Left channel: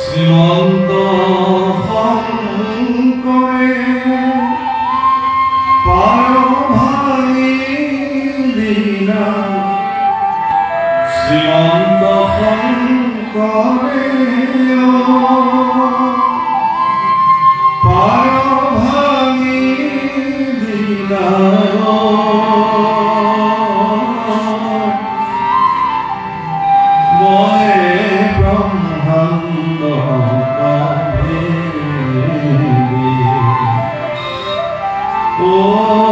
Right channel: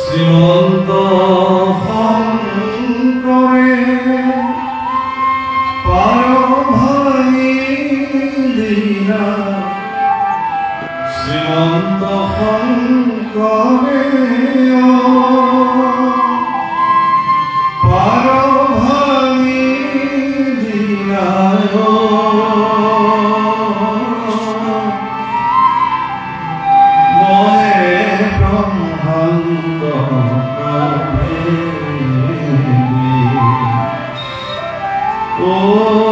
শ্ৰীমন্ত শঙ্কৰে পায় ভাই দীনা শ্ৰীমন্ত শঙ্কৰে পায় ভাই দীনা Oh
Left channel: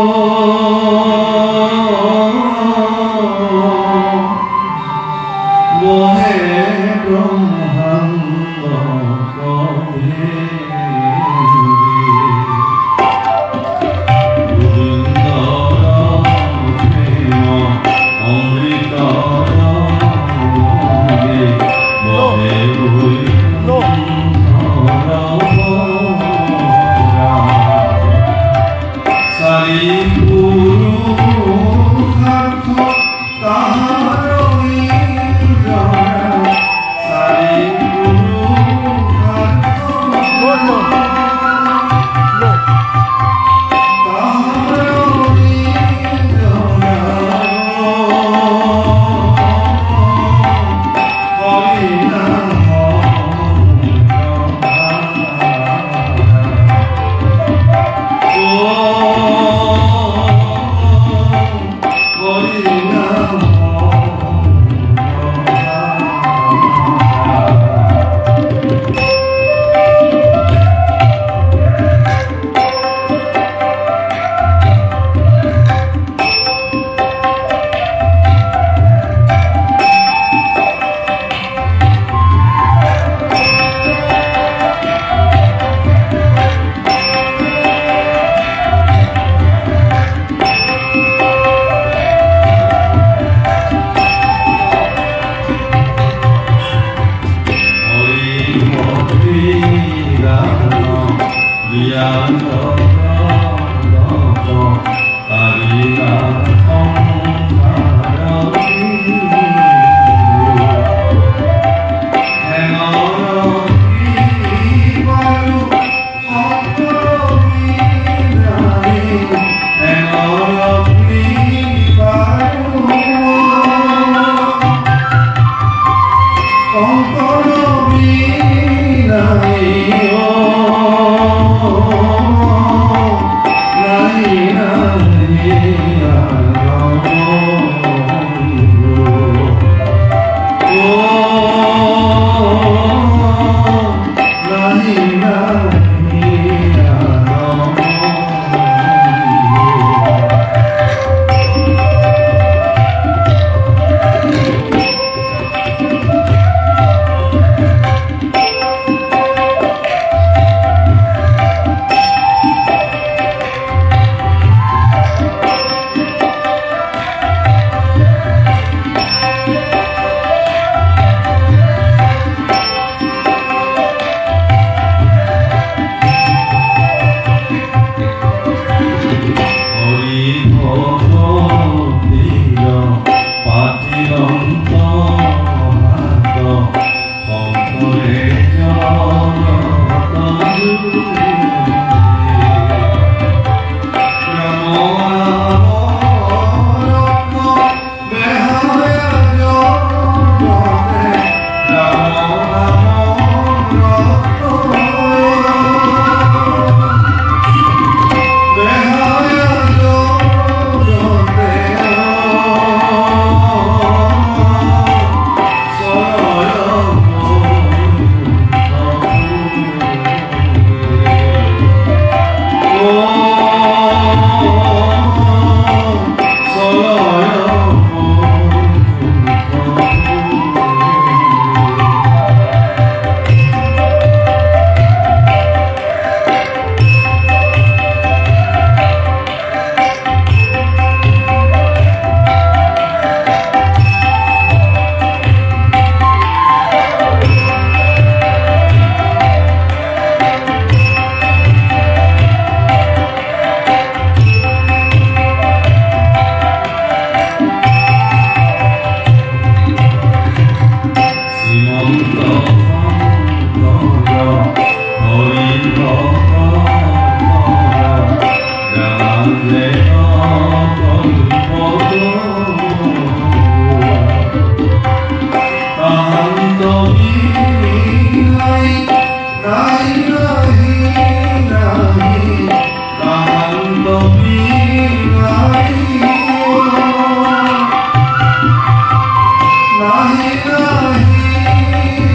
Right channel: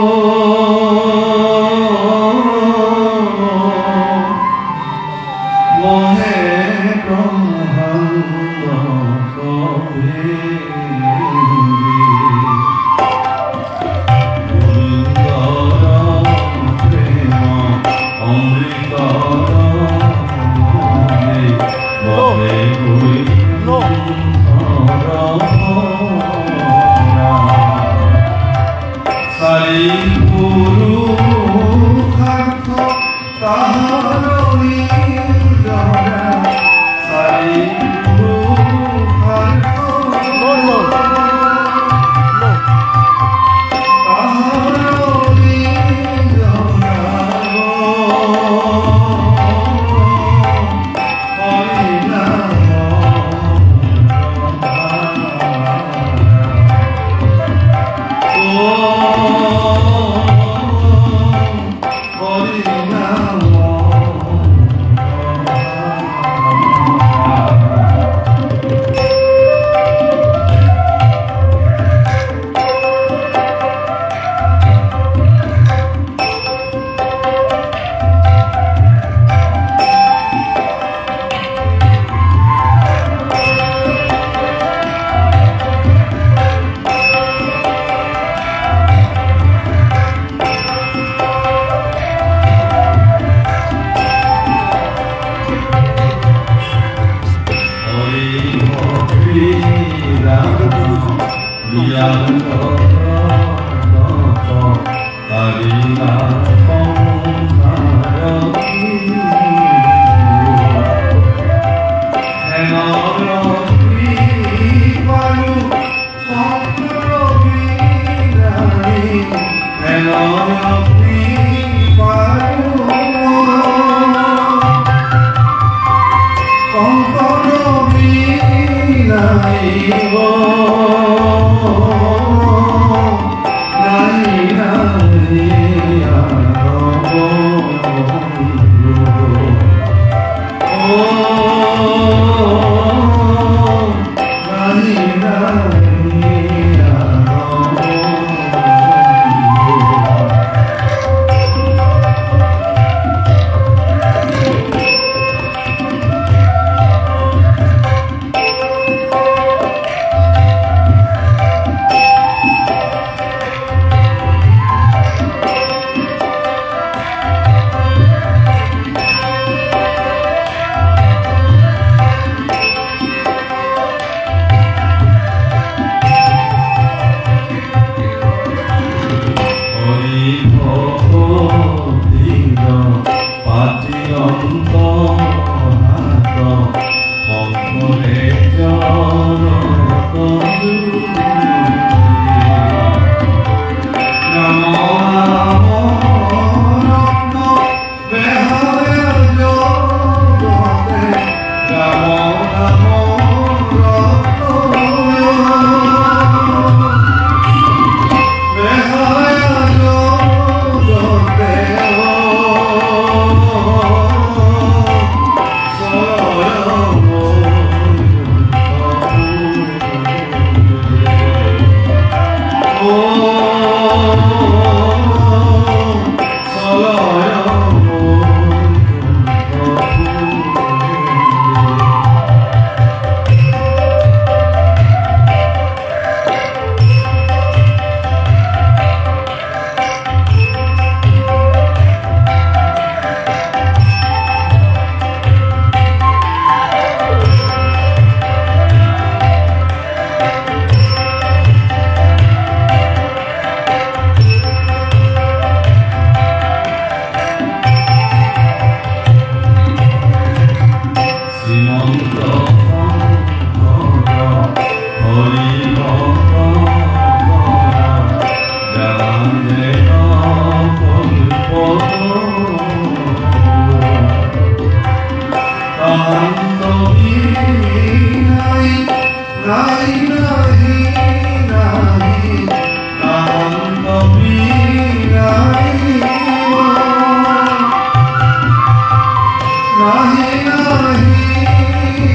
নাহি নাহি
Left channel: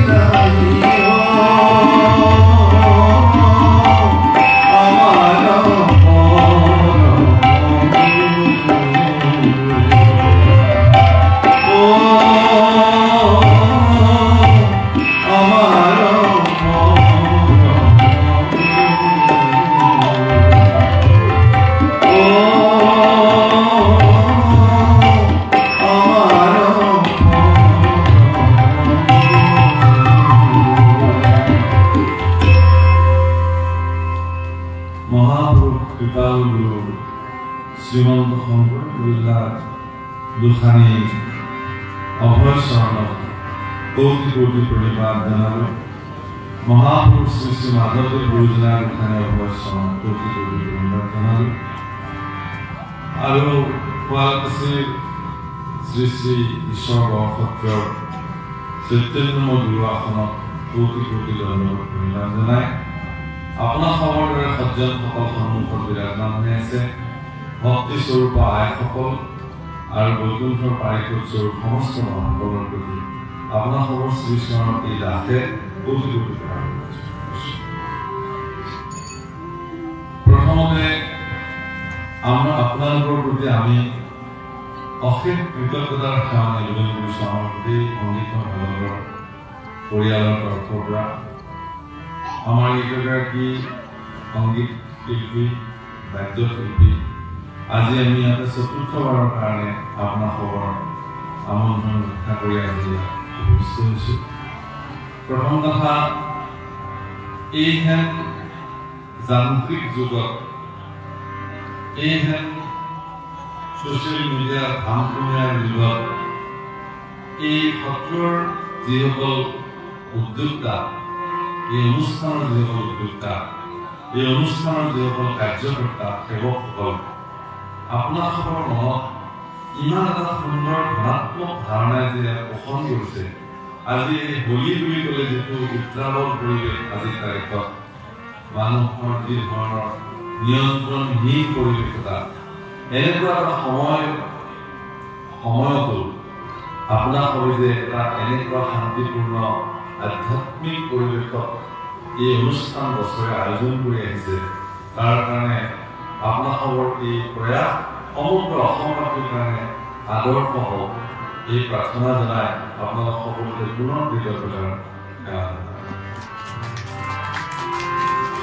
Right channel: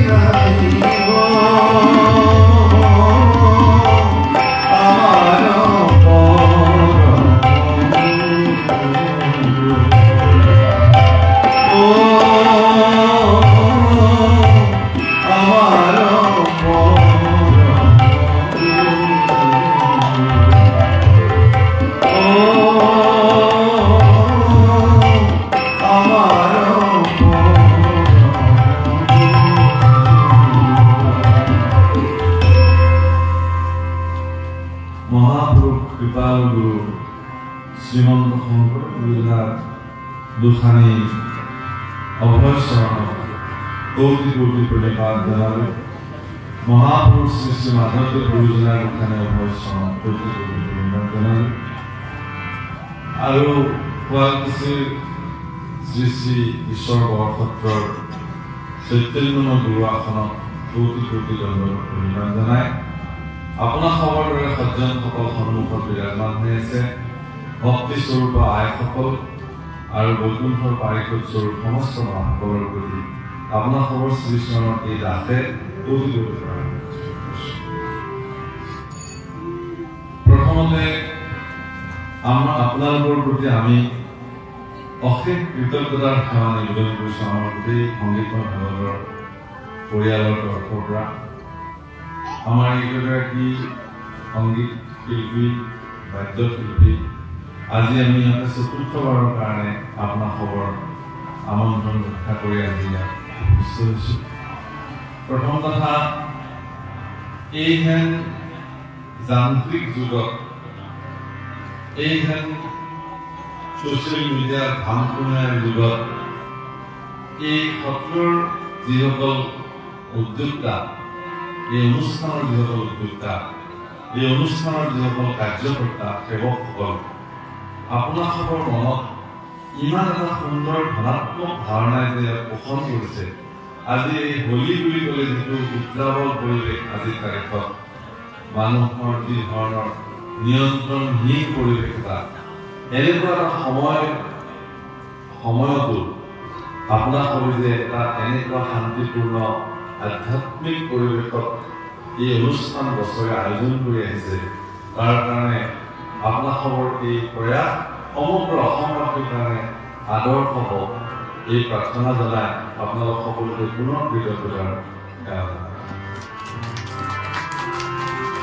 নাহি আমাৰ শ্ৰীমন্ত শংকৰ গুৰুজনাৰ দুখানি অভয় চৰণত কোটি কোটি প্ৰণিপাত জনালোঁ। মহাপুৰুষ শ্ৰী শ্ৰী মাধৱদেৱ গুৰুজনাৰ দুখানি অভয় চৰণত কোটি কোটি প্ৰণিপাত জনালোঁ। আৰু শুৱালকুছিৰ শ্ৰী শ্ৰী ঈশ্বৰ বৰসত্ৰৰ চৈতন্যময় গুৰু আসনত কোটি কোটি দণ্ডত প্ৰণিপাত জনাই আপোনাৰ খবৰ দৰে সজ্জনসকল সন্মুখত বিৰাজমান হৈ আছে। ভক্তি স্বৰূপ আইসকল আৰু বৈকুণ্ঠৰ পাৰিষদ স্বৰূপ সমস্ত মানুহসকলৰ প্ৰতি আপোনাৰ খবৰ শ্ৰীচৰণৰ এই দাসে কোটি কোটি প্ৰণাম। প্ৰথমতে আপোনালোকৰ প্ৰতি আমি অশেষ কৃতজ্ঞতাৰ সেৱা নিবেদন কৰিছোঁ। আমাৰ গোটেই সংগীত বিভাগৰ পৰিয়ালৰ তৰফৰ পৰা আমাৰ এইগৰাকী সংগীত শিল্পী বাদ্যশিল্পী আজি আমি ইয়াতে চতুৰ্থবাৰৰ কাৰণে আপোনাৰ খবৰ আমন্ত্ৰণ ৰক্ষা কৰি আজি উপস্থিত হৈছোঁ। প্ৰথম কথা, এইহেন যান্ত্ৰিক যুগত এইহেন ছ'চিয়েল মিডিয়াৰ ধামখুমীয়াৰ যুগত এই সত্ৰৰ যিসকল উদ্যোক্তা, এই অনুষ্ঠানৰ যিসকল উদ্যোক্তা, এই অনুষ্ঠানৰ যিসকল কাৰ্যকৰ্তা সেৱকসকল, আপোনাৰ খবৰ মনত ইমান এটা সুন্দৰ ধনাত্মক ধাৰণাই যে পোষণ কৰিছে। আজি এই হোলী বুলি ক'লে যিটো উত্ৰাৱল পৰিৱেশ আজিৰ তাৰিখত মানুহৰ যি ধৰণৰ নিয়ন্ত্ৰণহীন পৰিৱেশ এটা, এনেকুৱা এটা সময়তো আপোনাৰ খবৰ যে এটা এনেকুৱা শান্তিপূৰ্ণ আধ্যাত্মিক পৰিৱেশত এই অনুষ্ঠান বছৰে আয়োজন কৰি আহিছে, তাৰ কাৰণে আপোনাৰ খবৰ এই প্ৰয়াস সমগ্ৰ অসমবাসীৰ কাৰণে আদৰ্শ হওক, এই প্ৰাৰ্থনা জনাই আপোনালোক সকলোকে পুনৰ কৃতজ্ঞতাৰ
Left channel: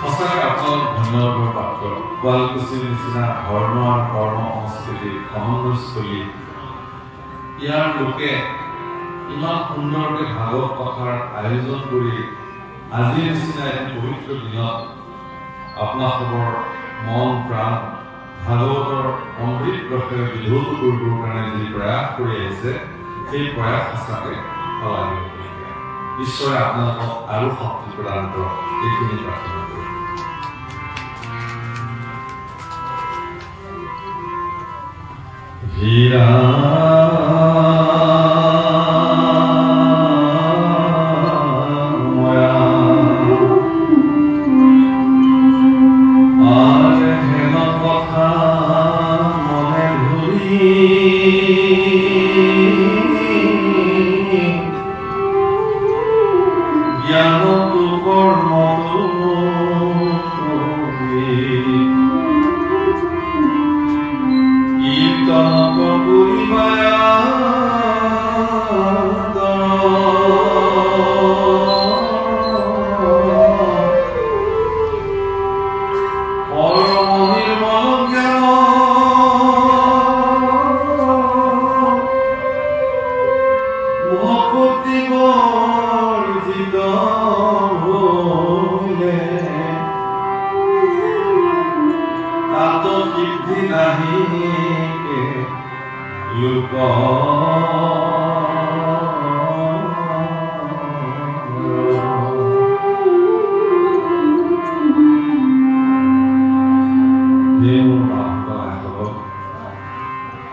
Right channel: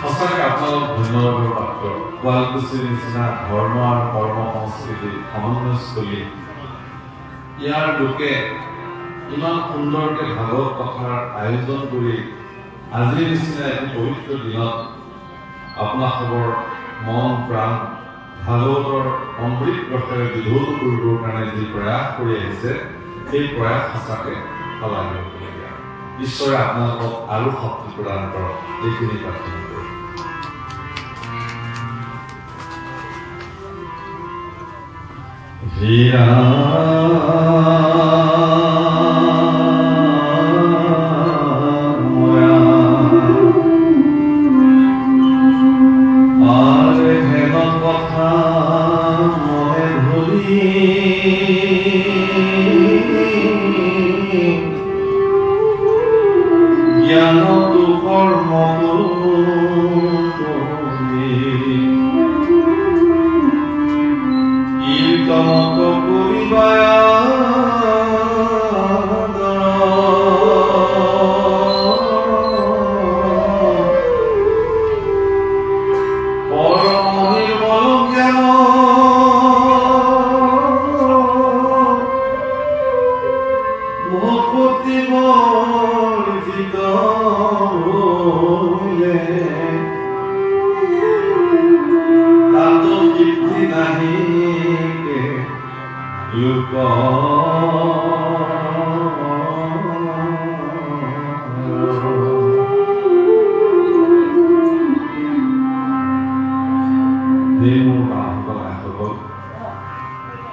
সঁচাকৈ আপোনালোক ধন্যবাদৰ পাত্ৰ। শুৱালকুছিৰ নিচিনা ধৰ্ম আৰু কৰ্ম সংস্কৃতিৰ সমন্বয়স্থলী, ইয়াৰ লোকে ইমান সুন্দৰকৈ ভাগৱত কথাৰ আয়োজন কৰি আজিৰ নিচিনা এটি পবিত্ৰ দিনত আপোনাৰ খবৰ মন প্ৰাণ ভাগৱতৰ অমৃত ৰসেৰে বিধৌত কৰিবৰ কাৰণে যি প্ৰয়াস কৰি আহিছে, সেই প্ৰয়াস সঁচাকৈ শলাগিবলগীয়া। ঈশ্বৰে আপোনালোকক আৰু শক্তি প্ৰদান কৰক, এইখিনি প্ৰাৰ্থনা কৰোঁ।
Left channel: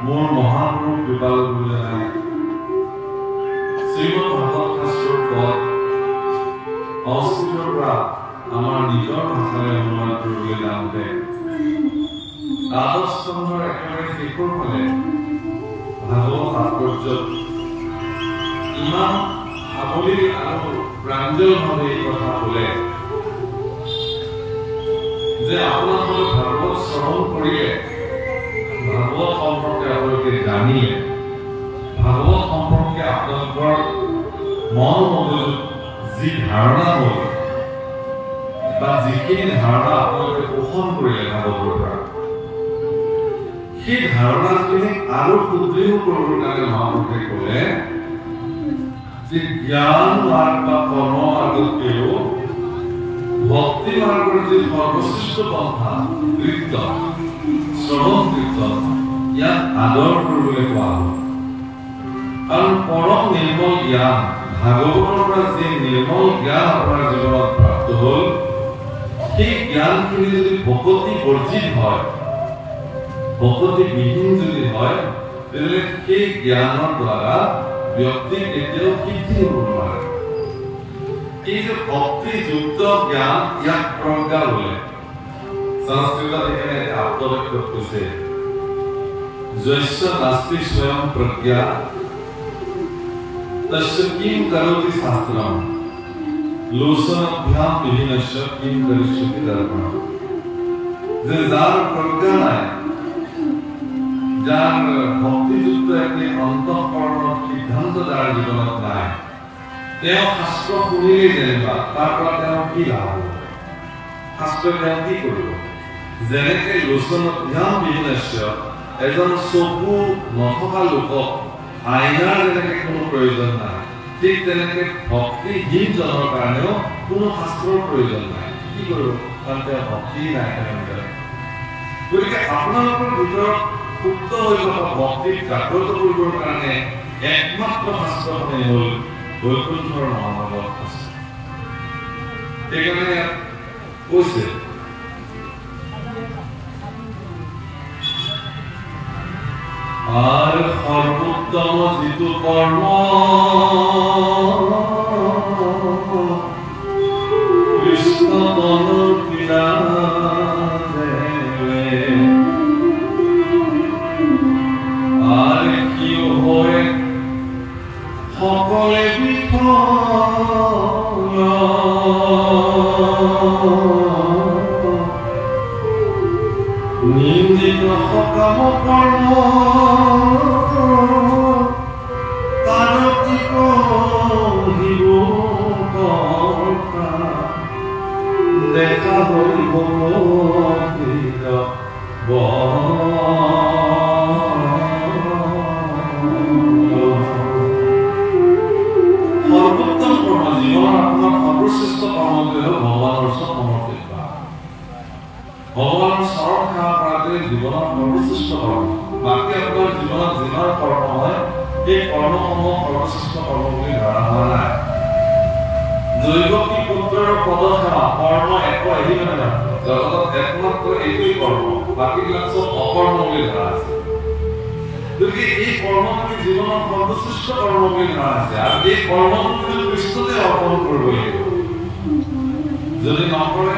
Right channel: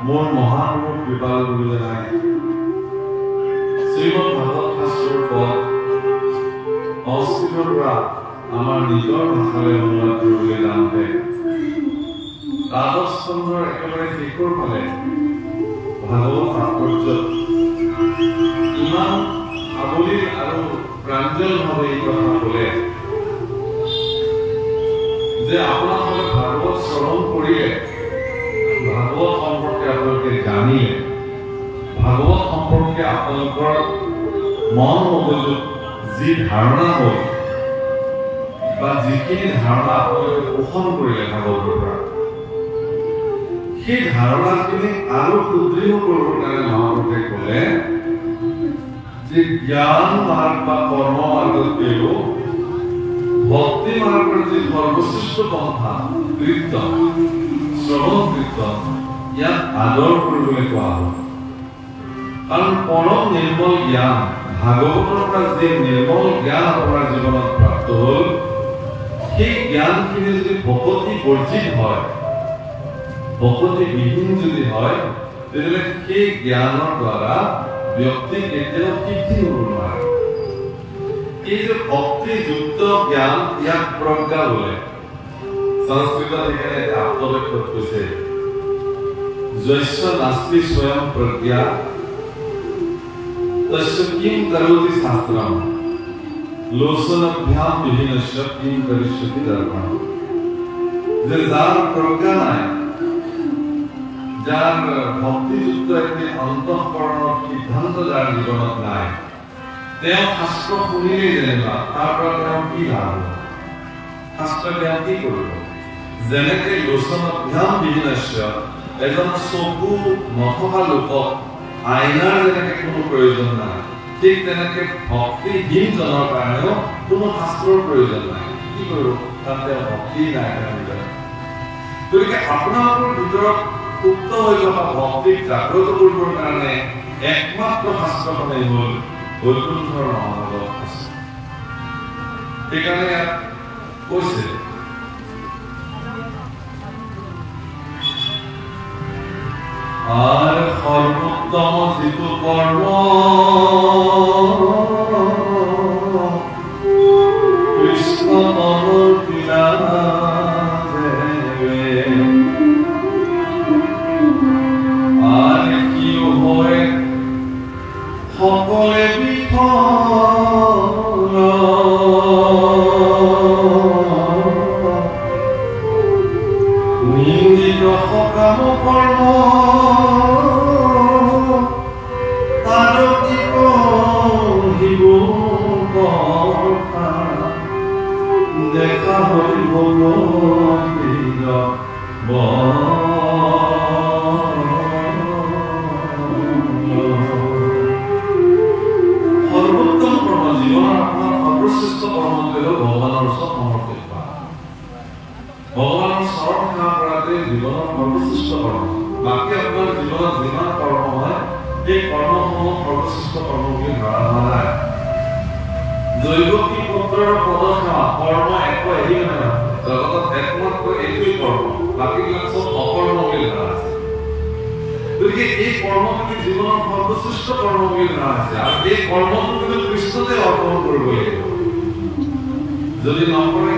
মোৰ মহাপুৰুষ কৃপাল গুৰুজনাই শ্ৰীমদ ভাগৱত শাস্ত্ৰৰ পদ সংস্কৃতৰ পৰা আমাৰ নিজৰ ভাষাৰে অনুবাদ কৰিবলৈ যাওঁতে দ্বাদশ স্কন্ধৰ একেবাৰে শেষৰ ফালে ভাগৱত তাৎপৰ্যত ইমান সাৱলীল আৰু প্ৰাঞ্জলভাৱে এই কথা ক'লে যে আপোনালোকে ভাগৱত শ্ৰৱণ কৰিলে, ভাগৱত সম্পৰ্কে আপোনালোকে জানিলে, ভাগৱত সম্পৰ্কে আপোনালোকৰ মন মগজুত যি ধাৰণা হ'ল বা যিখিনি ধাৰণা আপোনালোকে পোষণ কৰিলে ভাগৱতৰ পৰা, সেই ধাৰণাখিনি আৰু সুদৃঢ় কৰিবৰ কাৰণে মহাপুৰুষে ক'লে যে জ্ঞান মাৰ্গ বা কৰ্ম মাৰ্গতকৈও ভক্তি মাৰ্গৰ যি সৰ্বশ্ৰেষ্ঠ পন্থা কীৰ্তন, শ্ৰৱণ কীৰ্তন, ইয়াক আদৰ কৰিবলৈ কোৱা হ'ল। কাৰণ পৰম নিৰ্মল জ্ঞান, ভাগৱতৰ পৰা যি নিৰ্মল জ্ঞান আপোনাৰ জীৱনত প্ৰাপ্ত হ'ল, সেই জ্ঞানখিনি যদি ভকতি বৰ্জিত হয়, ভকতি বিহীন যদি হয়, তেতিয়াহ'লে সেই জ্ঞানৰ দ্বাৰা ব্যক্তি কেতিয়াও সিদ্ধি হ'ব নোৱাৰে। এই যে ভক্তিযুক্ত জ্ঞান, ইয়াক প্ৰজ্ঞা বোলে। সংস্কৃতত এখানে আত্মবাক্য কৈছে, যস্য নাস্তি স্বয়ং প্ৰজ্ঞা তস্য কিম কৰোতি শাস্ত্ৰম লোচনাভ্যাম বিভিন্নস্য কিম কৰিষ্যতি ধৰ্মঃ। যে যাৰ প্ৰজ্ঞা নাই, যাৰ ভক্তিযুক্ত এটি অন্তঃকৰণৰ সিদ্ধান্ত যাৰ জীৱনত নাই, তেওঁ শাস্ত্ৰ শুনিলেই যেনিবা তাৰ পৰা তেওঁ কি লাভ হ'ব, শাস্ত্ৰ তেওঁ কি কৰিব? যেনেকে লোচনাভ্যাম বিভিন্নস্য, এজন চকু নথকা লোকক আইনাৰ যেনেকে কোনো প্ৰয়োজন নাই, ঠিক তেনেকে ভক্তিহীনজনৰ কাৰণেও কোনো শাস্ত্ৰৰ প্ৰয়োজন নাই। কি কৰিব? কাৰণ তেওঁ ভক্তি নাই। গতিকে আপোনালোকৰ ভিতৰত সুপ্ত হৈ থকা ভক্তিক জাগ্ৰত কৰিবৰ কাৰণে একমাত্ৰ শাস্ত্ৰখনেই হ'ল বৈকুণ্ঠৰ মহানগৰ শাস্ত্ৰ। সেইকাৰণে কৈছে আৰ সৰ্বোত্তম যিটো কৰ্ম কৃষ্ণ তনুৰ পীড়া আৰ কি হয় সকলে বিফল, নিন্দিত সকাম কৰ্ম দেখা হৰি সৰ্বোত্তম কৰ্ম, জীৱনৰ আপোনাৰ সৰ্বশ্ৰেষ্ঠ কৰ্মটোৱে হ'ল ভগৱানৰ ওচৰত সমৰ্পিত হোৱা। ভগৱানৰ চৰণ সেৱা কৰাটোৱে জীৱনৰ সৰ্বশ্ৰেষ্ঠ কৰ্ম। বাকী আপোনাৰ জীৱনত যিমান কৰ্ম হয়, সেই কৰ্মসমূহ সৰ্বশ্ৰেষ্ঠ কৰ্ম বুলি ধৰা হোৱা নাই। দৈৱকী পুত্ৰৰ পদসেৱা কৰ্ম একো এৰিব নহয়, জগতত একমাত্ৰ এইটোৱেই কৰ্ম, বাকীবিলাক চব অকৰ্ম বুলি ধৰা আছে। গতিকে এই কৰ্মটোকে জীৱনৰ সৰ্বশ্ৰেষ্ঠ কৰ্ম বুলি ধৰা আছে, আৰু এই কৰ্মটো কিন্তু কৃষ্ণতে অৰ্পণ কৰিব লাগিব। যদি নকৰে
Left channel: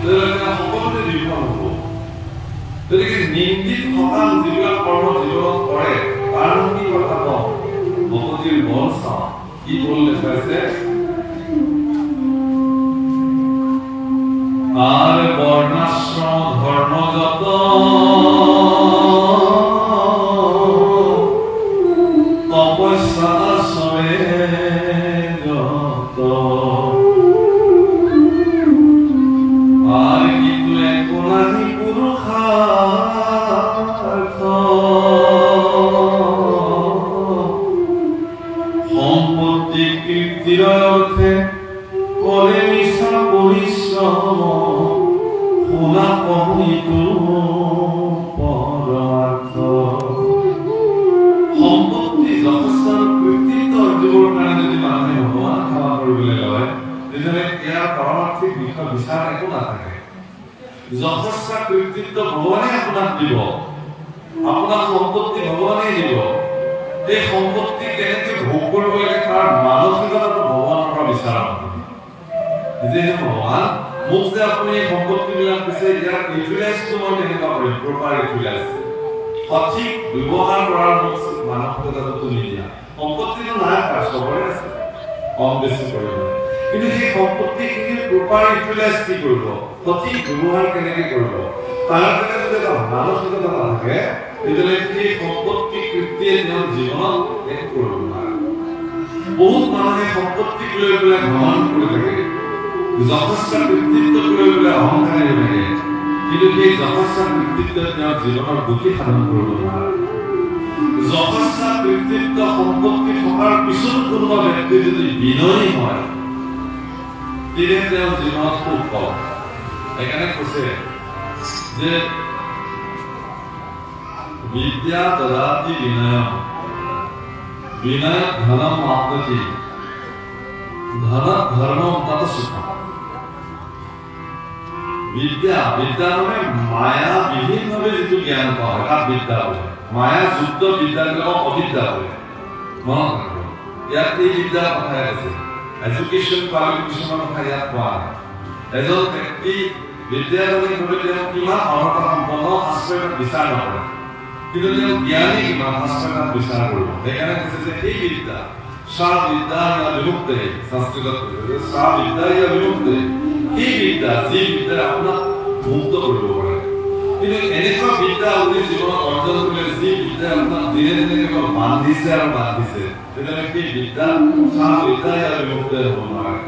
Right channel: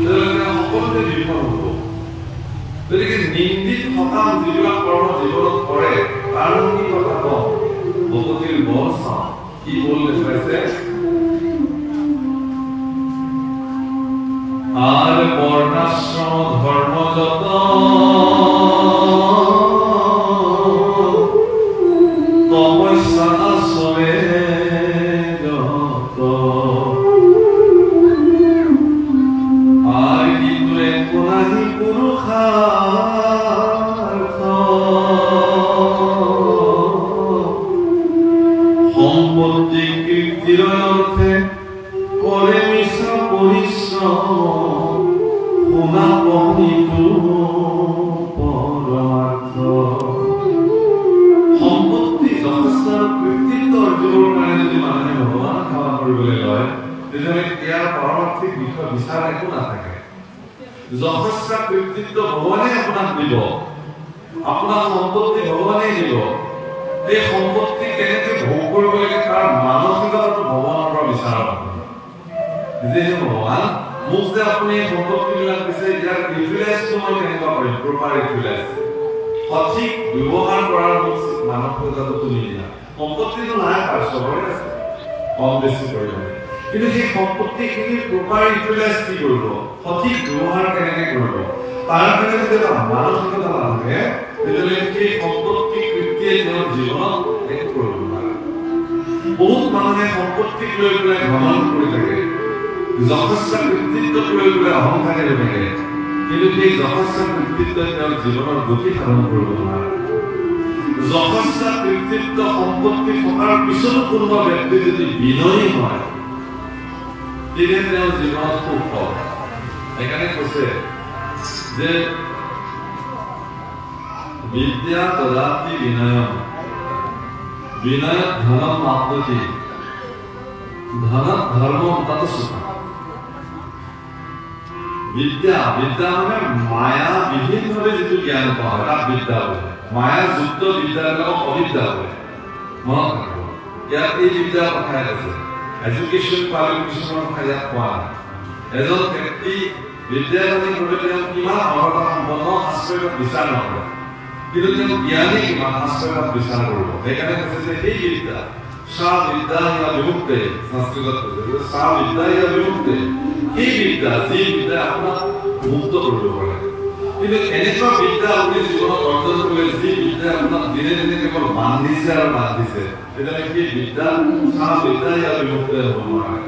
তেতিয়াহ'লে সকলোতে বিফল হ'ব। গতিকে নিন্দিত সকাম যিবিলাক কৰ্ম জীৱনত কৰে, তাৰ কি কথা কওঁ, ভকতিৰ বল চাওঁ। কি বল দেখুৱাইছে? আর বর্ণাশ্রম ধর্ম যত তপস্যা আশ্রমে যত, আর কিন্তু একো নাহি পুরুষার্থ, সম্পত্তি কীর্তির অর্থে করে মিশা পরিশ্রম, শুনা পঢ়িতো পৰমাৰ্থ। সম্পত্তি যথেষ্ট কৃতিত্ব অৰ্জনৰ কাৰণে যদি মানুহে ভগৱানক সেৱা কৰিবলৈ লয়, তেতিয়াহ'লে ইয়াৰ পাৰমাৰ্থিক বিষয় বিচাৰ একো নাথাকে। যথেষ্ট কৃতিত্ব ভগৱানে আপোনাক দিব, আপোনাক সম্পত্তি ভগৱানে দিব। এই সম্পত্তি কেনেকে ভোগ কৰিব লাগে তাৰ মানসিকতাটো ভগৱানৰ পৰা বিচাৰ কৰিব। যে ভগৱান মোক যে আপুনি সম্পত্তিবিলাক দিছে, ইয়াৰ ইউটিলাইজটো মই কেনেকুৱা কৰিম, প্ৰপাৰ ইউটিলাইজ। সঠিক ব্যৱহাৰ কৰাৰ মানসিকতাটো তুমি দিয়া সম্পত্তিটো নাই চবৰে আছে কম বেছি পৰিমাণে কিন্তু সেই সম্পত্তিখিনিৰ প্ৰপাৰ ইউটিলাইজ কি কৰিব সঠিক ব্যৱহাৰ কেনেকৈ কৰিব তাৰ কাৰণে যদি এটা মানসিকতা থাকে তেতিয়াহ'লে সেই সম্পত্তি কৃত্যে তেওঁৰ জীৱনত এক কৰিব নোৱাৰে বহুত মানুহে সম্পত্তিক লৈ পেলাই ভ্ৰমণ কৰি থাকে যথেষ্ট কৃতিত্বক লৈ পেলাই অহংকাৰী হৈ থাকে কিন্তু সেই যথেষ্ট কৃতিত্ব তেওঁৰ জীৱনৰ গতি সাধন কৰিব নোৱাৰে যথেষ্ট কৃতিত্ব সম্পত্তি থকাৰ পিছতো কোনোবা ব্যক্তি যদি বিনয়ী হয় তেতিয়া তেওঁৰ জীৱনত সুখ পাব সেইকাৰণে কৈছে যে বিদ্যা দদাতি বিনয় বিনয় ধনম আপনতি ধন ধৰ্ম তত সুখ বিদ্যা বিদ্যা মানে মায়া বিভিন্নভাৱে যিটো জ্ঞান পোৱা হয় তাক বিদ্যা বোলে মায়া যুক্ত বিদ্যাবিলাকক অবিদ্যা বোলে মনত ৰাখিব ইয়াত এই বিদ্যাৰ কথাই আছে এডুকেশ্যন কোৱালিফিকেশ্যনৰ কথা ইয়াত কোৱা নাই এজন ব্যক্তি বিদ্যাৰ্থীভাৱে তেওঁ কিমান অৰ্হতা সম্পন্ন শাস্ত্ৰত বিচাৰ নকৰে কিন্তু তেওঁ জ্ঞানী কিমান শাস্ত্ৰত বিচাৰ কৰিব সেইকাৰণে কৈছে যে এই বিদ্যা সা বিদ্যা ইয়া বিমুক্তে সংস্কৃতত কৈছে সা বিদ্যা ইয়া বিমুক্তে এই বিদ্যা যি বিদ্যা আপোনাক মুক্ত কৰিব পাৰে কিন্তু এনেকুৱা বিদ্যা আপুনি জীৱনত অৰ্জন কৰিলে যি বিদ্যা আপোনাক দিনে দিনে কেৱল বান্ধিছে আৰু বান্ধিছে তেতিয়াহ'লে সেই বিদ্যা সা বিদ্যা ইয়া বিমুক্তে হ'ব নোৱাৰে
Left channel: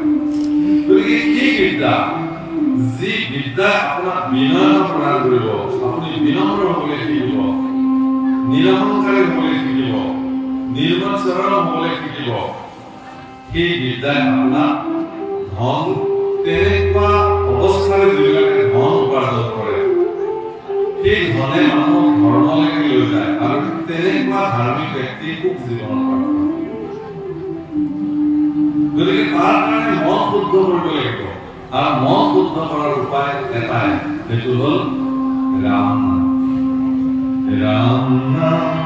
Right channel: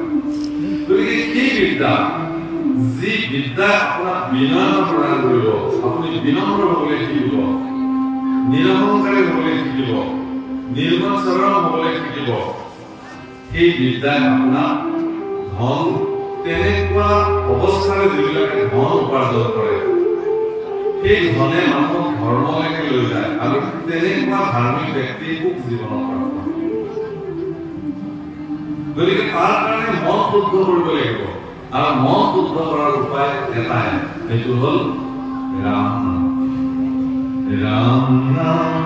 গতিকে সেই বিদ্যা যি বিদ্যা আপোনাক বিনয় প্ৰদান কৰিব আপুনি বিনম্ৰ হ'বলৈ শিকিব নিৰহংকাৰী হ'বলৈ শিকিব নিৰ্মৎসৰম হ'বলৈ শিকিব সেই বিদ্যাই আপোনাক ধন তেনেকুৱা অৱস্থাৰে যিবিলাকে ধন উপাৰ্জন কৰে সেই ধনে মানুহক ধৰ্মলৈকে লৈ যায় আৰু তেনেকুৱা ধাৰ্মিক ব্যক্তি সুখ জীৱনত গতিকে তাৰ কাৰণে মন শুদ্ধ কৰিব লাগিব আৰু মন শুদ্ধ কৰাৰ উপায় এটাই সেইটো হ'ল ৰাম ৰাম নাম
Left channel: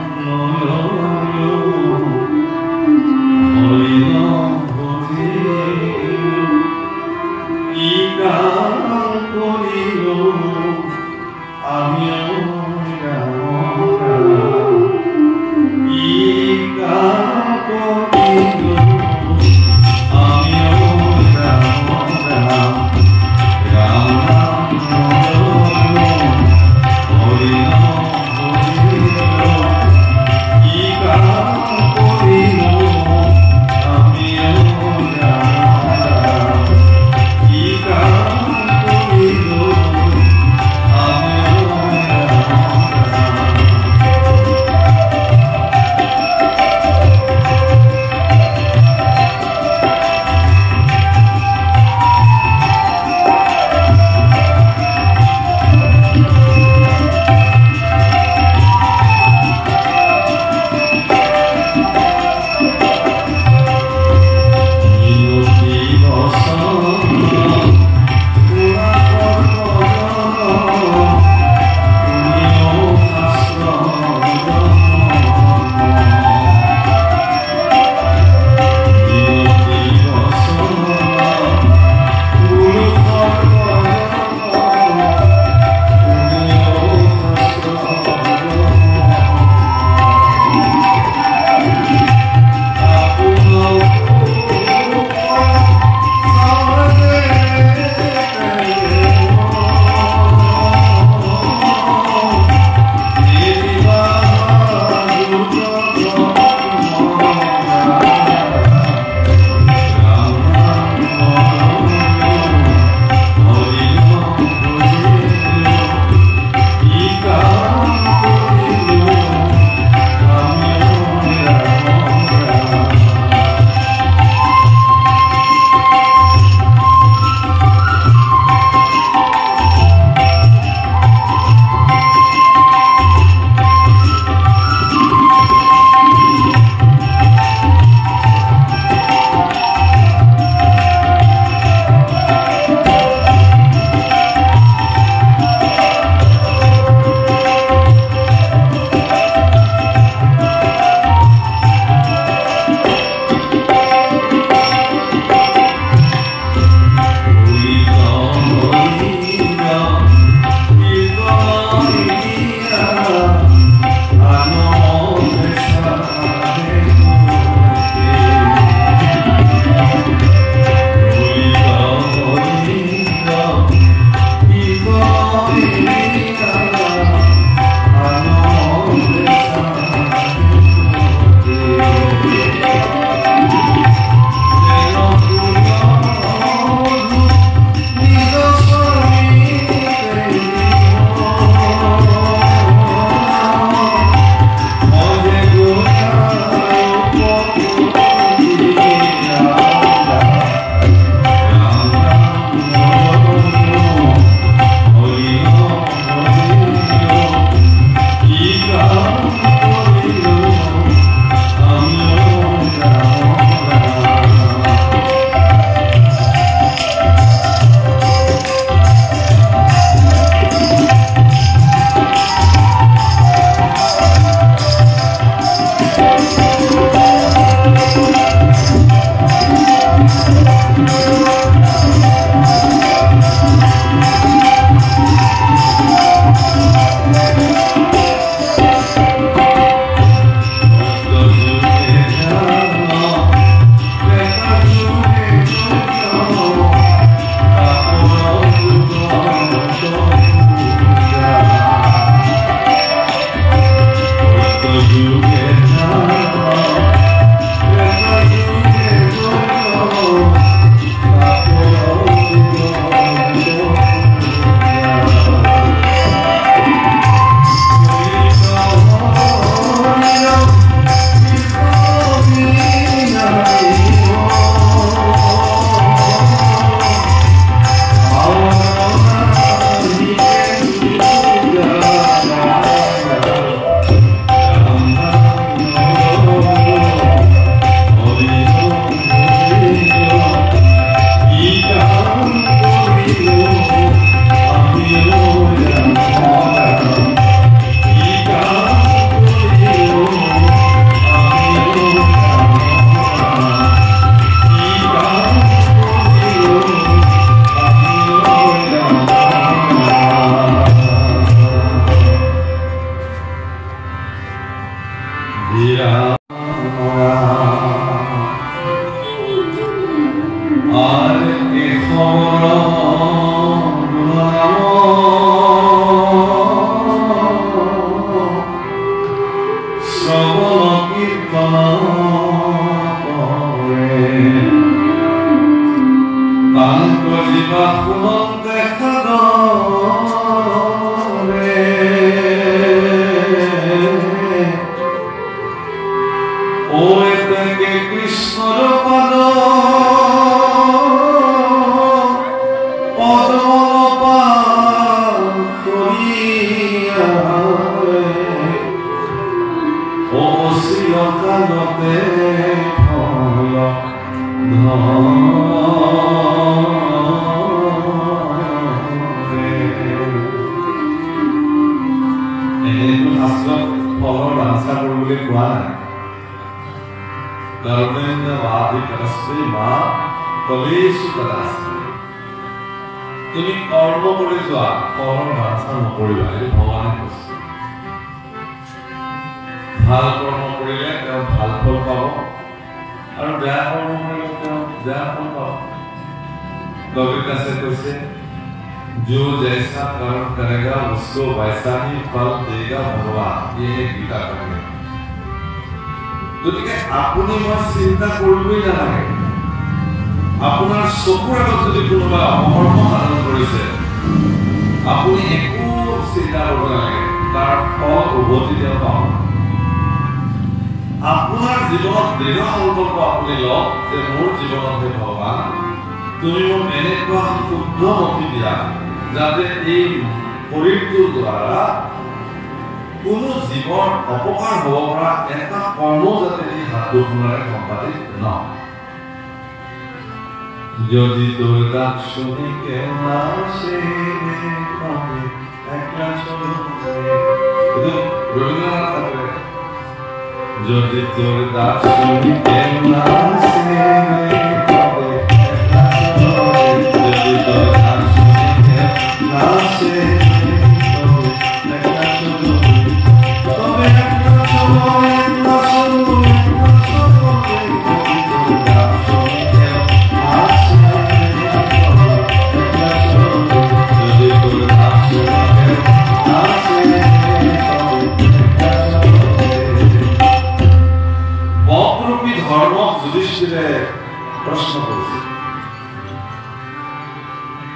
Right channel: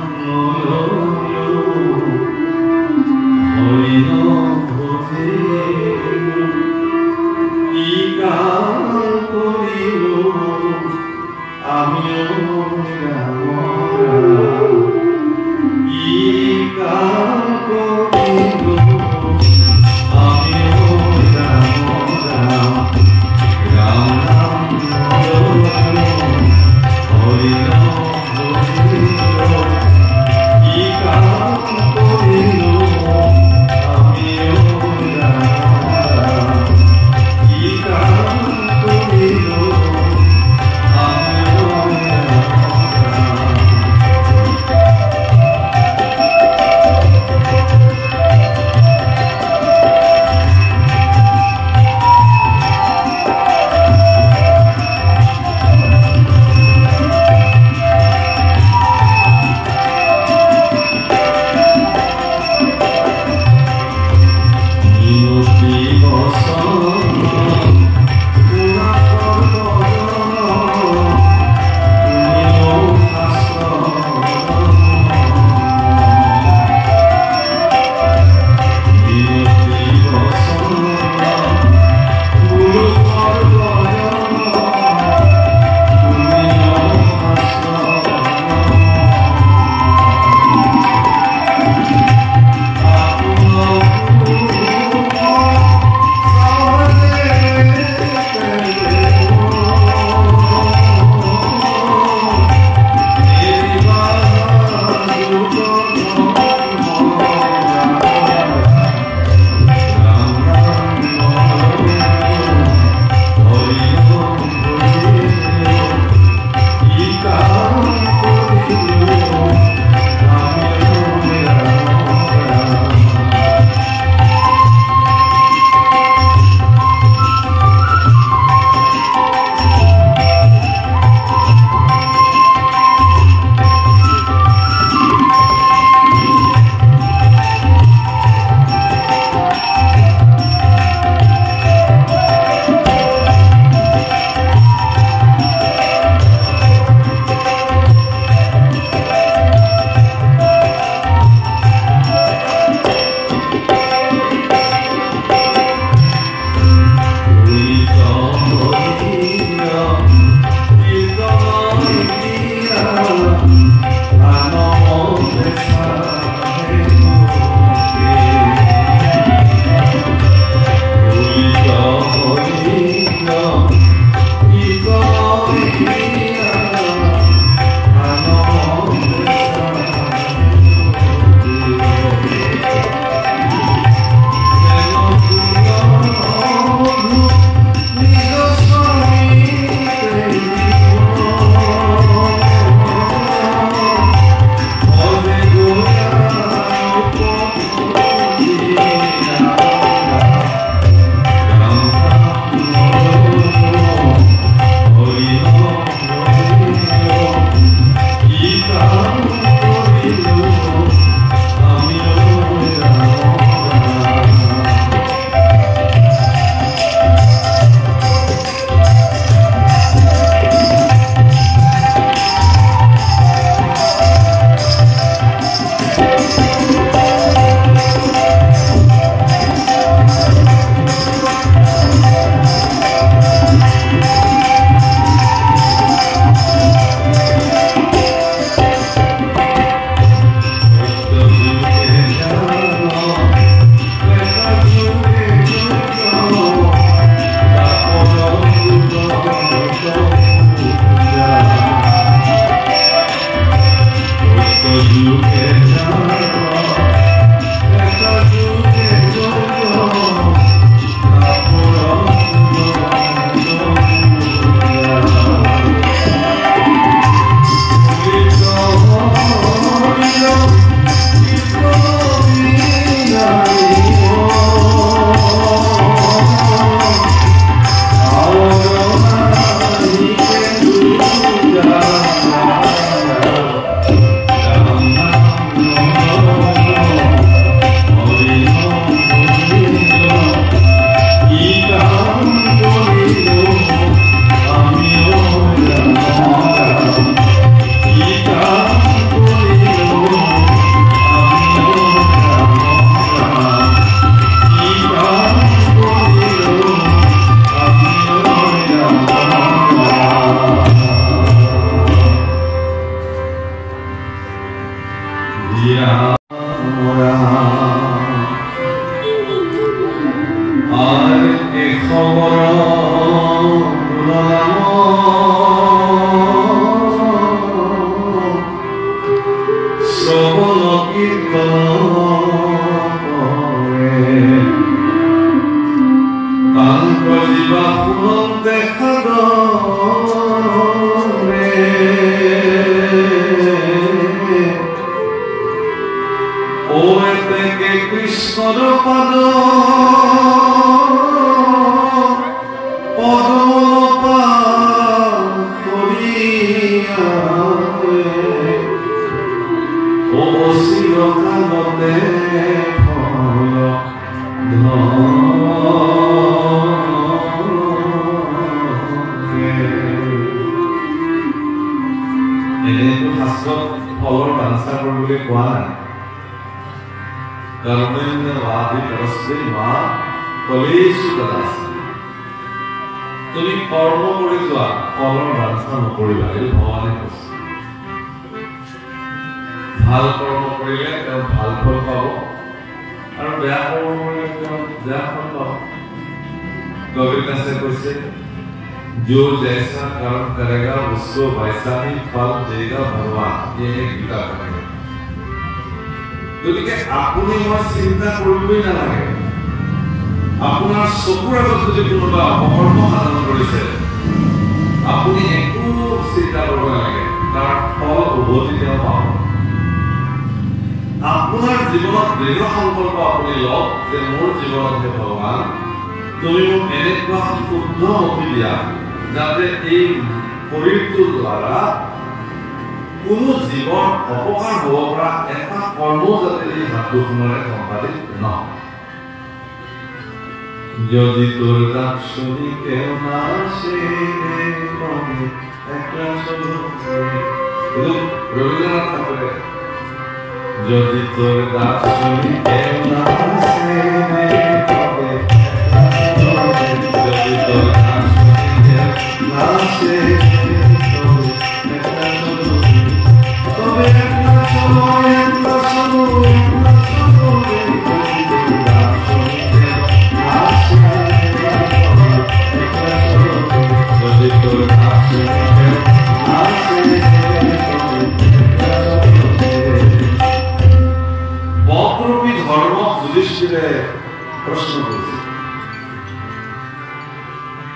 Ika আর এ খবর শ্রবণ কীর্তন করে কান্ত জীবা ফুলন দেখা দরে ও থেকে কৃষ্ণর পদ কালতে ফল এনেইতো শাস্ত্ৰত ফলৰ বাঞ্ছা কৰিবলৈ কোৱা নাই কৰ্মেণ বাধিকস্তে মা ফলেষু কদাচন তুমি কৰ্ম কৰি যোৱা ফলৰ বাঞ্ছা নকৰিবা এই ভগৱানে কৈছে ভাল কৰ্ম কৰিলে তেওঁ ভাল ফল পাব আৰু বেয়া কৰ্ম কৰিলে তেওঁ বেয়া ফল পাব কবিতাছে কৈছে जो जैसा कर्म करेगा उसको वैसा ही फल देगा भगवान ये है गीता का नियम গতিকে আপুনি মই চিন্তা কৰিবই নালাগে আপোনাৰ চকুৰ আগত যদি কোনোবা অকৰ্ম সাধন কৰিছে আপুনি একো চিন্তা কৰিব নালাগে তাৰ ফল উভতি তেওঁ পাব আপোনাৰ জীৱনত দৃঢ় সংকল্প আপুনি লওক যে মোৰ জীৱনত হে ভগৱান তুমি মোক এনেকুৱা শুদ্ধ মতি দিয়া যাতে এই শৰীৰটোৰ দ্বাৰা কোনো জীৱৰ অপকাৰ হ'ব পৰা এটা কৰ্ম যাতে এই হাত দুখনেৰে সম্পাদিত নহয় যদি তোৰ ডাক শুনি কেউ নাচে রবীন্দ্রনাথ ঠাকুরের যদি তোর ডাক শুনি কেউ নাচে যদি তোর ডাক শুনি কেউ নাচে তবে প্রশ্ন করছে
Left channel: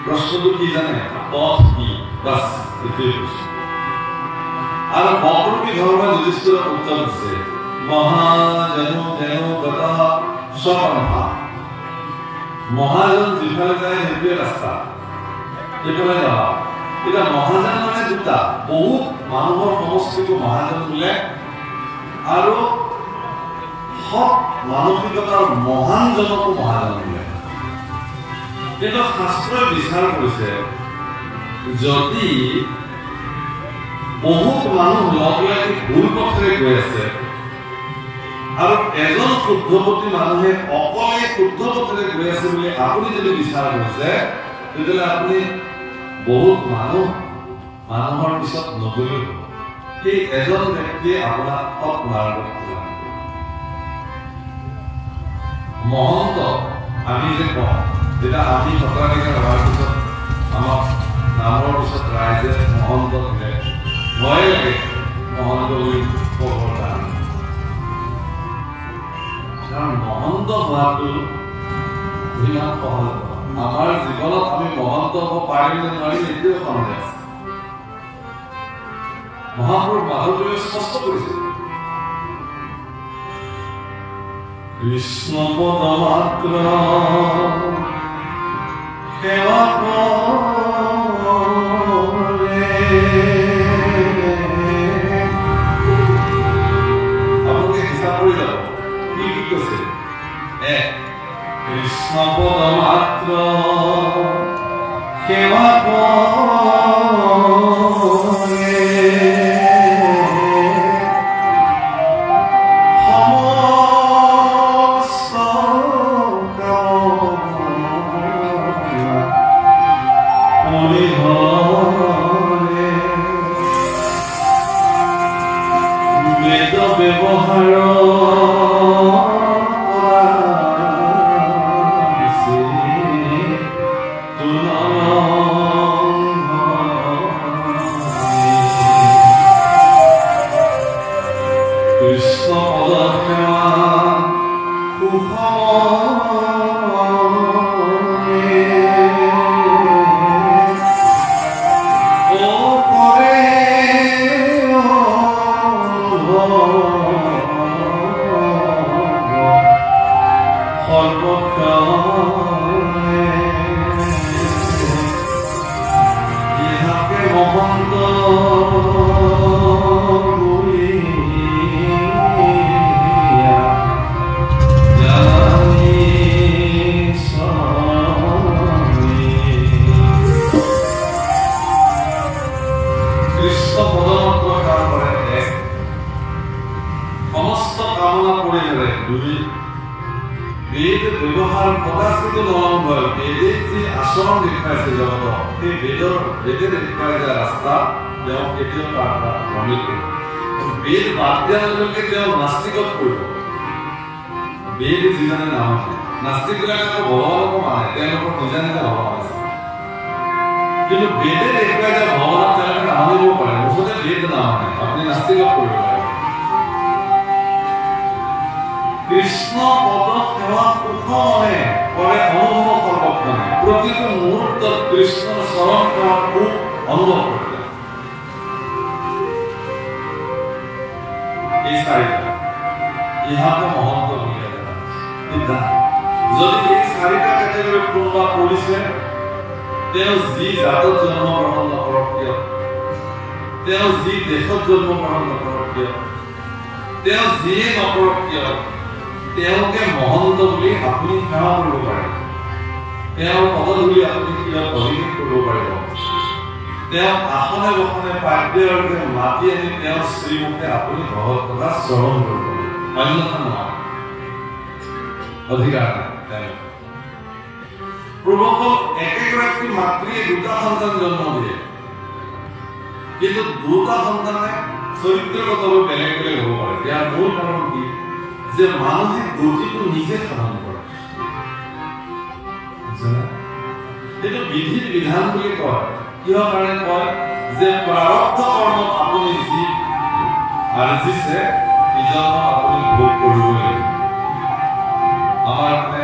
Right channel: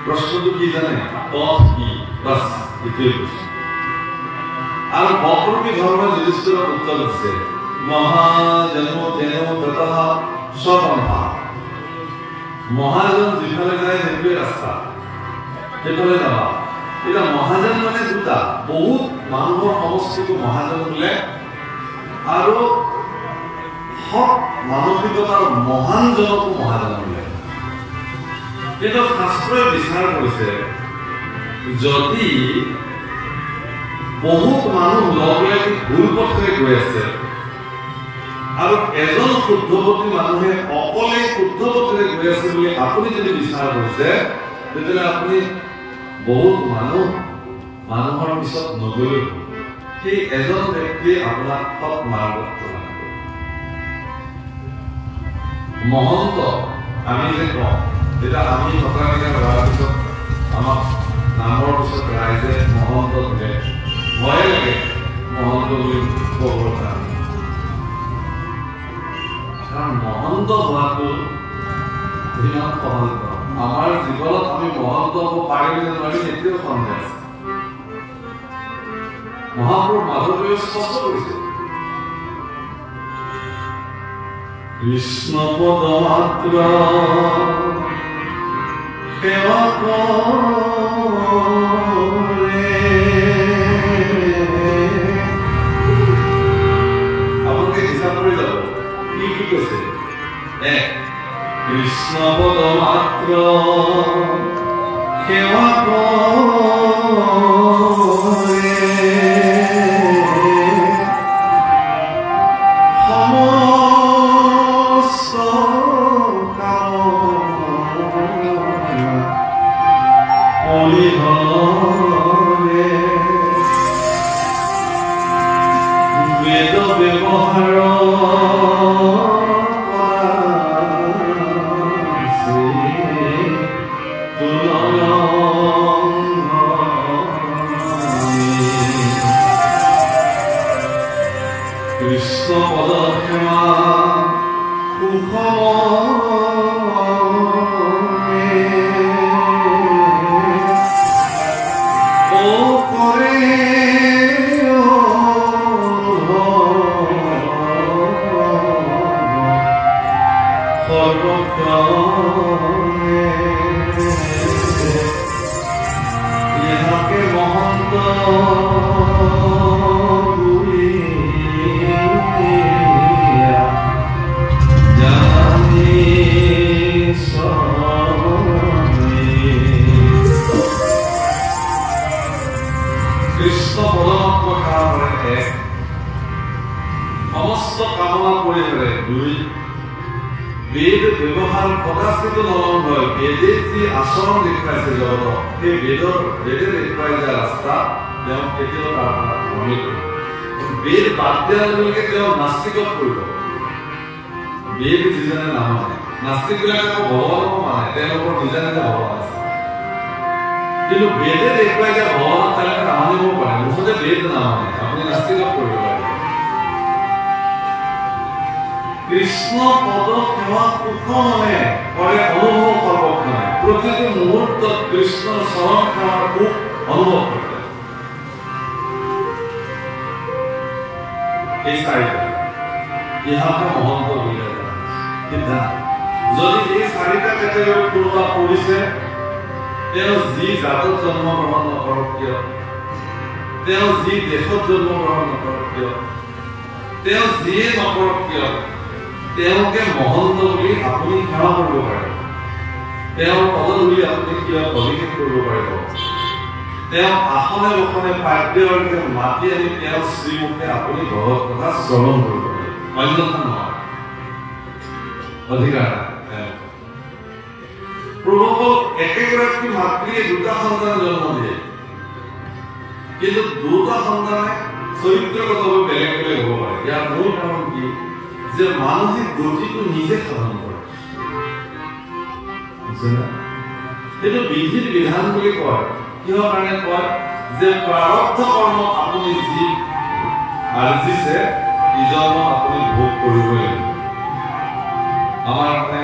প্রশ্ন তো কি জানে পথ কি বাস এটাই প্রশ্ন আর অপরূপী ধর্ম যুধিষ্ঠির উত্তর দিচ্ছে মহাজন যেন কথা স্বপন্থা মহাজন যেখানে যায় সেইটোৱে ৰাস্তা সেইফালে যাওয়া এটা মহাজন মানে দুটা বহুত মানুহৰ সমষ্টিটো মহাজন বোলে আৰু সৎ মানসিকতাৰ মহান জনকো মহাজন বোলে কিন্তু শাস্ত্ৰই বিচাৰ কৰিছে যদি বহুত মানুহ লগ লাগি ভুল পথেৰে গৈ আছে আৰু এজন শুদ্ধপতি মানুহে অকলে শুদ্ধ পথেৰে গৈ আছে বুলি আপুনি যদি বিচাৰ কৰিছে তেতিয়াহ'লে আপুনি বহুত মানুহৰ পিছত নগৈ সেই এজন ব্যক্তিয়ে আপোনাক সৎ মাৰ্গত মহন্ত আমি যে কওঁ যেতিয়া আমি সত্ৰাধিকাৰ হোৱাৰ পিছত আমাক নামৰ পিছত ৰাইজে মহন্ত দিলে ভয় লাগে মহন্ত বুলি ক'ব কাৰণে কাৰণ মহন্ত হোৱাটো ইমান সহজ আমাৰ জীৱনত আমি মহন্ত হ'ব পাৰিম নে নোৱাৰিম এতিয়াও সন্দেহ আছে মহাপুৰুষ মাধৱদেৱে স্পষ্ট কৰিছে কৃষ্ণ পদ মাত্ৰ সেৱা কৰে আপোনালোকে হিচাপ কৰি যাব কি কি কৈছে কৃষ্ণ পদ মাত্ৰ সেৱা কৰে বেদ ব্যৱহাৰ সৰ্বক্ষণে ইহাকে মহন্ত বলিয়া জানি কৃষ্ণ পদমত কামৰে এক সমস্ত কামনা কৰিলে দুই বেদ ব্যৱহাৰ কদাচিত নলংঘৰ বেদে যি আচৰণ দেখুৱাইছে জগতক সেই বেদে দেখুৱাই দিয়া ৰাস্তা তেওঁ কেতিয়াও তাৰ ভ্ৰমিত বেদ বাদ দিয়াৰ লগে লগে তেওঁ নাস্তিকত পৰিব বেদ যিজনে নামানে নাস্তিকবিলাকে ভগৱানকো মানে তেওঁলোকৰ নিজা নিজা ভগৱান আছে কিন্তু বেদে দেখুৱাই দিয়া ভগৱানক তেওঁলোকে আনিব পাৰে মুঠতে বেদ নামানে আপুনি নাস্তিকত পৰিব পাৰে কৃষ্ণ পদ সেৱা সুখমনে কৰে অনুভৱ সৰ্বক্ষণে প্ৰতিটো মুহূৰ্তত কৃষ্ণৰ চৰণ সেৱাৰ সুখ অনুভৱ কৰে এই চাৰিটা ইহাতে মহন্ত বুলিয়া সিদ্ধান্ত যদি এই চাৰিটা কেটেগৰীত কোনোবা পৰিছে তেওঁ যি জাতত জন্মগ্ৰহণ নকৰক কিয় তেওঁ যি দেশত জন্মগ্ৰহণ নকৰক কিয় তেওঁ যিয়ে নকৰক কিয় তেওঁকে মহন্ত বুলি আপুনি সেৱা কৰিব পাৰে তেওঁৰ পদধূলি আপুনি কিয় অভিষেক কৰিব পাৰিব তেওঁ আসনে বসনে পাদ্যৰে মাতি আনি তেওঁৰ শ্ৰীমুখে আপুনি ভগৱত কথা শ্ৰৱণ কৰিব অন্যথা নহয় অধিকাৰ প্ৰভুসকল একেগৰাকী মাতৃয়ে দুটা সন্তান জন্ম দিয়ে কিন্তু দুটা সন্তানে চৰিত্ৰগতভাৱে বেলেগ বেলেগ হ'ব পাৰে ইয়াৰ মূল কাৰণ কি যে মানসিক গতিটো নিজে সাধন কৰে সেইটো বিধিৰ বিধান বুলি কয় কিহৰ কাৰণে কয় যে প্ৰাৰব্ধ কৰ্ম আপুনি যি আৰ্জিছে ইজনক আপুনি ভোগ কৰিবই লাগিব আমাৰ মানে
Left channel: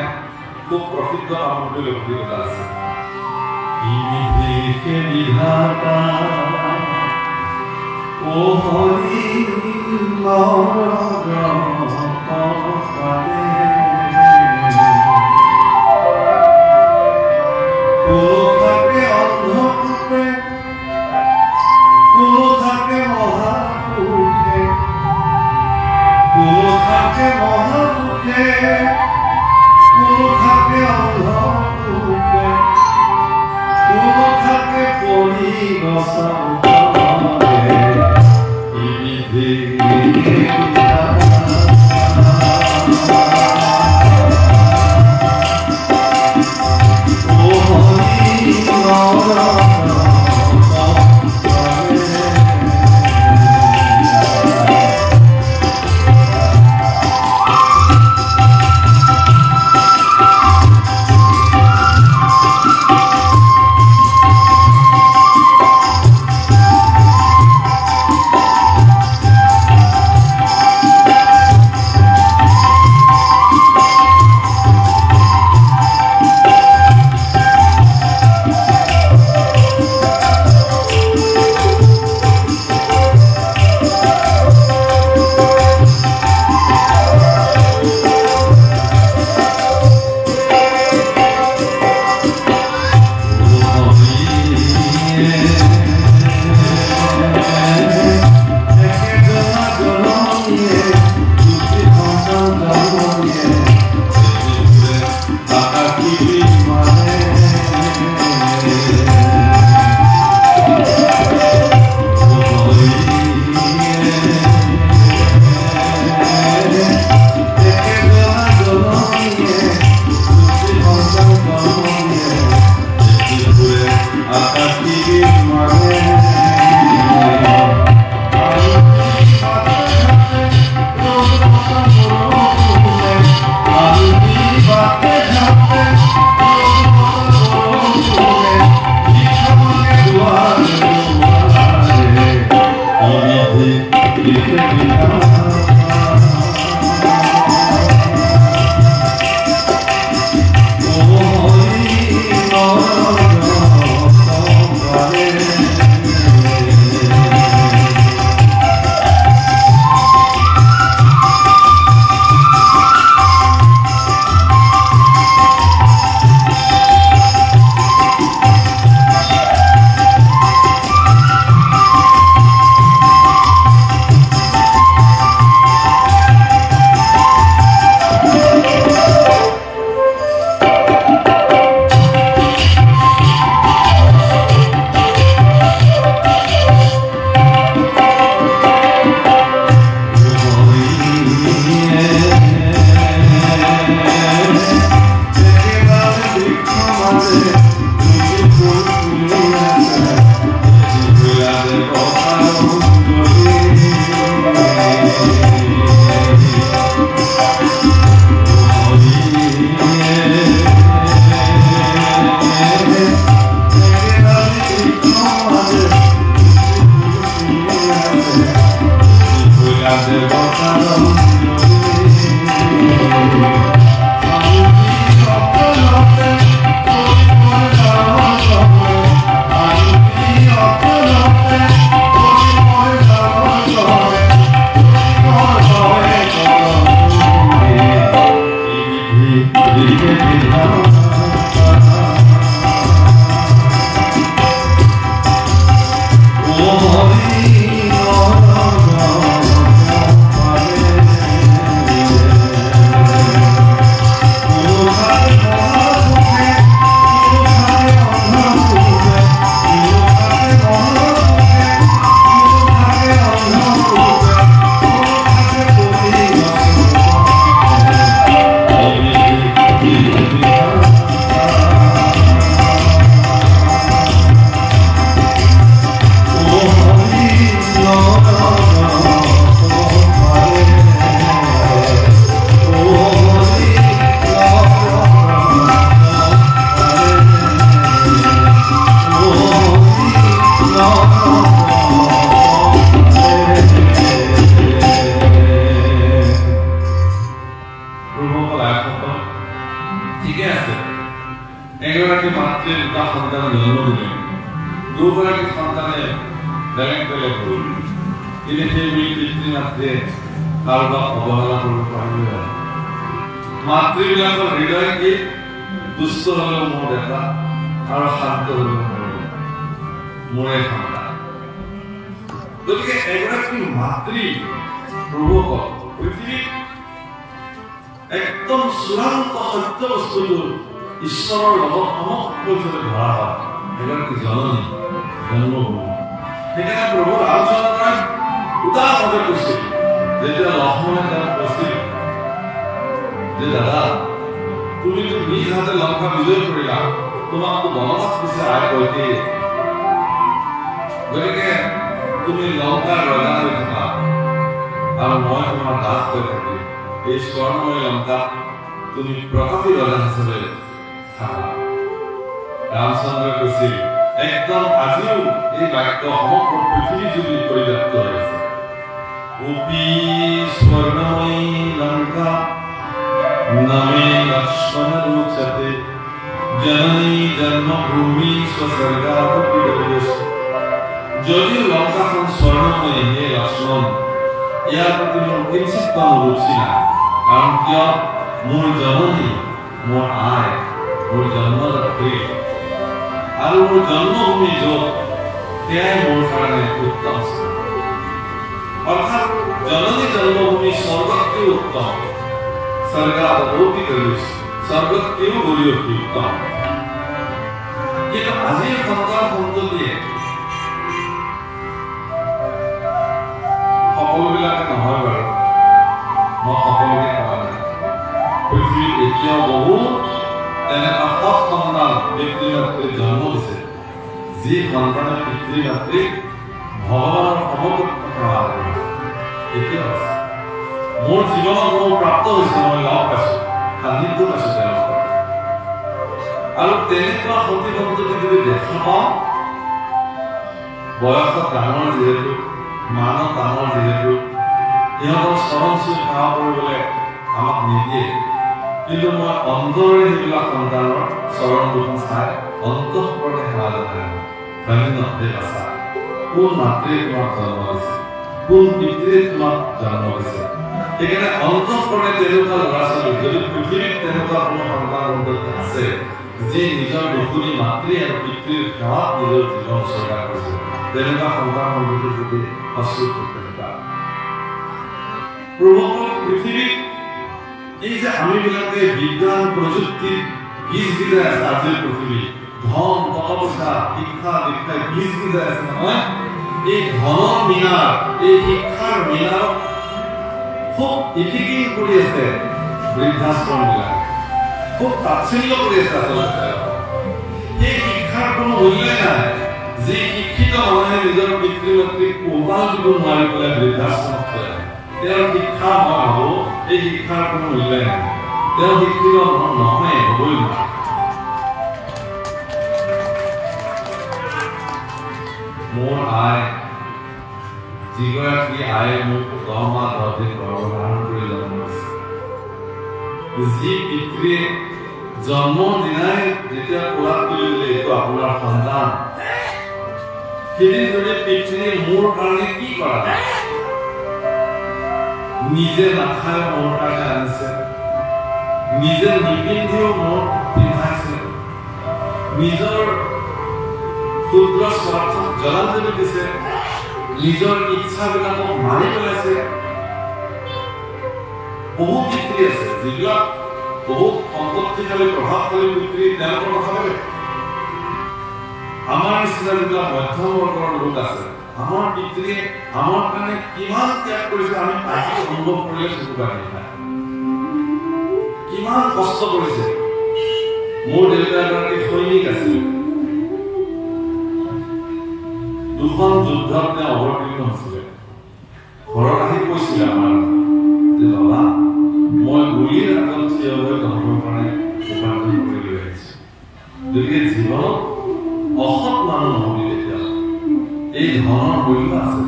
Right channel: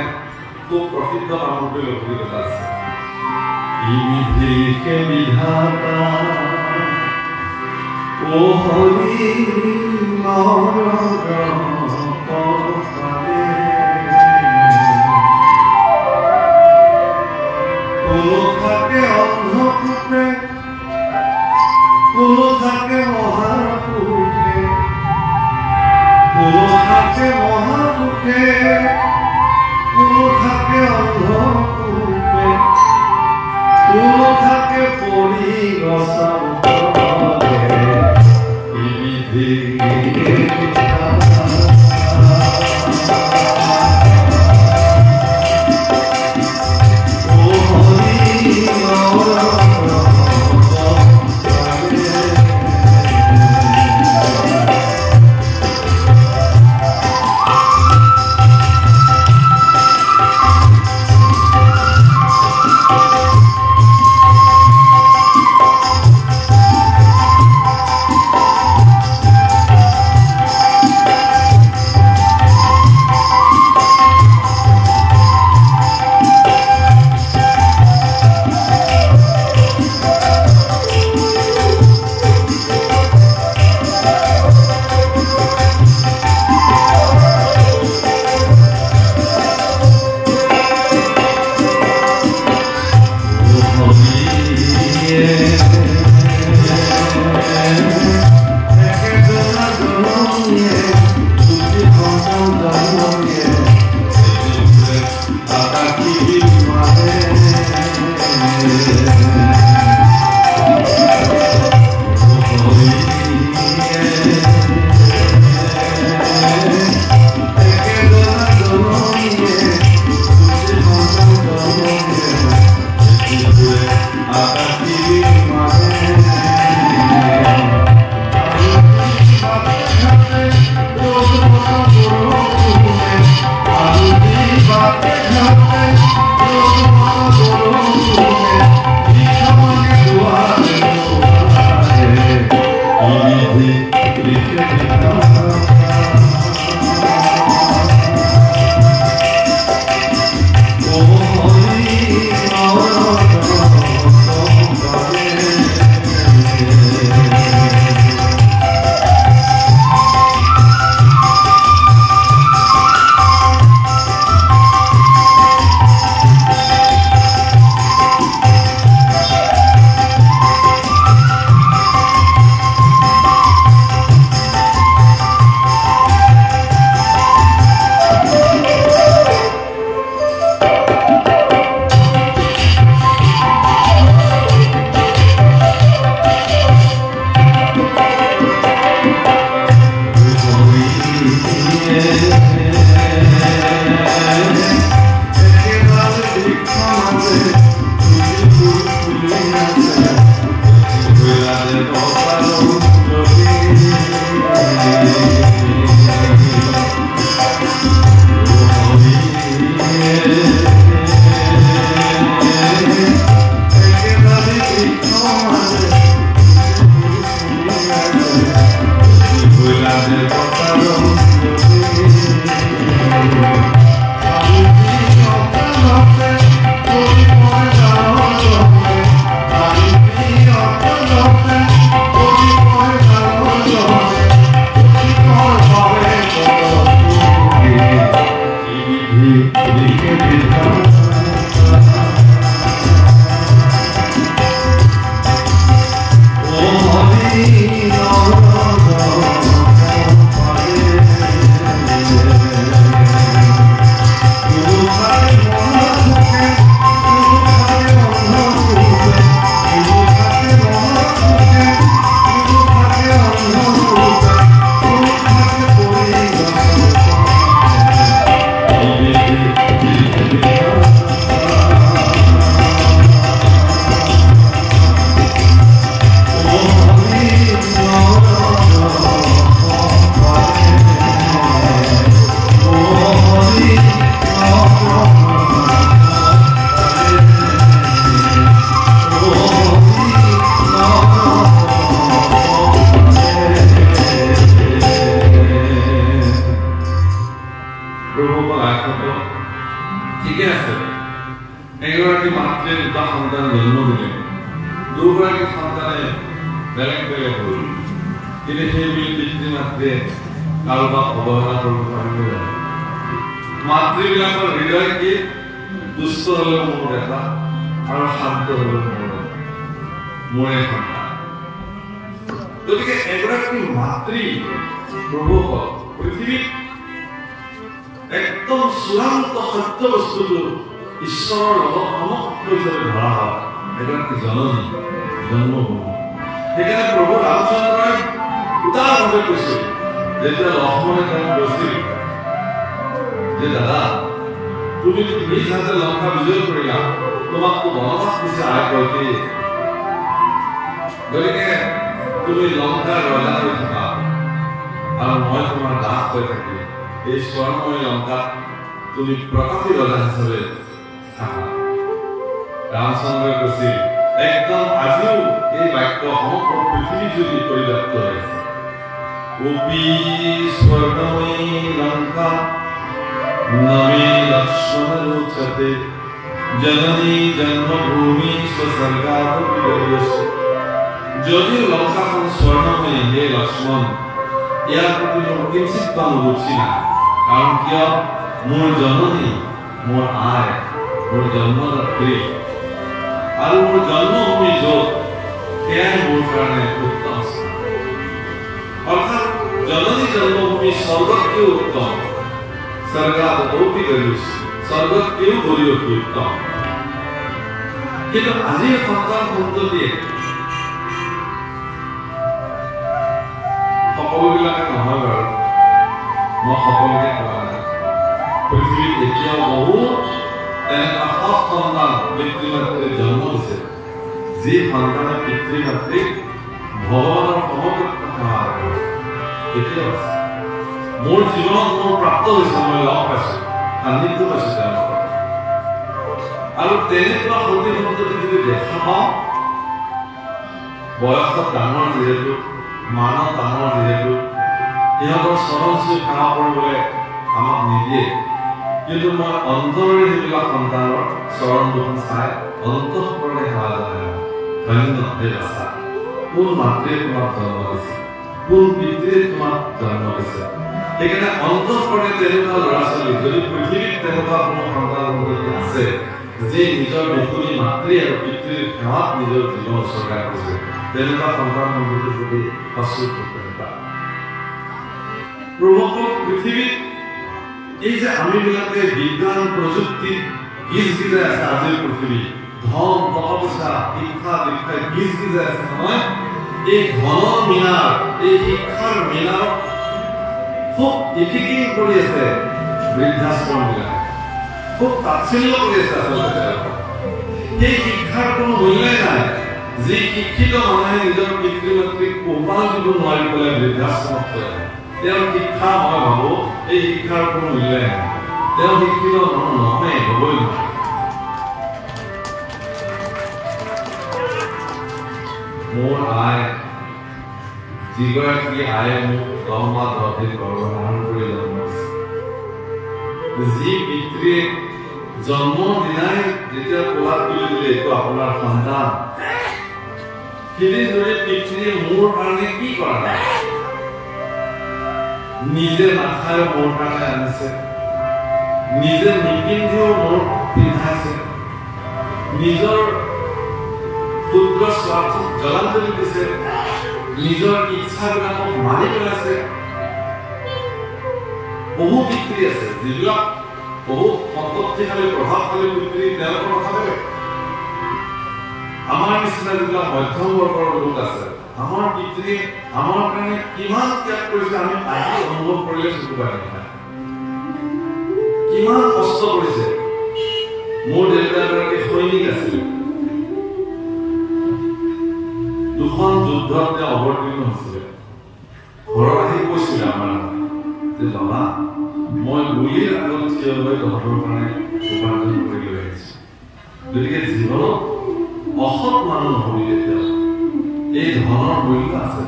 খুব প্ৰসিদ্ধ সামগ্ৰী অভিজ্ঞতা আছে বিধিকে বিধাতা ও হৰি কোনো থাকে অন্ধপুত্ৰে কোনো থাকে মহাপুৰুষে কোনো থাকে মহাপুৰুষে কোনো থাকে অন্ধপুত্ৰে কোনো থাকে পৰিগছৰ মাতৃবিলাকৰ হৃদয় কি দুষ্ট হলেও মোৰ দেখা আৰু শান্ত হলেও মোৰে সন্তান। গতিকে এগৰাকী মাতৃ প্ৰভুসকল পৃথিৱীত একদম চূড়ান্ত সত্য বস্তুটো ঈশ্বৰৰ লগত সমগ্ৰ ধৰা হয় এগৰাকী জননী জন্মভূমি। সেইকাৰণে প্ৰভু ৰামচন্দ্ৰই উদাৰভাৱে কৈছিল যেতিয়া লক্ষ্মণে তাক কৈছিল যে দাদা তুমি নিজ হাতে লংকা বিজয় কৰিলা, তোমাকতো বনবাস দিছে আয় কৈকে, গতিকে তুমি লংকাৰ ৰজা হৈ থাকা আৰু মই তোমাৰ দাস হৈ থাকিম। এই স্বৰ্ণময় লংকাত তুমি প্ৰকৃতি ৰজা হিচাপে থাকা। ৰামচন্দ্ৰই কৈছিল একদম আজিও এই বাক্য সমগ্ৰ পৃথিৱী জুৰি পৰিব্যাপ্ত হৈ আছে। উপি স্বৰ্ণময়ী লংকা নমে লক্ষ্মণ ৰোচতে জননী জন্মভূমি স্বৰ্গাদপি দৰ্শে। যদি লঙ্কাখন স্বৰ্ণময়ী হে লক্ষ্মণ, ইয়াৰ প্ৰতি মোৰ কিঞ্চিত ৰুচি নাই, কাৰণ কিয় মোৰ জননী মোৰ আই মোৰ জন্মদাত্ৰী আৰু মোৰ জন্মভূমি য'ত সেয়াই মোৰ কাৰণে উত্তম স্থান। অৰ্থাৎ জননী জন্মভূমি স্বৰ্গতকৈও উত্তম, স্বৰ্গাদপি দৰ্শে স্বৰ্গতকৈও গৰিয়সী উত্তম। কিন্তু আজিৰ সন্তান সন্ততিয়ে সকলোবিলাকে নহয় বাৰু, মই সকলোকে কোৱা নাই, পৃথিৱীত এতিয়াও বহুত এনেকুৱা সৎ সন্তান পিতৃ মাতৃৰ জন্ম দিছে যি সন্তানে পিতৃ মাতৃক ভগৱানৰ সমকক্ষ সেৱা কৰিছে। এতিয়াও আছে, মোৰ জীৱনত মোৰ প্ৰাপ্ত হৈছে, মই লগ পাইছো, সান্নিধ্য পাইছো তেওঁলোকৰ। আৰু তেনেকুৱা সতী সন্ততি যদি দেখা পাওঁ, বয়সত ডাঙৰ যিহেতু মানত ডাঙৰ যিহেতু সিহঁতৰ চৰণ চুই সেৱা কৰিবলৈ আমাক নিদিয়ে, কিন্তু মই অন্তৰেৰে সেইবিলাক সন্তানৰ চৰণ দুখন চাই অন্তঃকৰণে সেৱা জনাই ধন্য হে বাচা। কোন মাতৃয়ে তোমাক জন্ম দিছে, কোন পিতৃয়ে তোমাক জন্ম দিছে। সেইকাৰণে অন্তঃকৰণে তেনেকুৱা ল'ৰা ছোৱালী যদি পৃথিৱীত তেনেকুৱা কোনো সন্তান সন্ততি আছে যি নিজৰ বসুনী মাতৃ আৰু পিতৃৰ সেৱাত নিজৰ জীৱন উৎসৰ্গা কৰিছে, তেনেকুৱা সন্তান সন্ততিৰ প্ৰতি সচেতনতা। প্ৰভুসকল পৃথিৱীত এই যে আমিবিলাকে বিজ্ঞান প্ৰযুক্তিৰ বীজ বিজাই আছে, আজিৰ পৃথিৱী ধন টকা পইচা শিক্ষা দীক্ষাই বীজ বিজাই আছে নহয়, এই ধনৰ মিনাৰ এই শিক্ষাৰ মিনাৰক খুব ইফিকিং কৰি আছে বৃদ্ধাশ্ৰম বিলাকে, খুব তাচ্ছিল্য কৰি আছে আচলতে। সেই শিক্ষাৰ কোনো মূল্যই নাই। যি শিক্ষিত মানুহে নিজৰ পিতৃ মাতৃক পোহপাল দিব নোৱাৰি পেলাই বৃদ্ধাশ্ৰমত থৈ আহে, তেওঁৰ শিক্ষা মই ভাবো এই শিক্ষাৰ কোনো মূল্যই নাই। তেওঁ শিক্ষিত নহয়, হবই নোৱাৰে। মোৰ আই যিগৰাকী আয়ে মোক 10 মাহ 10 দিন গৰ্ভধাৰণ কৰি জন্ম দিছে, যি পিতৃয়ে জন্মৰ দিনাই যেতিয়া কোলাত তুলি দিলে এইটো আপোনাৰ সন্তান, সেইদিন ধৰি পিতৃয়ে মোৰ কাৰণে কি কৰা নাই, নিজে নাখায় মোৰ কাৰণে আনিছে, নিজে নিপিন্ধিও মোৰ পিন্ধাইছে, নিজৰ ক্ষুদ্ৰ স্বাৰ্থক জলাঞ্জলি দিছে, নিজৰ ইচ্ছাবিলাকক মানি পেলাইছে। বহু পিতৃ আছে যিবিলাক বহুত সম্পত্তিশালী প্ৰভাৱশালী পিতৃ, তেওঁলোকৰ কথা বেলেগ। আমাৰ নিচিনা যিবিলাক মধ্যম বৰ্গৰ লোক আছে, আমাৰ পিতৃ আমাৰ কাৰণে কিমান ত্যাগ কৰিছে আমি আহি অনুভৱ কৰিলে চকু পানী নাপায়। কিমান কষ্ট কৰিছে। মোৰ দেউতা এগৰাকী সৈনিক আছিল, দুখন যুদ্ধত তেওঁ অৱতীৰ্ণ হৈছিলে। ঘৰত আহি কৈছিলে আমাৰ যে বাবা, মই গুলিৰ আগত থিয় হৈ তহঁতৰ কাৰণে উপাৰ্জন কৰি লৈ আহিছো। গতিকে জীৱনত অসৎ মানুহ নহবি। তেতিয়া এই ধনৰ মূল্য আছে।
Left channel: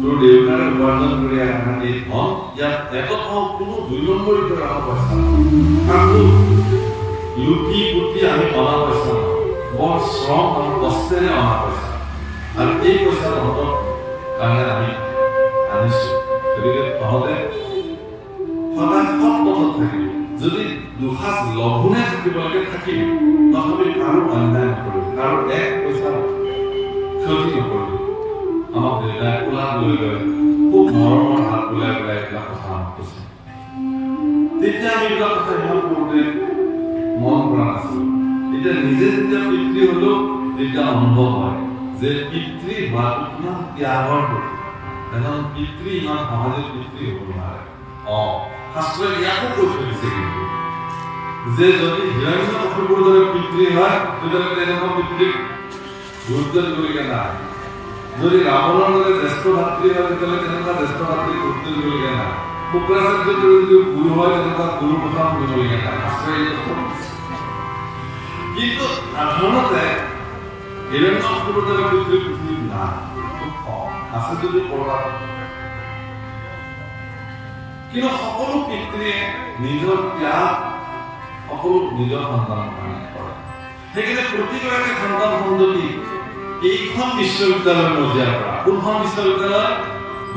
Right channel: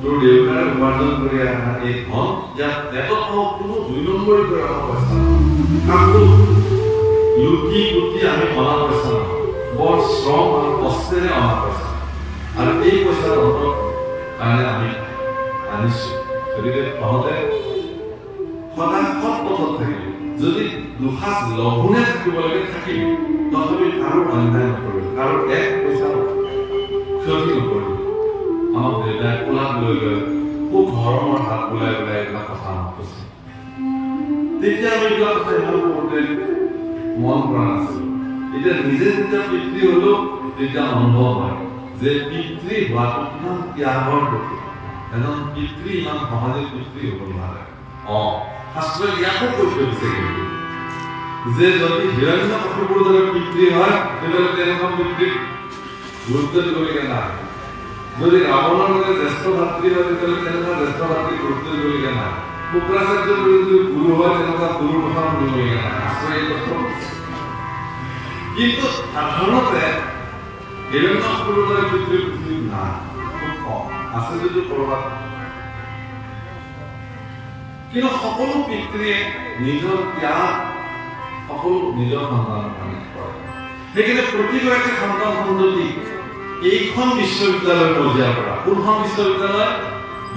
তোৰ দেউতাৰে উপাৰ্জন কৰি অহা এই ধন, ইয়াত একত কোনো ২ নম্বৰী কৰি অহা পইচা কাকো লুটি পুটি আমি অনা পইচা নহয়, বৰ শ্ৰম আৰু কষ্টেৰে অনা পইচা। আৰু এই পইচা তহঁতৰ কাৰণে আমি আনিছো। গতিকে তহঁতে সদায় সৎ পথত থাকিবি। যদি দুসাঁজ লঘোণে থাকিব লাগে থাকিবি, তথাপি কাৰো অন্যায় নকৰিবি, কাৰো এক পইচা ক্ষতি নকৰিবি। আমাক দেউতাই কোলাত লৈ লৈ খুব মৰমৰ হাত ওলাই ওলাই এইবিলাক কথা আমাক কৈছে। তেতিয়া আমি এইবিলাক কথা ইমান সৰুতে মন কৰা নাছিলো। এতিয়া নিজে যেতিয়া পিতৃ হলো তেতিয়া অনুভৱ হয় যে পিতৃ হোৱাটো কিমান ত্যাগৰ প্ৰতি। এজন পিতৃ ইমান সহজে পিতৃ হ'ব নোৱাৰে। শাস্ত্ৰই ইয়াকো কৈ থৈ দিছে কিন্তু যে যদি হিৰণ্যকশিপুৰ দৰে পিতৃ হয় তেতিয়াহ'লে তেনেকুৱা পিতৃক গুৰুত্ব দিবলগীয়া নাই। যদি ৰাৱণৰ দৰে জ্যেষ্ঠ ভাতৃ হয় তেতিয়াহ'লে তেনেকুৱা জ্যেষ্ঠ ভাতৃক গুৰুত্ব দিবলগীয়া নাই। শুক্ৰাচাৰ্যৰ দৰে যদি গুৰু হয় তেনেকুৱা গুৰুৰ কথা শুনিবলগীয়া নাই। শাস্ত্ৰই এই কথা কৈছে। কিন্তু সাধাৰণতে হিৰণ্যকশিপুৰ দৰে পিতৃ পৃথিৱীত নাই, খুব কম আছে যদি কৰবাত। কিন্তু সকলো পিতৃয়ে নিজৰ ত্যাগ সকলো নিজৰ সন্তানৰ কাৰণে কৰে। সেইকাৰণে প্ৰতিগৰাকী সন্তান সন্ততি এইখন বিশ্ববিদ্যালয়ৰ মজিয়াৰ পৰা, কোনখন বিশ্ববিদ্যালয়?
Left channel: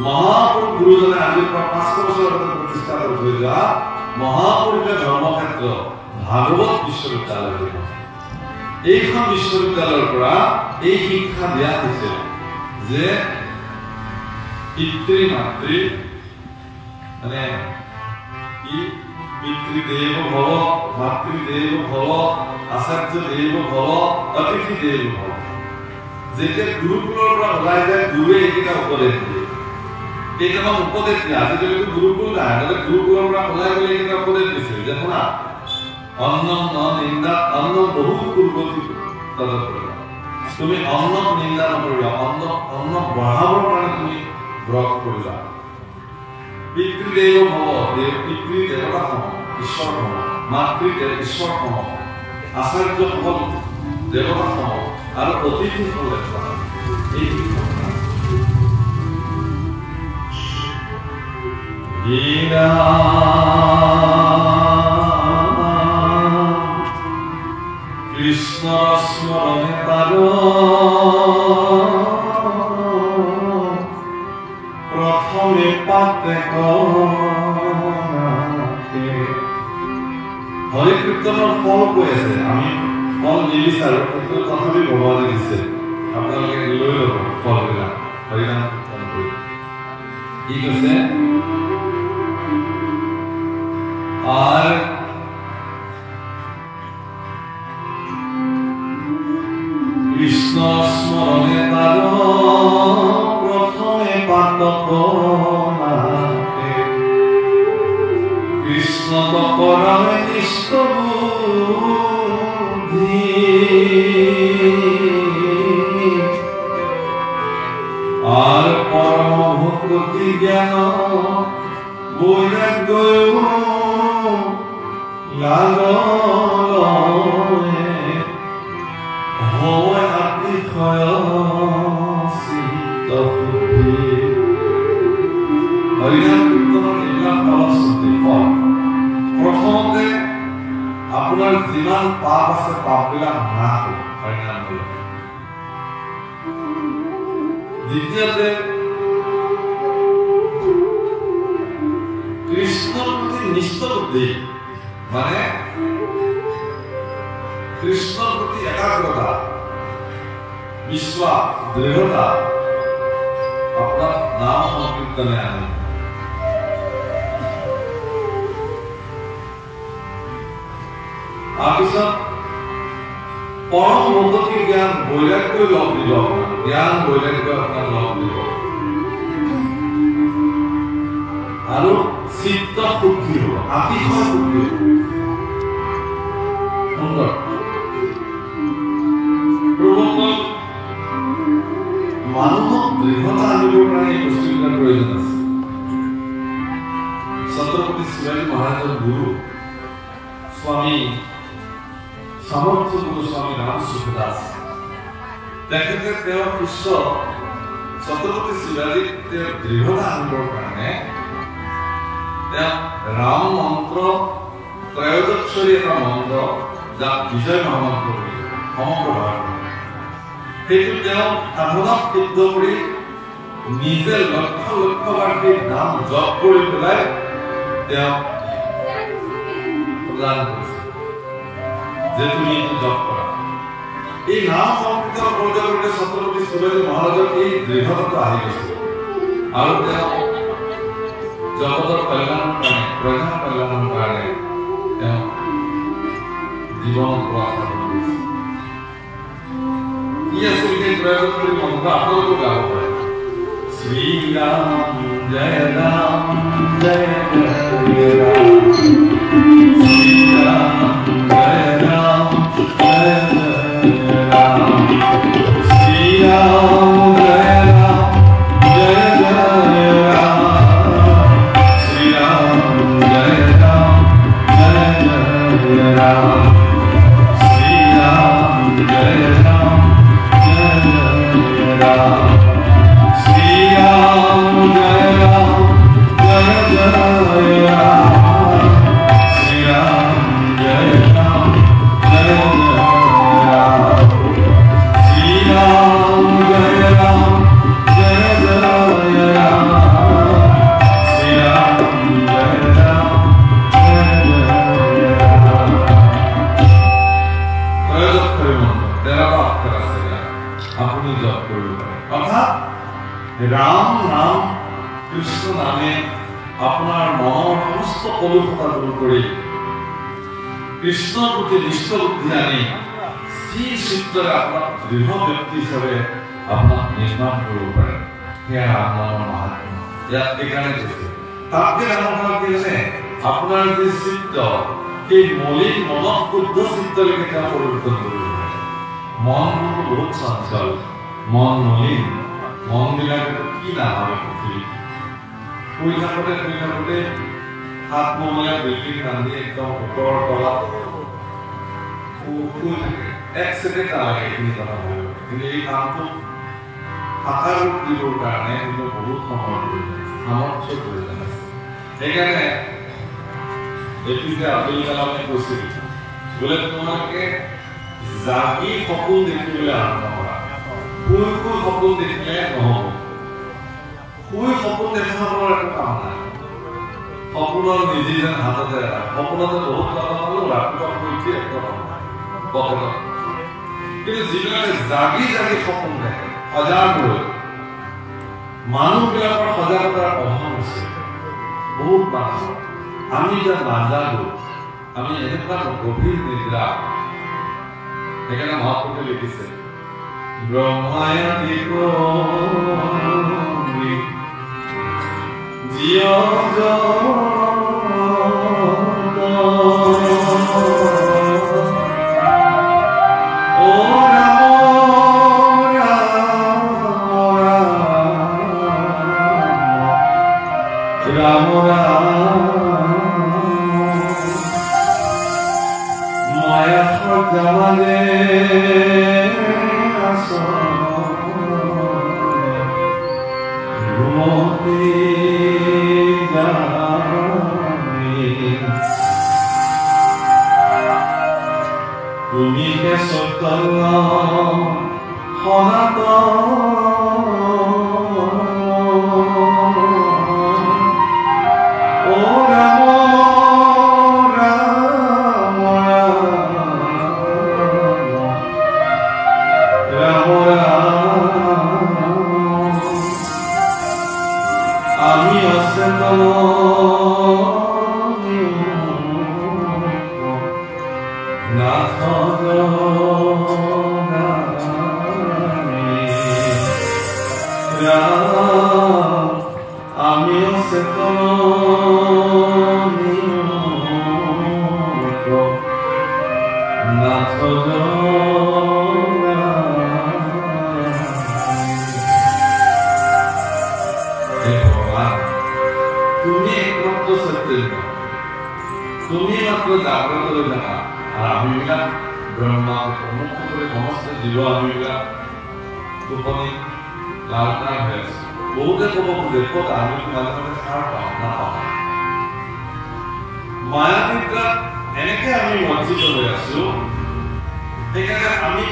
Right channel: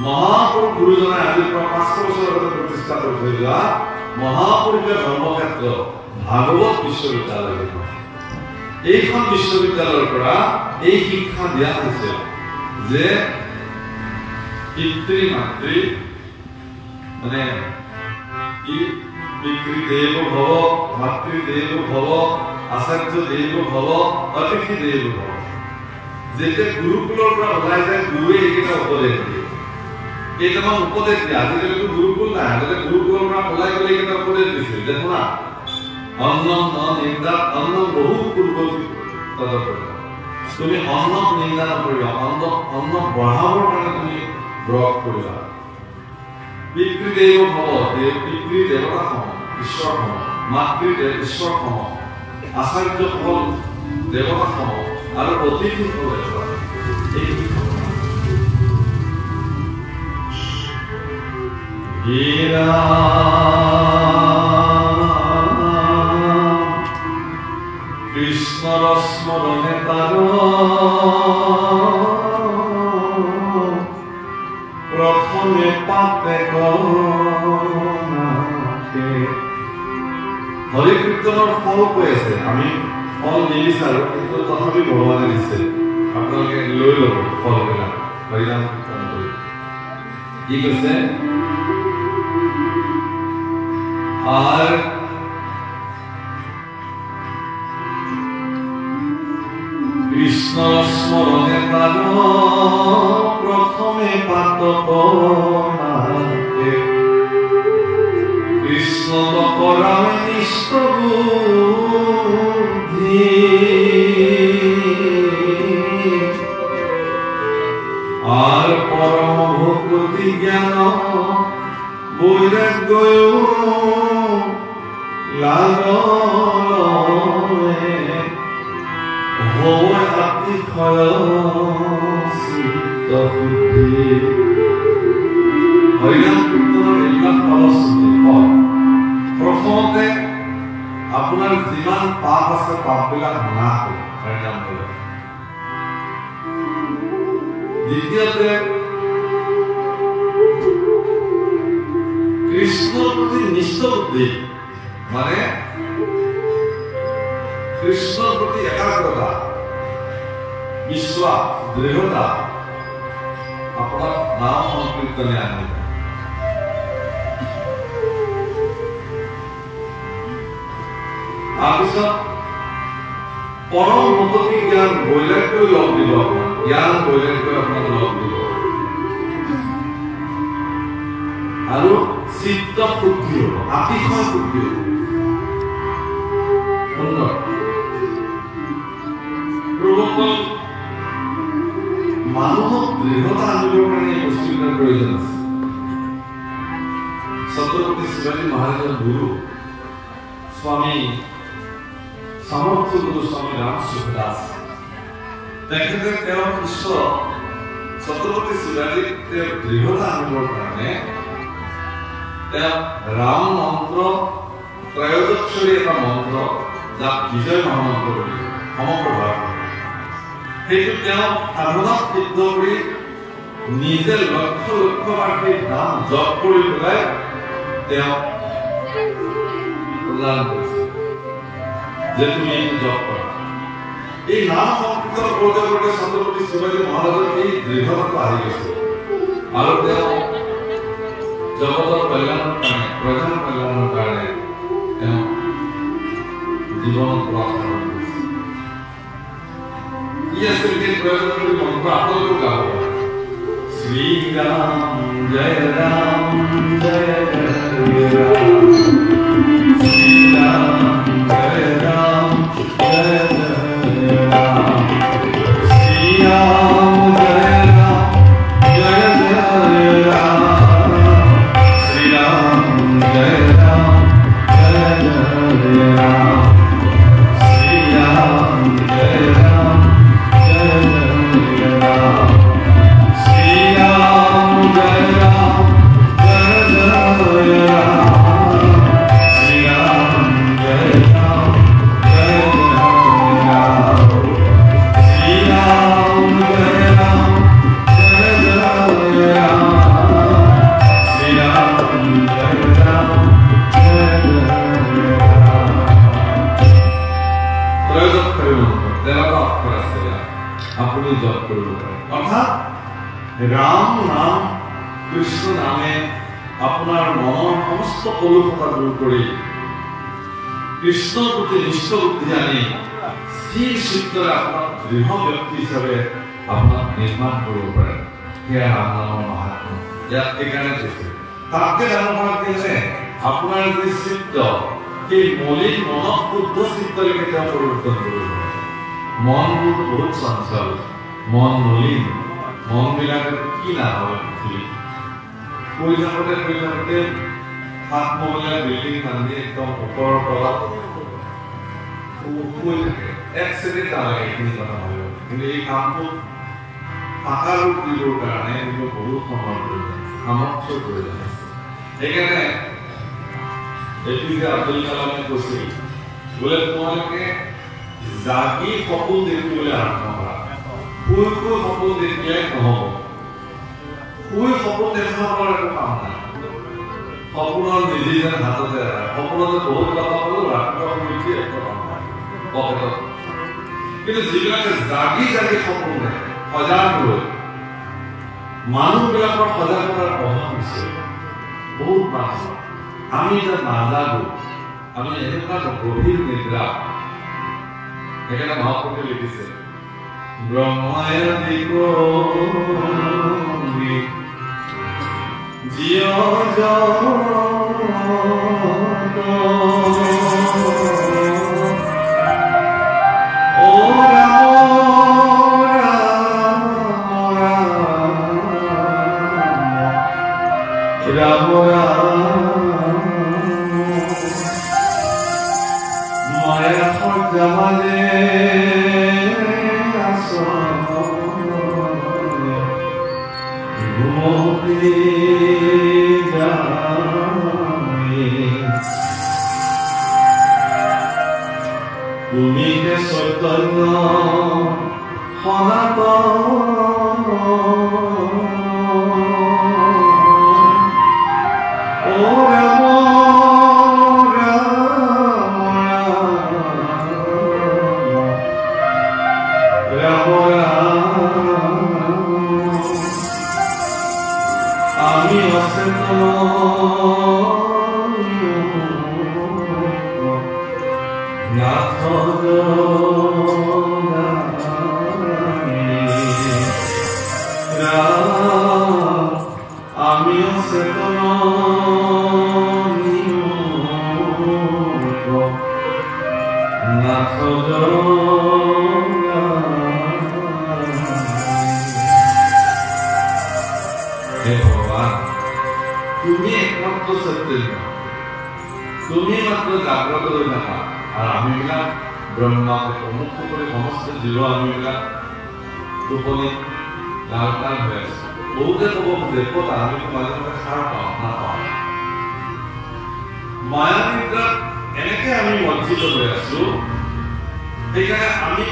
মহাপুৰুষ গুৰুজনাই আজিৰ পৰা ৫০০ বছৰ আগতে প্ৰতিষ্ঠা কৰি থৈ যোৱা মহাপুৰুষে ধৰ্মক্ষেত্ৰ ভাগৱত বিশ্ববিদ্যালয়। এইখন বিশ্ববিদ্যালয়ৰ পৰা এই শিক্ষা দিয়া হৈছে যে পিতৃ মাতৃ মানে কি পিতৃদেৱ ভৱ, মাতৃদেৱ ভৱ, আচাৰ্য দেৱ ভৱ, অতিথি দেৱ ভৱ। যেতিয়া গুৰুকুলৰ পৰা ওলাই যায় গুৰুৱে এইকেইটা উপদেশ দিয়ে। কেইটামান উপদেশ দিয়ে। আজিকালিতো গুৰুকুল নাই, আগতে গুৰুকুলৰ পৰা ওলাই গ'লে এইকেইটা উপদেশ দিছিল যে শুনা, অন্নম ন নিন্দাত অন্ন বহু পূৰ্বতী তদপ্ৰদা। তুমি অন্নক নিন্দা নকৰিবা, অন্নক বঢ়াবৰ কাৰণে তুমি ব্ৰত কৰিবা। পিতৃদেৱ ভৱ, পিতৃ দেৱতা সম, ঈশ্বৰ সম, মাতৃ ঈশ্বৰ সম, আচাৰ্য সকল দেৱতা সম আৰু অতিথি সকল দেৱতা। এই কৃষ্ণৰ স্মৰণে তাৰ প্ৰথমে পাতে হৰি কীৰ্তনৰ ফল কৈ আছে। আমি ফল নিবিচাৰো, কিন্তু তথাপি ভগৱানে দিছে। আপোনালোকে লৈ ল'ব ফলবিলাক হৰিনাম কীৰ্তন কৰি। কি কৈছে? আর কৃষ্ণ স্মরণে তার প্রথমে পাতক নাকে, কৃষ্ণ করায় নিষ্ঠ বুদ্ধি, আর পরম ভক্তি জ্ঞান বৈরাগ্য লাগলয়ে হয় আতিশয় চিত্ত শুদ্ধি। হৰিনাম কীৰ্তনৰ এইবিলাক ফলশ্ৰুতি ফল। প্ৰথমতে আপোনাৰ যিমান পাপ আছে পাপবিলাক নাশ হ'ব হৰিনাম কৰিলে। দ্বিতীয়তে কৃষ্ণৰ প্ৰতি নিষ্ঠ বুদ্ধি, মানে কৃষ্ণৰ প্ৰতি একাগ্ৰতা, বিশ্বাস, দৃঢ়তা আপোনাৰ নাম সংকীৰ্তনে আনে। তাৰপিছত পৰম ভগৱতী জ্ঞান বৈৰাগ্যই লগ দিব, আপোনাৰ জ্ঞান বৈৰাগ্যই আপোনাক লগ দিব, আৰু চিত্ত শুদ্ধি হ'ব, আতিশয় শুদ্ধি হ'ব। সুন্দৰ। প্ৰভুক মানুহক দৃঢ়তা আনিবৰ কাৰণে এই বস্তুকেইটাৰ প্ৰয়োজন আছে। ছত্ৰপতি শিৱাজী মহাৰাজৰ গুৰু স্বামী সামৰ্থ্য গুৰু স্বামী ৰাম সুখদাস, তেখেতে তেওঁৰ শিষ্য ছত্ৰপতি শিৱাজীক তেওঁৰ দৃঢ়তা আনিবৰ কাৰণে তেওঁ ৰাম মন্ত্ৰ, ত্ৰয়োদশী এটা মন্ত্ৰ, যাক বিজয় মহামন্ত্ৰ বুলি সমগ্ৰ ভাৰত, সেইটো তেওঁ সাধনাত সিদ্ধ কৰি নিজে লক্ষ লক্ষবাৰ সেই নাম জপ কৰি পেলাই তেওঁ প্ৰদান কৰিছে যে তুমি এইটো জপ কৰা। এই নাম সংকীৰ্তন কৰোঁতে কৰোঁতে ছত্ৰপতি শিৱাজী মহাৰাজৰ এই দৃঢ়তাটো আহি গৈছে, আৰু তেওঁ জগতৰ কল্যাণৰ কাৰণে, প্ৰজাৰ কল্যাণৰ কাৰণে তেওঁ জীৱনত প্ৰচাৰ কৰিছে। কি আছিল সেই ত্ৰয়োদশী মন্ত্ৰ? আপোনালোকেও গাব পাৰে। শ্ৰী ৰাম জয় ৰাম জয় জয় ৰাম, শ্ৰী ৰাম জয় ৰাম জয় জয় ৰাম, শ্ৰী ৰাম জয় ৰাম জয় জয় ৰাম, শ্ৰী ৰাম জয় ৰাম জয় জয় ৰাম, শ্ৰী ৰাম জয় ৰাম জয় জয় ৰাম, শ্ৰী রাম জয় রাম জয় জয় রাম, শ্রী রাম জয় রাম জয় জয় রাম, শ্রী রাম জয় রাম জয় জয় রাম, শ্রী রাম জয় রাম জয় জয় রাম। ত্ৰয়োদশী মন্ত্ৰ 13টা অক্ষৰ আছে, আপুনি জপ কৰিব পাৰে। অৰ্থাৎ ৰাম নাম, কৃষ্ণ নামে আপোনাৰ মনৰ সমস্ত কলুষতা দূৰ কৰি কৃষ্ণৰ প্ৰতি নিষ্ঠ বুদ্ধি আনি স্থিৰ চিত্তৰে আপোনাক দৃঢ় ব্যক্তি হিচাপে আপোনাক নিৰ্মাণ কৰিব পাৰে। সেয়া ৰাম নামৰ মাহাত্ম্য। ইয়াত এইকাৰণে কৈছে, তাতকে ডাঙৰ কথা কি আছে, আপোনাৰ যি চিত্ত, সেই মলিন মনত শুদ্ধ চিত্তলৈকে তেওঁ পৰিৱৰ্তন কৰিব পাৰে। মনবোৰ বহুত চঞ্চল, মন মলিন, মন বিলাকে কি নাভাবে পৃথিৱীত। শুই থাকোঁতে সাতমহলীয়া বিল্ডিং বান্ধি একদম ওপৰৰ তলত শুই থাকে, এক ছেকেণ্ড নালাগে এইখিনি কথা ভাবিব। কিন্তু এই কামটো সাকাৰ ৰূপ দিবৰ কাৰণে কিন্তু বহুত সময়ৰ প্ৰয়োজন আছে, সামৰ্থ্যৰ প্ৰয়োজন আছে। সেইকাৰণে APJ আব্দুল কালামে কৈছিল, বোলে তোমালোকে জাগি সপোন দেখিবলৈ আৰম্ভ কৰা, শুই শুই সপোন দেখিলে নহব। শুই সপোন দেখাবৰ একো কাম নাই, সপোনৰ নিধি যেন হাততে আহে। সপোনতে বহুত কথা পালো, ৰাতিপুৱা শুই উঠি একো কাম নাই পকেটত। কিন্তু যিবিলাকে জাগি জাগি সপোন দেখে, সজাগ হৈ, মানুহবিলাকৰ সজাগতাৰ অভাৱ হৈছে বহুত মানুহ। আমি এতিয়া নাজাগো, আমি এনেকুৱা গভীৰ নিদ্ৰা। সেইকাৰণে মহাপুৰুষে লিখিছে, ব্ৰহ্মায়াদি ক্ৰমি জীয় জগত ও ৰাম ৰাম ৰাম ৰাম মায়া সজালে তুমি হে চৈতন্য সনাতন ও ৰাম ৰাম তুমি মাত্র জাগ্রত হয়ে থাকা আর আমিবিলাক ব্রহ্মাকে মুক্ত করে সমস্ত জীব আমিবিলাক টোপনি লালটান হয়ে আছে। বহুতে কব খোজে ক'ত আমি মাজে মাজে সাৰ পাওঁ নাপাওঁ। মায়া নিদ্ৰাত এনেকে আমি বঞ্চিত হৈ আছো, সেইকাৰণে আমি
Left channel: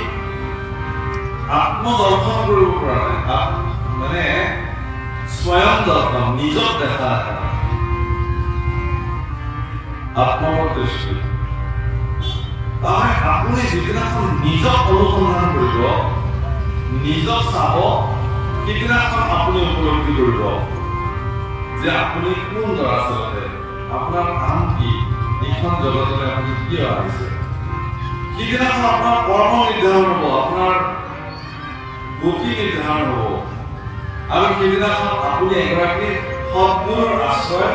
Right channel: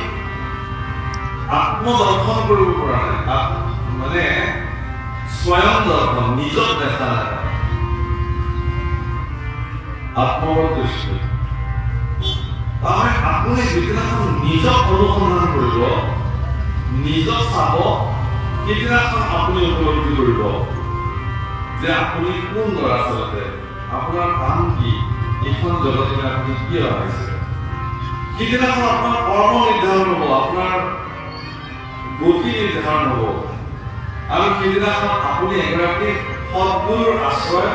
আত্মদৰ্শন কৰিব পৰা নাই, মানে স্বয়ং দৰ্শন নিজক দেখা নাই, আত্মগত দৃষ্টি। তাৰমানে আপুনি যিদিনাখন নিজক অনুসন্ধান কৰিব, নিজক চাব, সেইদিনাখন আপুনি উপলব্ধি কৰিব যে আপুনি কোন আচলতে, আপোনাৰ কাম কি, এইখন জগতলৈ আপুনি কিয় আহিছে। সেইদিনাখন আপোনাৰ কৰ্ম নিৰ্ধাৰণ হ'ব, আপোনাৰ গতি নিৰ্ধাৰণ হ'ব, আৰু সেইদিনাখন আপুনি এগৰাকী সদ্গুৰুৰ আশ্ৰয়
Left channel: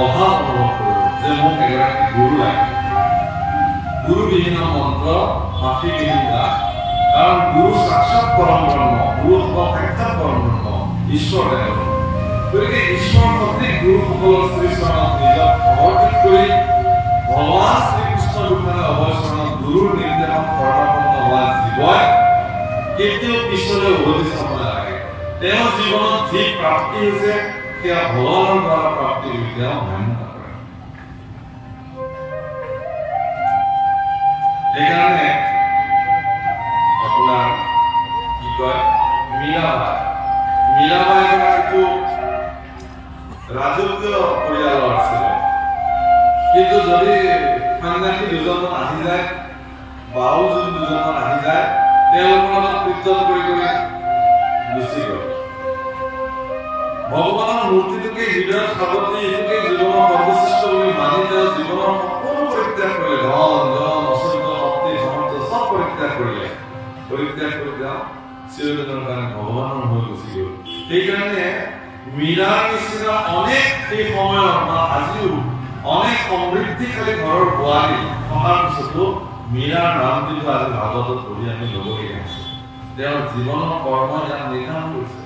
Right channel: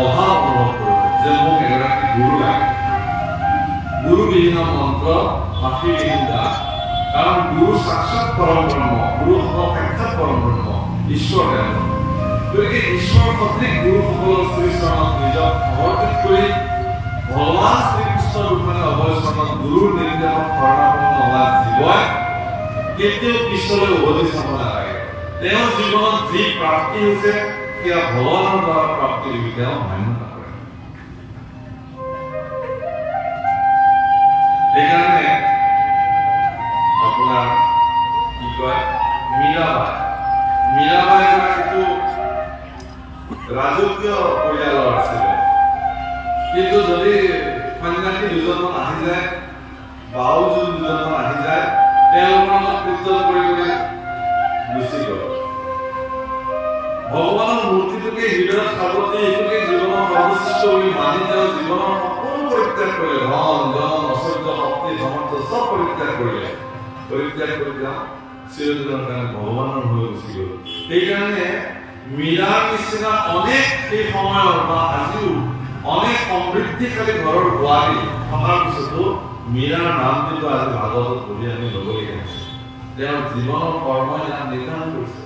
অভাৱ অনুভৱ কৰিব যে মোক এগৰাকী গুৰু লাগে। গুৰুবিহীন মন্ত্ৰ মাতৃবিহীন দাস, কাৰণ গুৰু সাক্ষাৎ পৰম ব্ৰহ্ম, গুৰু সাক্ষাৎ পৰম ব্ৰহ্ম ঈশ্বৰ দেৱ। গতিকে ঈশ্বৰ সদৃশ গুৰুসকলৰ শ্ৰীচৰণত নিজক সমৰ্পিত কৰি ভগৱান শ্ৰীকৃষ্ণ দুখানে অভয় চৰণত গুৰুৰ নিৰ্দেশত শৰণাপন্ন হোৱা জীৱই কেতিয়াও পিছলৈ উভতি চাব নালাগে। তেওঁৰ জীৱনত যি প্ৰাপ্তি হৈছে সেয়া ভগৱানৰ দ্বাৰা প্ৰাপ্তি হৈ তেওঁ মেমনা কৰে। সেইকাৰণে আপোনাৰ কি কয় মীৰাবাই গৰাকীটো ৰাজকীয় পৰিয়ালৰ আছিলে, কিন্তু যদি সন্যাসী দুজনমান আহি যায়, বাও যদি দুজনমান আহি যায়, তেওঁলোকৰ লগত কীৰ্তন কৰি গুচি গ'ল। ভগৱানৰ মূৰ্তিটোকে হৃদয়ত সাৱটি, এইটোকে জীৱনৰ সৰ্বশ্ৰেষ্ঠ বুলি মানি তেওঁ জীৱনৰ সকলো পৰিত্যাগ কৰিলে, ধন জন ঐশ্বৰ্য শক্তি সামৰ্থ্য চব পৰিত্যাগ কৰিলে। পৰিত্যাগ কৰি তেওঁ চিৰদিনৰ কাৰণে ভগৱানৰ হৈ গুচি গ'ল। সেইকাৰণে মীৰাৰ নিচিনা অনেক সেই সময়ৰ বা আজিও অনেক সমৃদ্ধিশালী ঘৰৰ বোৱাৰী থকাৰ পিছতো মীৰাৰ নামটো আজি ভাগৱতত পঢ়ি আমি ল'বলগীয়া হৈছে। তেওঁৰ জীৱনৰ কৰ্মই ইয়াক নিৰ্ধাৰণ কৰিছে।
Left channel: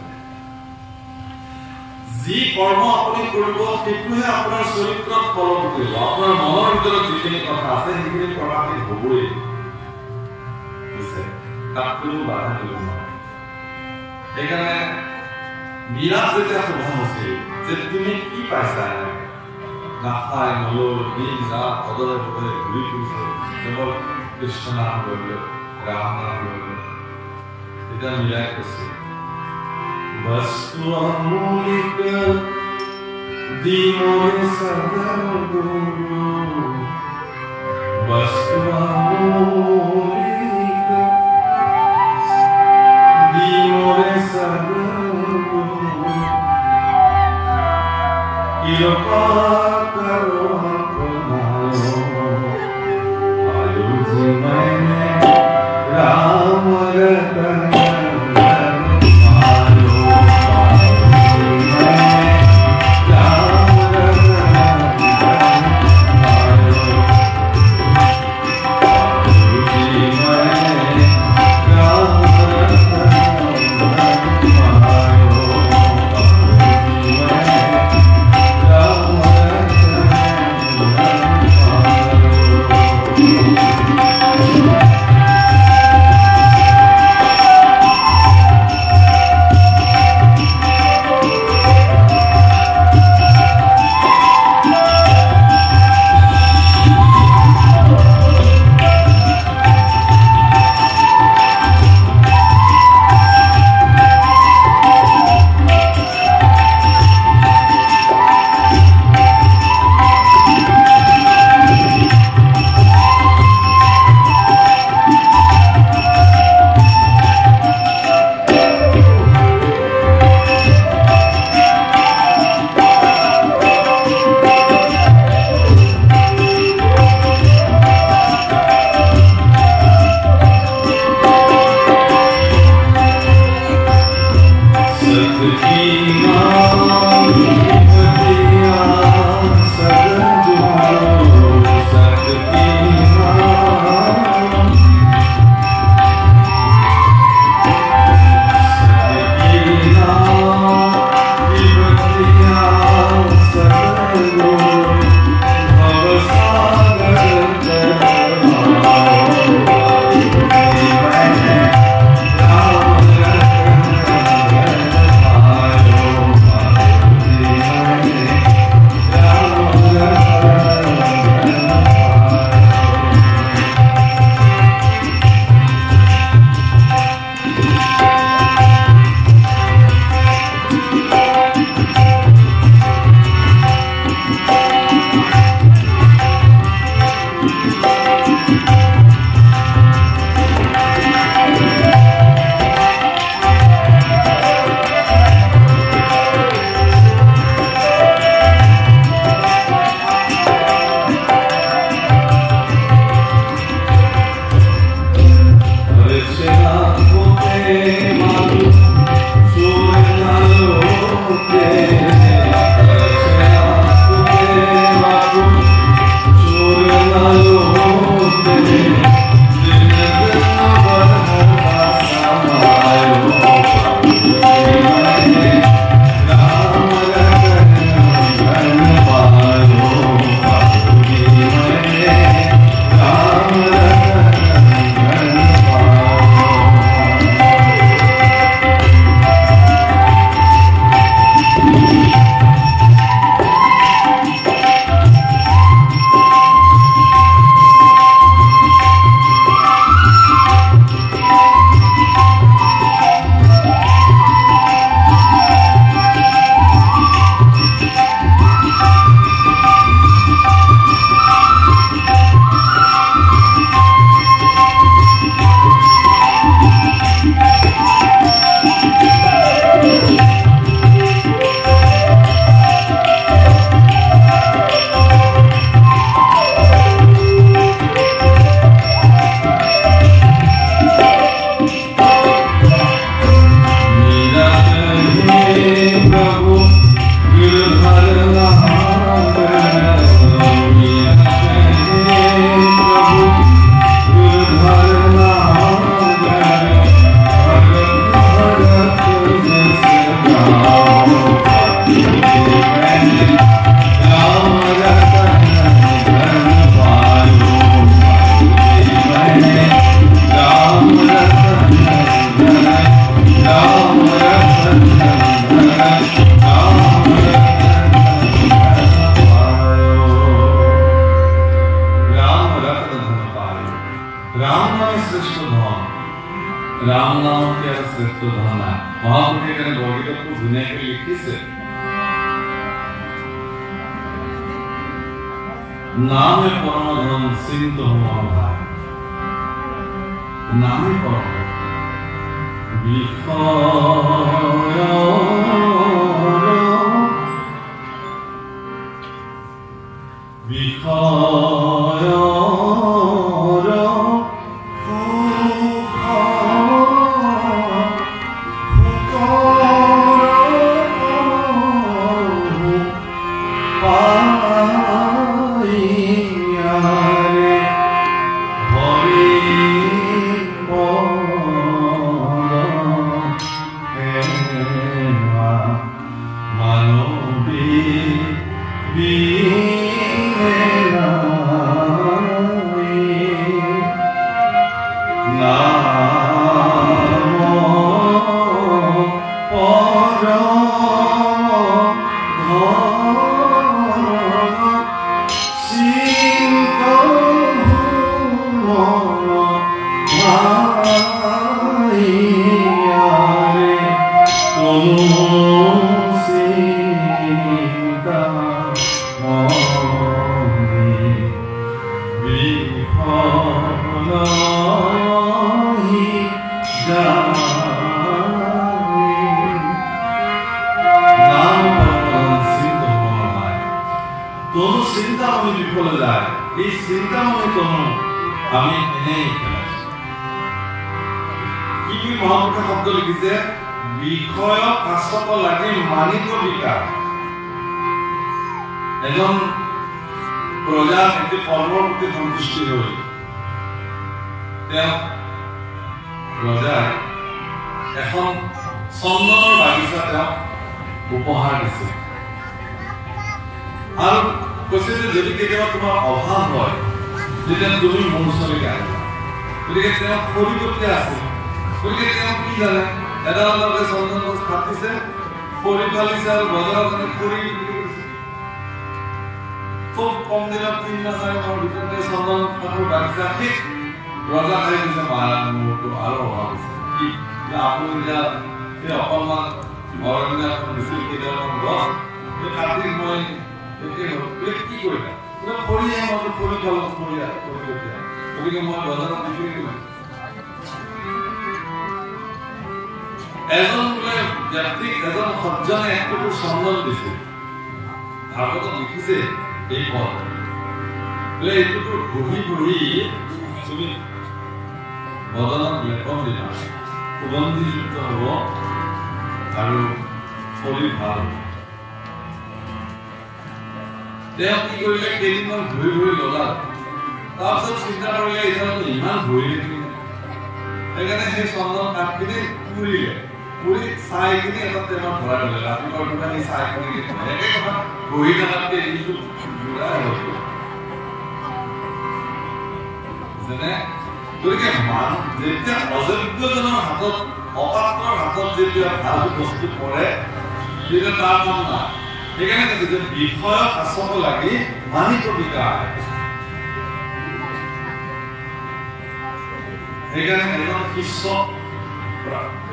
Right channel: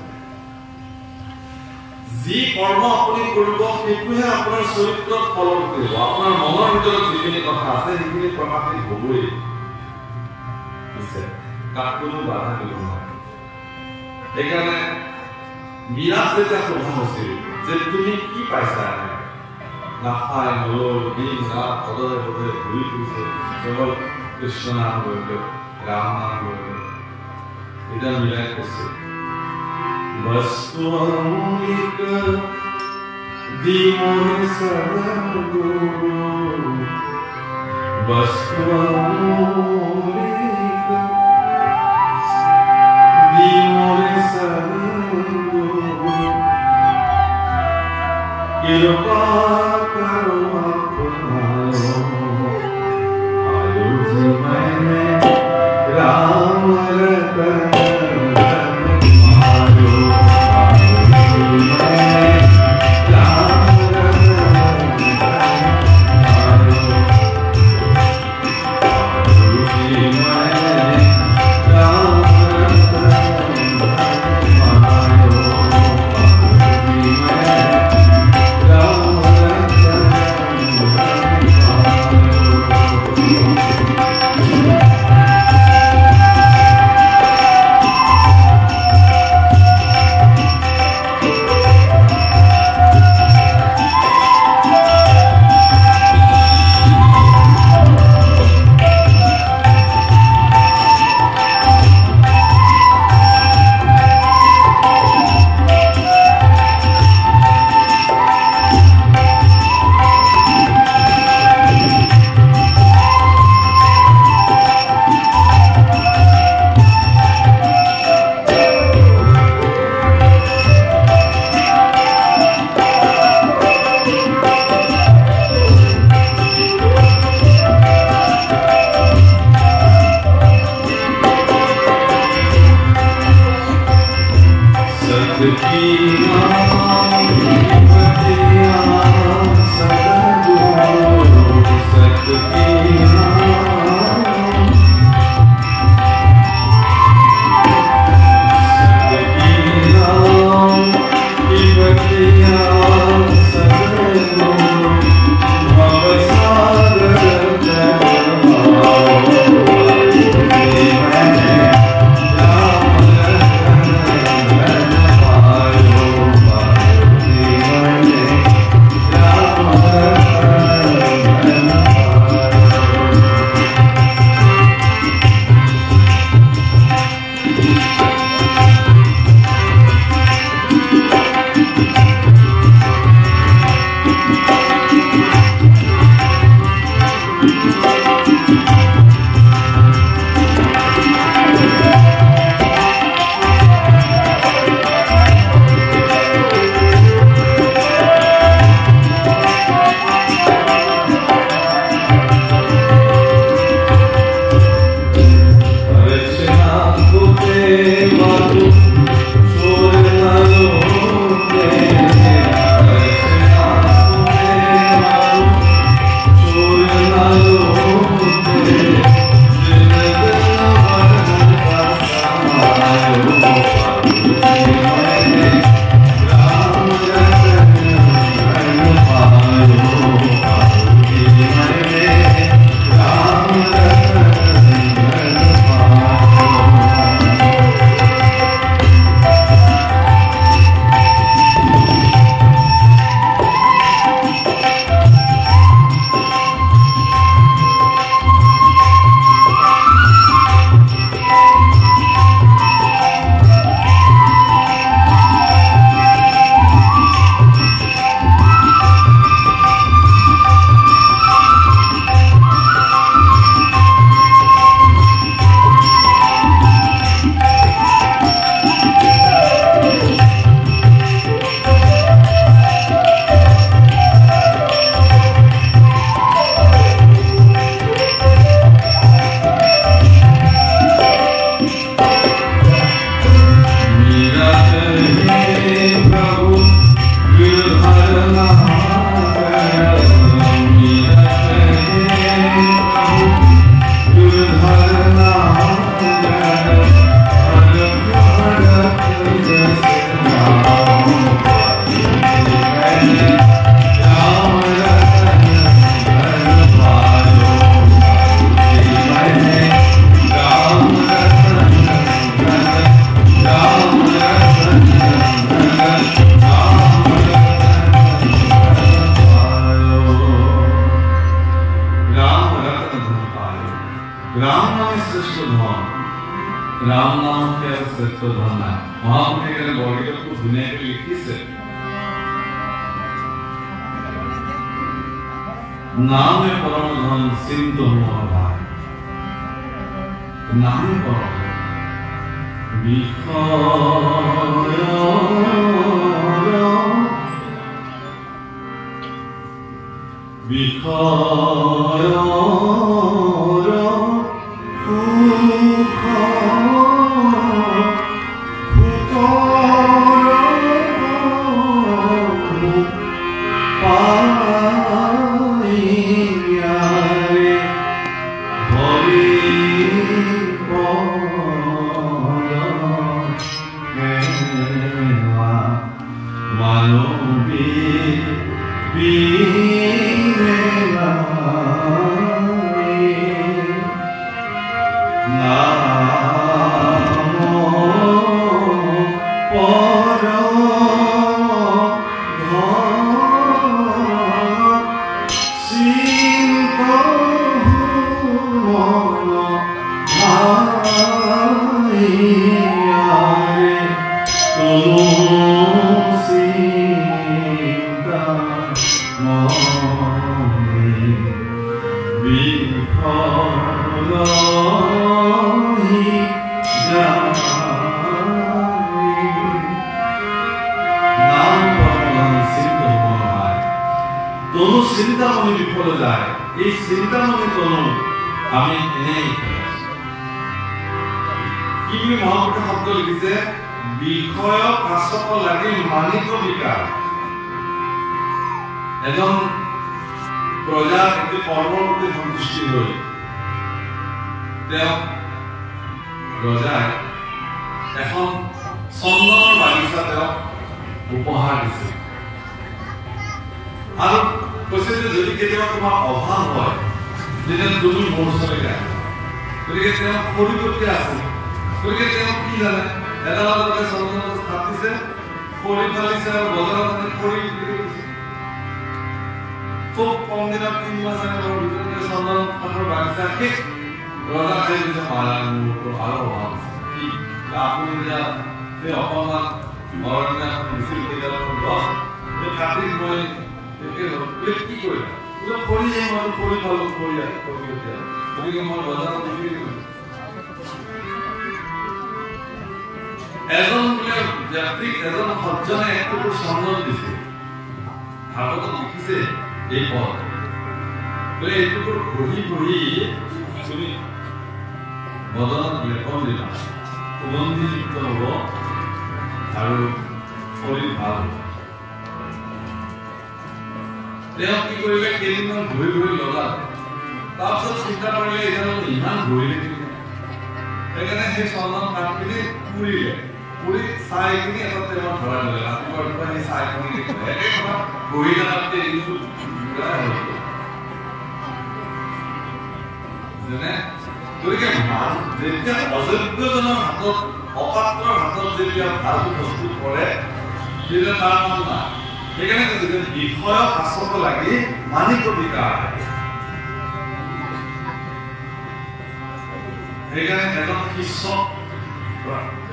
যি কৰ্ম আপুনি কৰিব সেইটোহে আপোনাৰ চৰিত্ৰত ফলন কৰিব। আপোনাৰ মনৰ ভিতৰত যিখিনি কথা আছে সেইখিনি কথাখিনি হ'বই, তাক কোনো বাধা দিব নোৱাৰে। সেইকাৰণে মীৰাক যেতিয়া সোধা হৈছিল যে তুমি কি পাইছা, নাখায় নলয় দিন ৰাত সদৰে সদৰে ঘূৰি ফুৰিছে, কেৱল কৃষ্ণ নাম লৈ লৈ ৰাম নাম লৈ লৈ, তেতিয়া মীৰাই কৈছে বস্তু অমূলিক দি মোৰে সদগুৰু, বস্তু অমূলিক দি মোৰে সদগুৰু, কৃপা কৰো আপোনাৰো, আয়ো জীবনে ৰাম ৰতন राम नाम श्रेष्ठ धन राम नाम के श्रेष्ठ धन है महापुरुषे के बरगीत खूब धुनिया लिखिसे नामे परम धन सिंधु मोर भाई नामे परम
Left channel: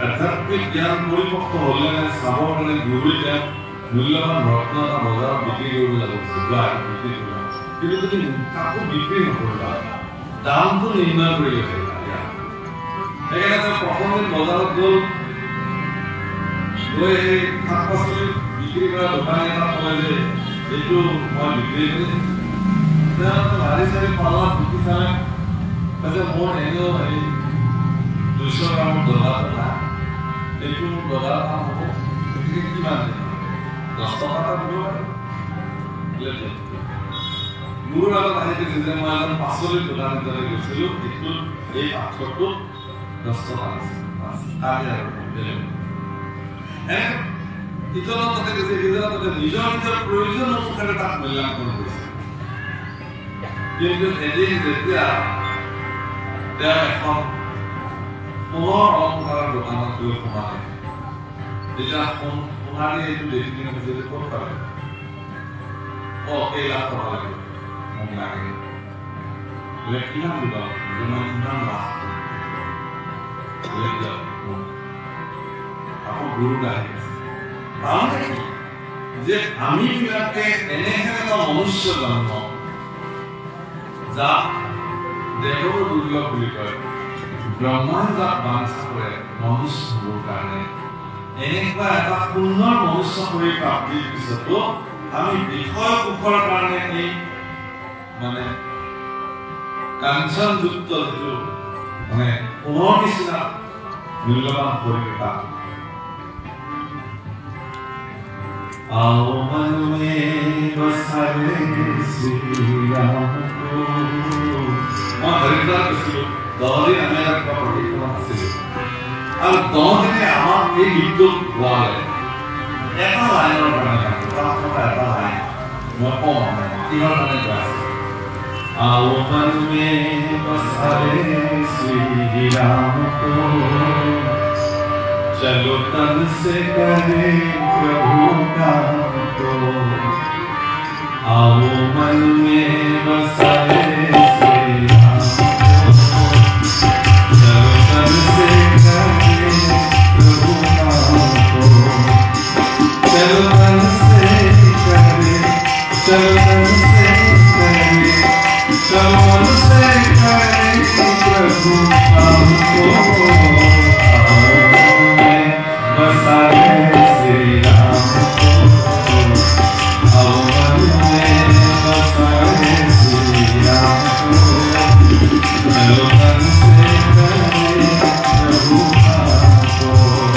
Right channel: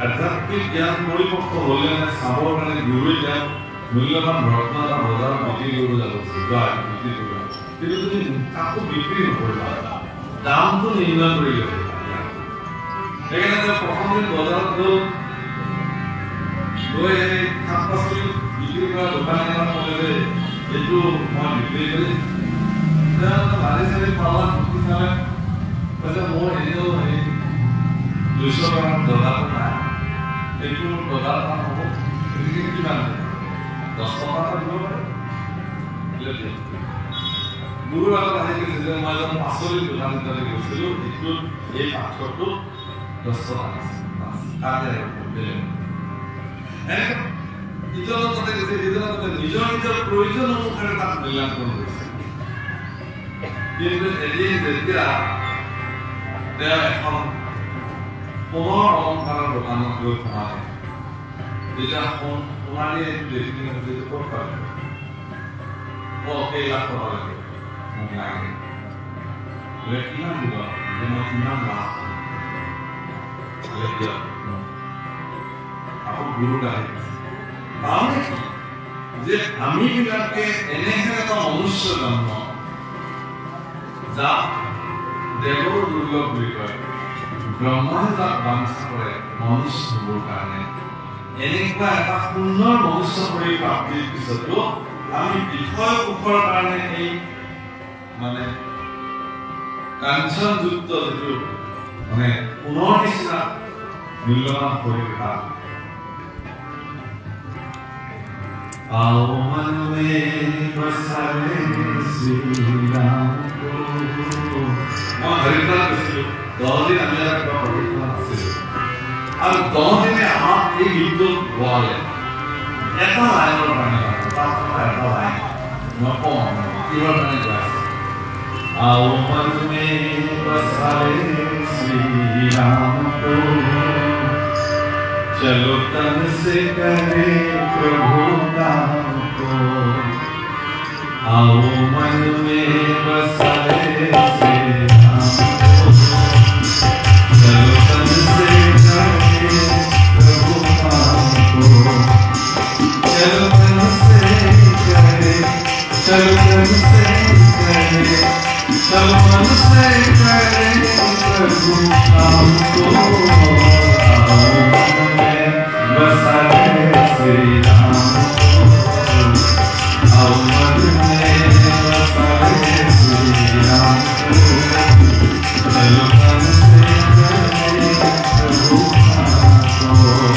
आध्यात्मिक ज्ञान परिपक्व होले ना साबो माने गुरु ज्ञान मूल्यवान रत्न ना बजार बिक्री करू जाबो सुगा बिक्री करू কিন্তু তুমি কাকো বিক্রি নকৰিবা দামটো নিৰ্ণয় কৰি লবা এখানে প্ৰথম দিন বজাৰত গৈ শাক-পাচলি বিক্ৰী কৰা দোকানে ক'লে এইটো মই বিক্ৰী কৰিম তেতিয়া বাৰে চাৰে পালা বিক্ৰী চালে মানে মোৰ এনেও 200 গ্রাম ডলার না একটু ডলার দাম হবে এদিকে কি মানে 10 টাকা দিব পারে লেতে গুরু লাগা আছে যে মানে 500 দোকানে ধরে গেছিল একটু এই পাথরটো 10 টাকা আছে কাজে দিলেন এনে ইতনা তো দেখে ইতনা তো নিজের নিজের প্রয়োজন অনুসারে তার মূল্যায়ন করেছে কিন্তু এদিন যেতিয়া দেয়া এখন পুনৰ অলংকাৰৰ দোকানত গৈ সোমালে যেতিয়া সোণালী এইটো দেখি কিনে ক'ত পালে এই লাখ টকা লাগে মোক লাগে বোলে কিমান দিব যে মই কিমান আকৌ গুৰু আহি আছে তাৰমানে কি যে আমি বিলাকে এনেহেন এটা মনুষ্য জন্ম যাক দেৱৰ দুৰ্লভ বুলি কয় ব্ৰহ্মাই যাক বাঞ্ছা কৰে মনুষ্য হ'বৰ কাৰণে এনেকুৱা এটা সুন্দৰ মনুষ্য শৰীৰ প্ৰাপ্তিৰ পিছতো আমি বিষয় সুখৰ কাৰণে এই মানে কাঞ্চনযুক্ত যিটো মানে পুনৰ নিচিনা মূল্যৱান শৰীৰ आओ मन में बसाए श्री राम को मैं हरिदास कसिलो दहदिन আমি একটা পরিকল্পনা আছে আর দহদিনে আমার এই গীত গালে এটা লাইনৰ কাৰণে পাঁচটা এটা লাইন মই কম কিহৰ কাৰণে গাইছে आओ मन में बसाए श्री राम को चलो तन से करे प्रभु नाम को आओ मन में बसाए श्री राम को चलो तन से करे प्रभु नाम को चलो तन से करे चलो तन से करे चलो मन से करे प्रभु नाम को बसाए श्री राम को आओ मन में बसाए श्री राम को चलो तन से करे प्रभु नाम को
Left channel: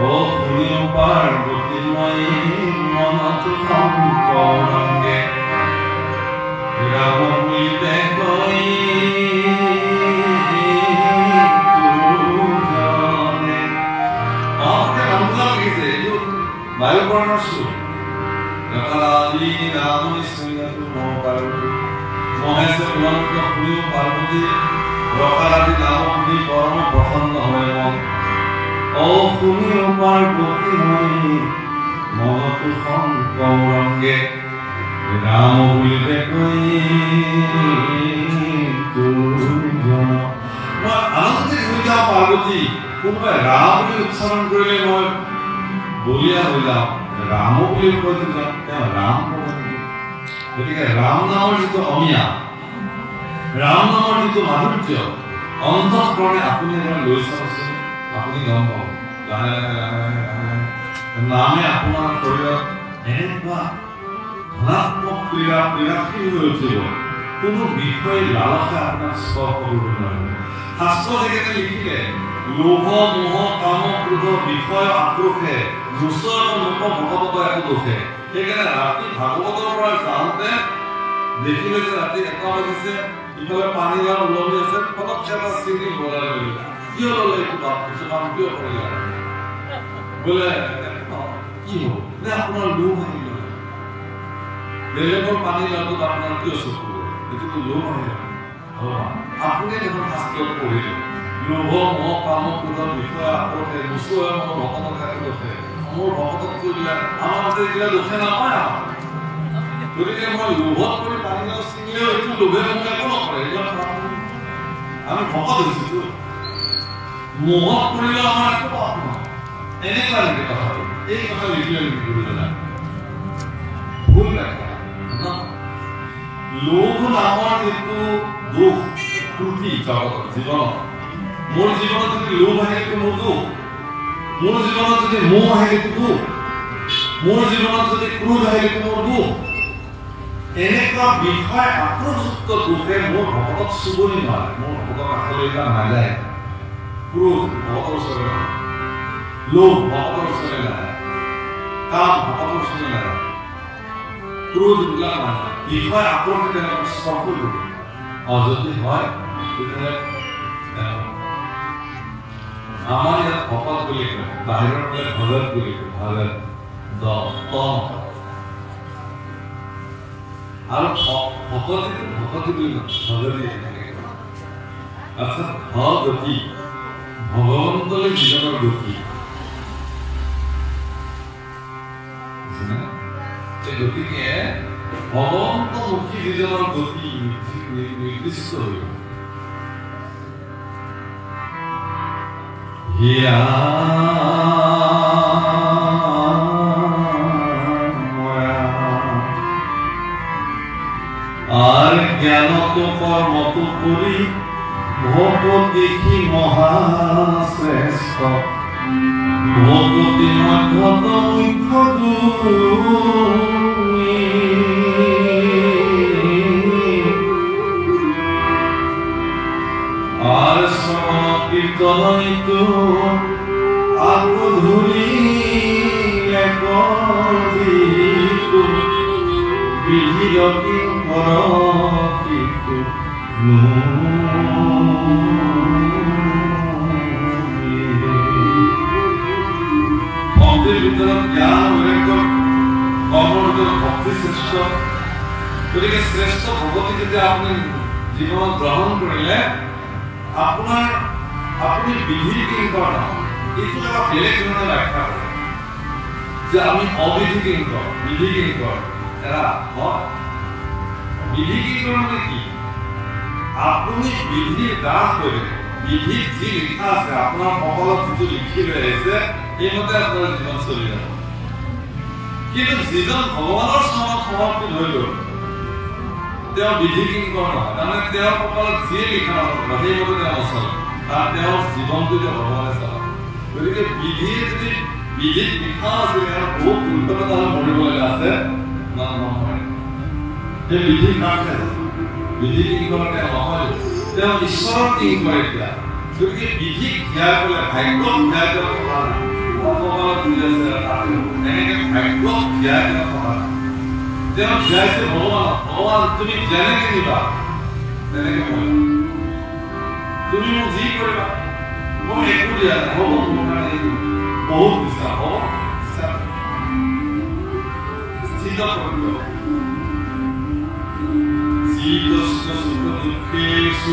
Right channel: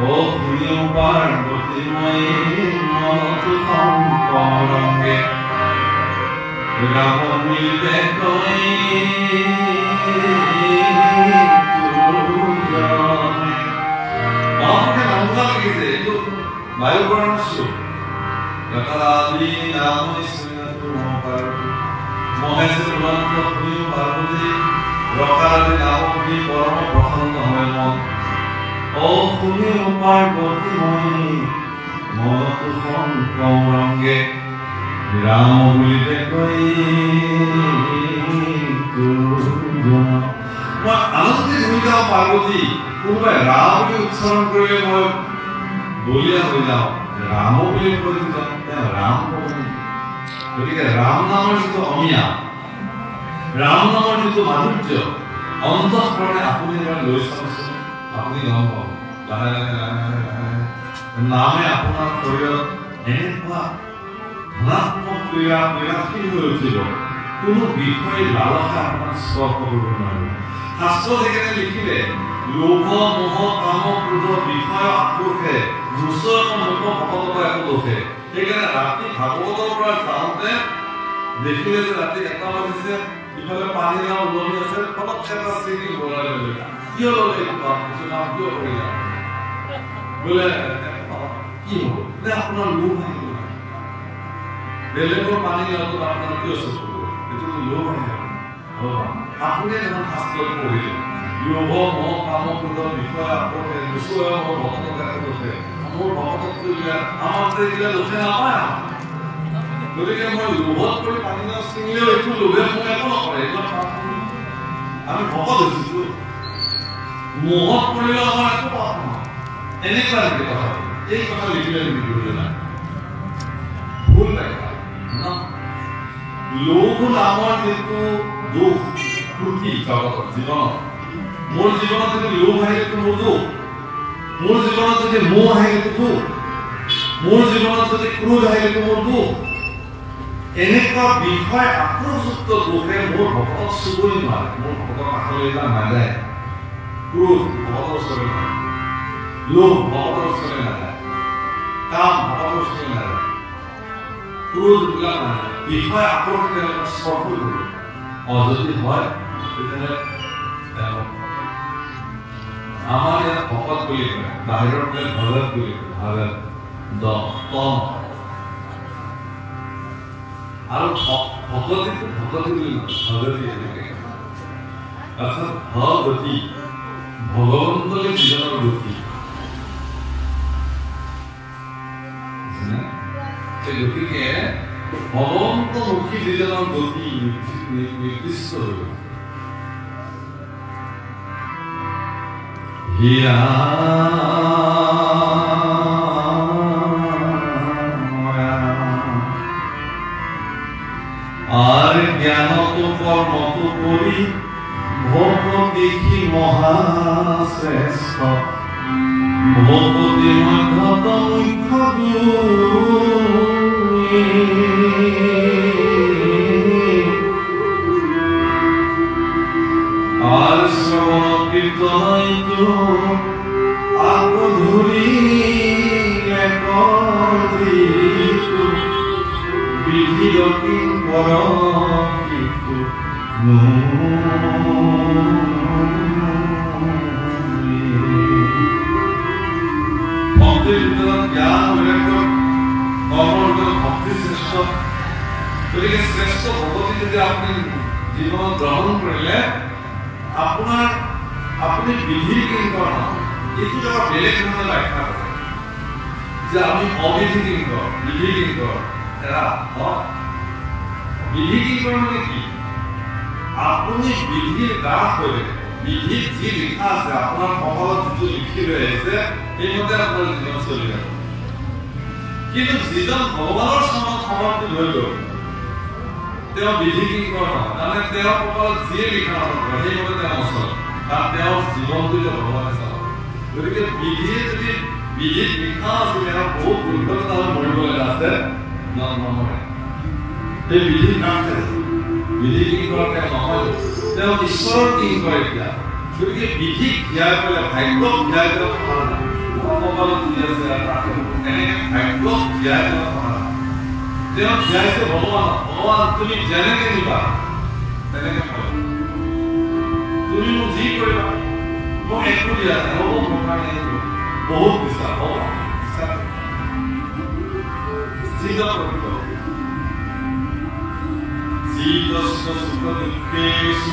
ও শুনিও পার্বতী মায়ের মনত শঙ্করঙ্গে রামমিতে কই তুজনে আমাকে নামটা লিখেছে একটু বায়ুবর্ণ সুর রকালি নাম নিশ্চয়তা পার্বতী মহেশের লঙ্ক শুনিও পার্বতী রকালি নাম শুনি পরম প্রসন্ন হয় মন ও শুনিও পার্বতী মায়ের মনত শঙ্করঙ্গে রাম বলিতে কই আনন্দে ঘুরে যাও পার্বতী কোনোবাই রাম বুলি উচ্চারণ কৰিলে মই বলিয়া হৈ যাওঁ ৰাম বুলি কৈ ৰাম গতিকে ৰাম নামৰ যিটো অমিয়া ৰাম নামৰ যিটো মাধুৰ্য অন্তঃকৰণে আপুনি এবাৰ লৈ চাওকচোন আপুনি গম পাব লাহে লাহে লাহে লাহে নামে আপোনাৰ শৰীৰত এনেকুৱা ধনাত্মক ক্ৰিয়াশীল হৈ উঠিব কোনো বিষয় লালসা আপোনাক স্পৰ্শ কৰিব নোৱাৰিব শাস্ত্ৰ যেনেকৈ লিখিলে লোভ মোহ কাম ক্ৰোধ বিষয় আক্ৰোশে মুছৰ মুখ ভকতক একো দোষে সেইকাৰণে ৰাতি ভাগৱতৰ পৰা যাওঁতে দেখিলে যে ৰাতি 1টা বাজিছে ইফালে পানী গাঁও ওলমি আছে ফটককে এটা চিঠি ভৰাই ল'লে কিয় ল'লে এইটো কাম কিয় কৰিলা বোলে কি হ'ব নে আপোনাৰ লোভ আহিল বেলেগৰ পানী লোৱাটো আপোনাৰ কিয় চকু এইটোতো লোভ আহিল আপুনি দেখোন শাস্ত্ৰত পঢ়িলে লোভ মোহ কাম ক্ৰোধৰ বিষয় আক্ৰোশে মুছৰ মোৰ ভকতক একো দোষে মোৰ ভকতক কৰিলে আমাৰ যে এইগিলা দোষে নাপায় গতিকে মই লোভত কৰি পানী গাঁও ছিঙিলেও এইটো লোভে মোক একো নকৰে এইবিলাক আমি ভকত হৈছো মোহত কৰিলে আমাৰ একো পাপ নহয় এনেকুৱা নেকি কথাটো এই কথা লিখিলে নেকি গুৰুজনাই ভুল দেখা লোভ নামৰ যিটো দুখ ত্ৰুটি জগতত জীৱনত মোৰ জীৱনত যদি লোভ আহিলেতো মোৰ দুখ মোৰ জীৱনত যদি মোহ আহিলেতো দুখ মোৰ জীৱনত যদি ক্ৰোধ আহিলেতো মোৰ দুখ এনেকুৱা বিষয় আক্ৰোশযুক্ত দুখে মোৰ ভকতক চুবই নোৱাৰে মোৰ ভকতৰ কাষলৈ নাযায় ক্ৰোধ ভকতৰ ওচৰলৈ নাযায় লোভ ভকতৰ ওচৰলৈ নাযায় কাম ভকতৰ ওচৰলৈ নাযায় ক্ৰোধ এইবিলাক নাযায় বিষয় আক্ৰোশে তেওঁলোকক স্পৰ্শ কৰিব যদি হয় তেতিয়াহ'লে আমাৰ ইয়াত ভকত বুলি কয় বাহিৰৰ কয় ভগত বুলি কয় ভগত আৰু ভকতি বুলি নকয় ভগতি অৰ্থাৎ ভগতি ভগৱন্তলৈ জীৱনৰ গতি গতিকে ভগৱন্তমুখী জীৱনৰ গতি নিৰ্দিষ্ট হৈ হীৰা আৰ জ্ঞানত কৰ্মত কৰি ভকতি মহাশ্ৰেষ্ঠ ভকতি মধ্যত আৰ শ্ৰবণ কীৰ্তনইতো আকো ধৰিলে কৰিতো বিধিৰ কিঙ্কৰ কিন্তু ভক্তিৰ ভিতৰত জ্ঞান বৈৰাগ্য কৰ্মৰ ভিতৰত ভক্তি শ্ৰেষ্ঠ গতিকে শ্ৰেষ্ঠ ভগৱতী যেতিয়া আপুনি জীৱনত গ্ৰহণ কৰিলে আপুনি বিধিৰ কিংকৰ এইটো এটা বেলেগ ধৰণে ব্যাখ্যা কৰে যে আমি অবিধি কিংকৰ বিধি কিংকৰ এৰা হয় বিধি কিংকৰ মানে কি আপুনি বিধিৰ দাস হৈ থাকে বিধিত যি লিখা আছে আপোনাৰ কপালত যিটো লিখি লৈ আহিছে সেইমতে আপোনাৰ জীৱন চলি যাব কিন্তু যিজন ভগৱানৰ চৰণত সমৰ্পিত হৈ গ'ল তেওঁ বিধি কিংকৰ নহয় তাৰমানে তেওঁৰ কপালত যিয়ে লিখা নথকা সেইমতে তেওঁ নচলে কাৰণ তেওঁৰ জীৱনটো যে ভগৱানে চলাব গতিকে বিধিয়ে যদি বিধিত লিখা আছিল ইয়াৰ বহুত দুৰ্ঘটনা মৰিবলৈ আছে নমৰে এই বিধি কামে বিধি কিংকৰ তেওঁ নহয় তেওঁ ঈশ্বৰৰ কিংকৰ এতিয়া গতিকে বিধিক ধ্যান কৰিলে ভাগ্যক ধ্যান কৰা ভগৱান বুজি আছে এনেকে ভাগ্য ধ্যায় তেওঁ ধ্যাইছে ভগৱান তুমি যেনেকে নিবা তেনেকে পাবা তুমি মোক যি কৰিবা মোক একো দিয়া হ'ব মোৰ কাৰণে বহুত বিশ্বাস হ'ব স্থিত কৰিব শীতস্য সুখ দুঃখেষু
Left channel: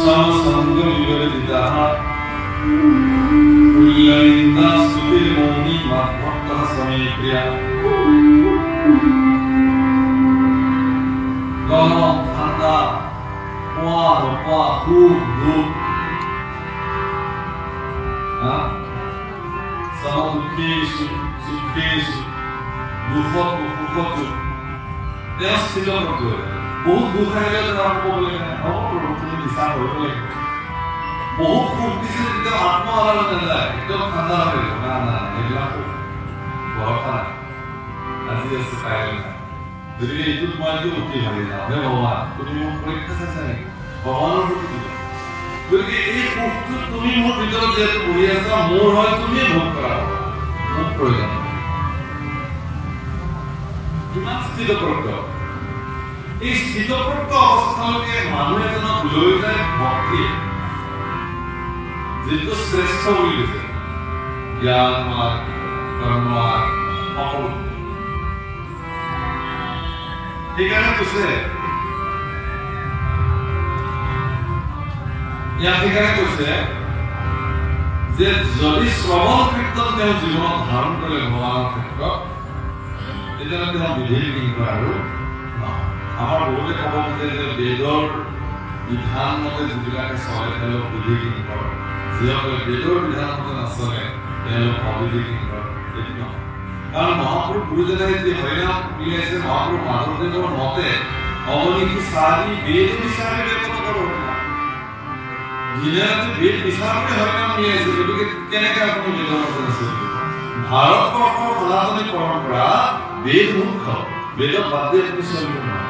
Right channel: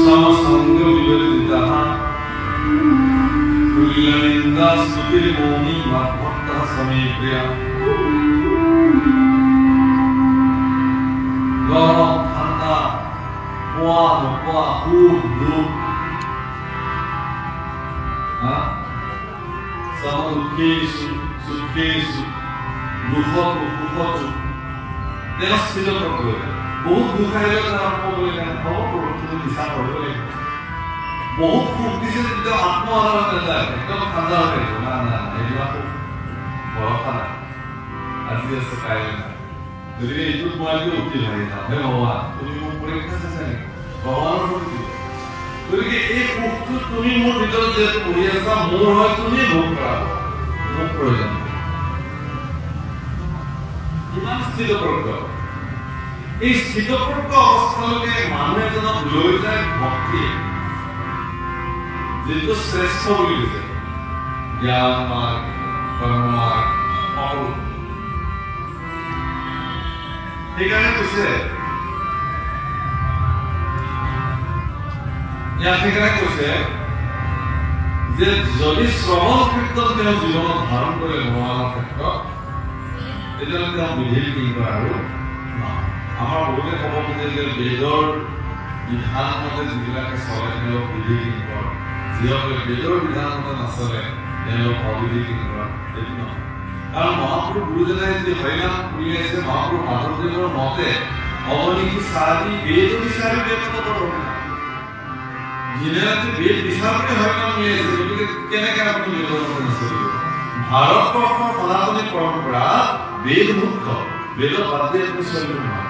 সমসঙ্গ বিবৰ্জিতঃ কুল্যনিন্দা স্তুতিৰ মৌনি মাত্মত্তঃ সমে প্ৰিয়া গৰম ঠান্ডা পোয়া নোপোৱা সুখ দুখ সমদুঃখেষু সুখেষু দুখতো সুখতো তেওঁ স্থিত কৰিব বহুত দুখ আহিলে তেওঁ ক'বলৈ হ'ব তুমি নিচা কৰিব লাগিব বহুত সুখ দিছে যেতিয়া আত্মহাৰা নাযায় একদম ঠাণ্ডা হৈ থাকিব না না এইবিলাক ভৰসা নাই আজি আছে কাইলৈ নাই গতিকে এইটোত মই একদম উঠি ভাবি যাওঁ হে ভগৱান তুমি মোক পৰীক্ষা চাইছা নেকি ভগৱানৰ প্ৰতি গতিকে এই সুখটো তুমি মোৰ ভিতৰত যিহেতু বহি আছা মোৰ হয় তুমি ভোগ কৰা হ'ব মোক প্ৰয়োজন ইমান স্থিতপ্ৰজ্ঞ এই স্থিতপ্ৰজ্ঞ অৱস্থালৈকে মানুহ এজনক লৈ যায় ভক্তি যিটো শ্ৰেষ্ঠ বুলি কৈছে জ্ঞান মাৰ্গ কৰ্ম মাৰ্গ সকলো সেইকাৰণে কৈছে ইয়াত সেইকাৰণে কৈছে যে যদি শ্ৰৱণ কীৰ্তন তেওঁ জীৱনত ধাৰণ কৰে ভগৱানৰ ক্ষেত্ৰত তেতিয়াহ'লে তেওঁ বিধি কিংবা আৰু আমাৰ বহুতে ক'ব খোজে যে বেদৰ বিধান মতে যিবিলাকে চলে তেওঁলোক বিধি কিংবা যিসকলে বেদৰ বিধান মতে নচলে তেওঁলোক অবিধি কিংবা এইটো নহয় কাৰণ মহাপুৰুষ গুৰুজনাই যি হৰিনাম উলিয়াইছে মহাপুৰুষ মাধৱদেৱৰ মতে অৱনীতি চাৰি বেদ বিচাৰি ব্যাপক হৰিনাম দিনে ৰাতি বেদ বিচাৰি হৰিনাম উলিয়াইছে গতিকে কেনেকে আপুনি বেদৰ মতে নচলিব ভাৰতবৰ্ষৰ সনাতনী পৰম্পৰা বেদ মুখ্য বেদত বাদ দিয়ে কোনো চলিব নহয়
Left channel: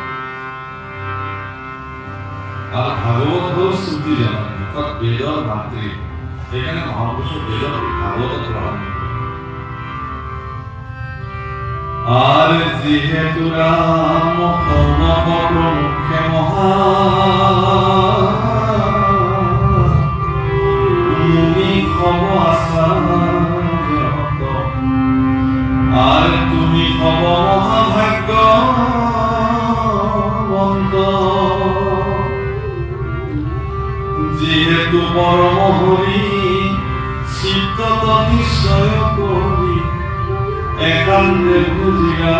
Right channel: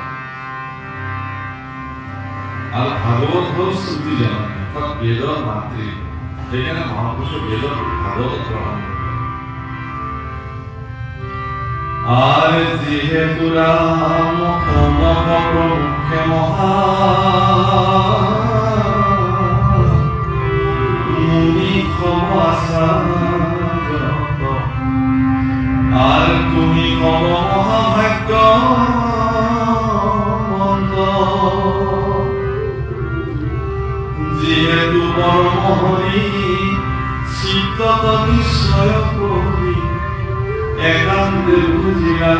আৰু ভাগৱত হ'ল শ্ৰুতিজনক অৰ্থাৎ বেদৰ মাতৃ সেইকাৰণে মহাপুৰুষে বেদত ভাগৱত গ্ৰহণ কৰে আর যেহেতু রাম কনক প্রমুখে মহানি খব আশা আর তুমি খব মহাভাগ্য যেহেতু পরম হরি চিত্তত নিশ্চয় করি একান্তে বুঝিয়া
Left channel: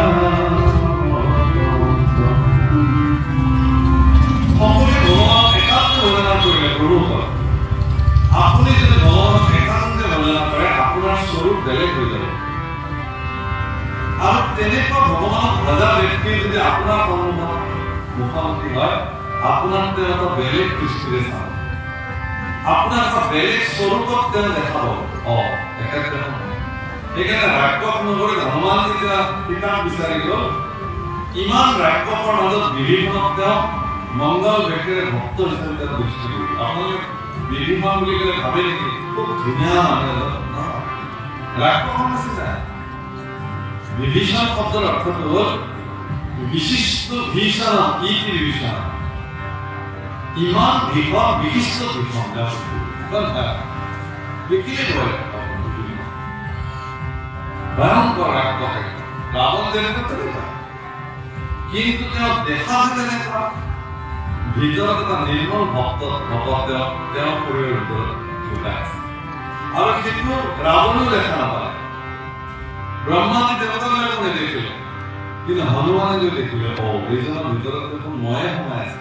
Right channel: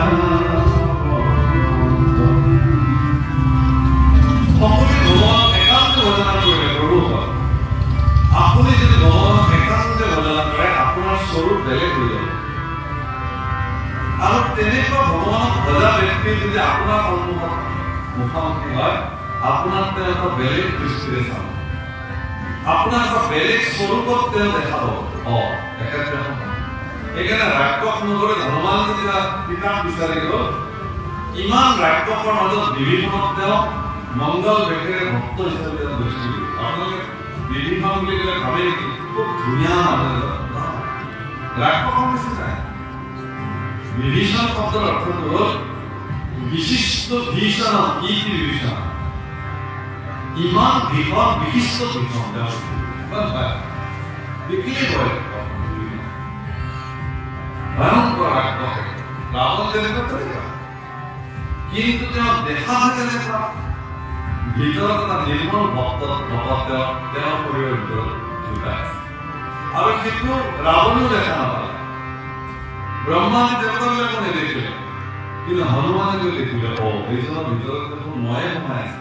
সকলে ভগৱানক একান্তে ভজনা কৰিলে প্ৰভু আপুনি যদি ভগৱানক একান্তে ভজনা কৰে আপোনাৰ স্বৰূপ বেলেগ হৈ যাব আৰু তেনেকুৱা ভগৱানক ভজা ব্যক্তি যদি আপোনাৰ সন্মুখত মুখামুখি হয় আপোনাক তেওঁ এটা বেলেগ দৃষ্টিৰে চাব আপোনাক এটা বেলেগ স্বৰূপত তেওঁ দেখাব একেবাৰে সেইকাৰণে ৰাক্ষস নগৰে হনুমান যেতিয়া কিতাপ বিচাৰি গ'ল ইমান ৰাক্ষসৰ মাজত বিভীষণক তেওঁ মংগল বেশেৰে ভক্ত হিচাপে তেওঁ দৃষ্টি দিল আপোনালোকে বিভীষণ বুলি ক'লে ভাবে নেকি খুব ধুনীয়া মানুহ ৰাক্ষসৰ নিচিনা বিভীষণ শব্দৰ অৰ্থটো হ'ল বিশিষ্ট ভীষণ কি বিভীষণ ইমান ভীষণ বিশিষ্ট ভীষণ দেখিলেই ভয় ভয়ঙ্কর রাক্ষস রাবণ যেনেকুৱা তেনেকুৱা কিন্তু তেওঁ দেখা তেনেকুৱা ভিতৰত এটা নিৰ্মল ভক্ত তেওঁ শৰীৰৰ ভিতৰত লুকাই আছে আৰু সেইটো ৰাৱণেও দেখা নাপালে ব্ৰহ্মাণ্ডে দেৱতাবিলাকো নেদেখিলে কিন্তু হনুমানে গৈ দেখিলে এইজনৰ ভিতৰত দেখোন ময়ে সোমাই আছে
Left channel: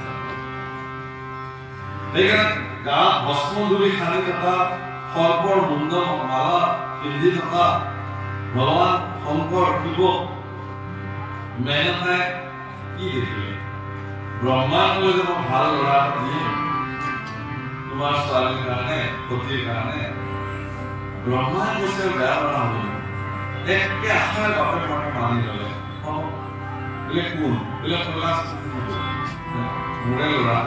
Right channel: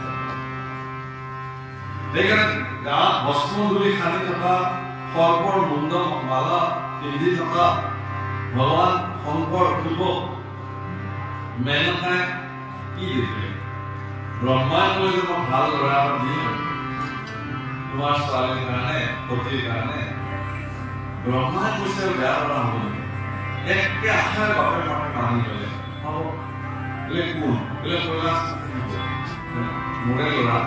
সেইকাৰণে গাত ভস্ম ধূলি সানি থকা সৰ্পৰ মুণ্ড মালা পিন্ধি থকা ভগৱান শংকৰ শিৱ মেনকাই কি দেখিলে ব্ৰহ্মাই ক'লে যে মই ভাল ল'ৰা এটা দিম তোমাৰ ছোৱালীৰ কাৰণে সতীৰ কাৰণে ব্ৰহ্মাই কৈছে বেয়া ল'ৰা হ'ব একে আশাৰে বাপেক মাকে মানি ল'লে হ'ব বোলে কোন বোলে কৈলাশ মোৰে ল'ৰা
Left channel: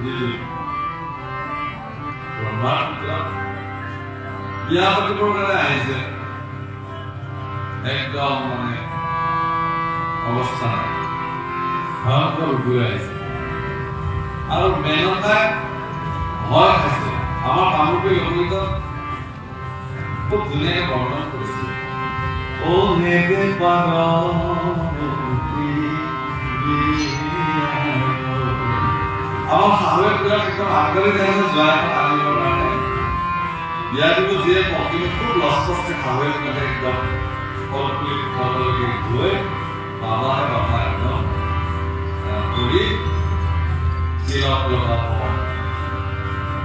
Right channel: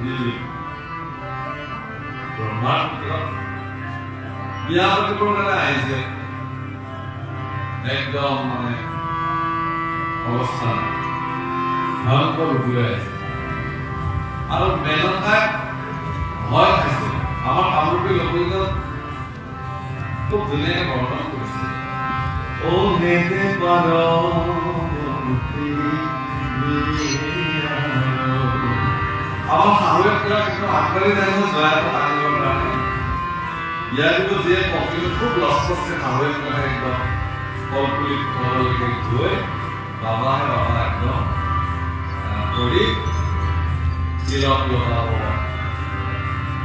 দিলি ব্ৰহ্মাৰ ভিতৰত বিয়া পাতিবৰ কাৰণে আহিছে একদম মানে অৱস্থা ভয়ংকৰ ৰূপে আহিছে আৰু মেনকাক ভয় খাইছে আমাৰ কামৰূপী লোকগীতত খুব ধুনীয়াকে বৰ্ণন কৰিছে ও নেকে পাৰ আমাৰ শাহুৱেকবিলাক একদম আগবাঢ়ি যায় ন যোৱা আনিবৰ কাৰণে বিয়া দিব যিয়ে কিন্তু খুব লস্কস্তে শাহুৱেকবিলাকে একদম ফলপুলি ফললৈকে গৈ বাবা একদম কৰি তিলক লগাব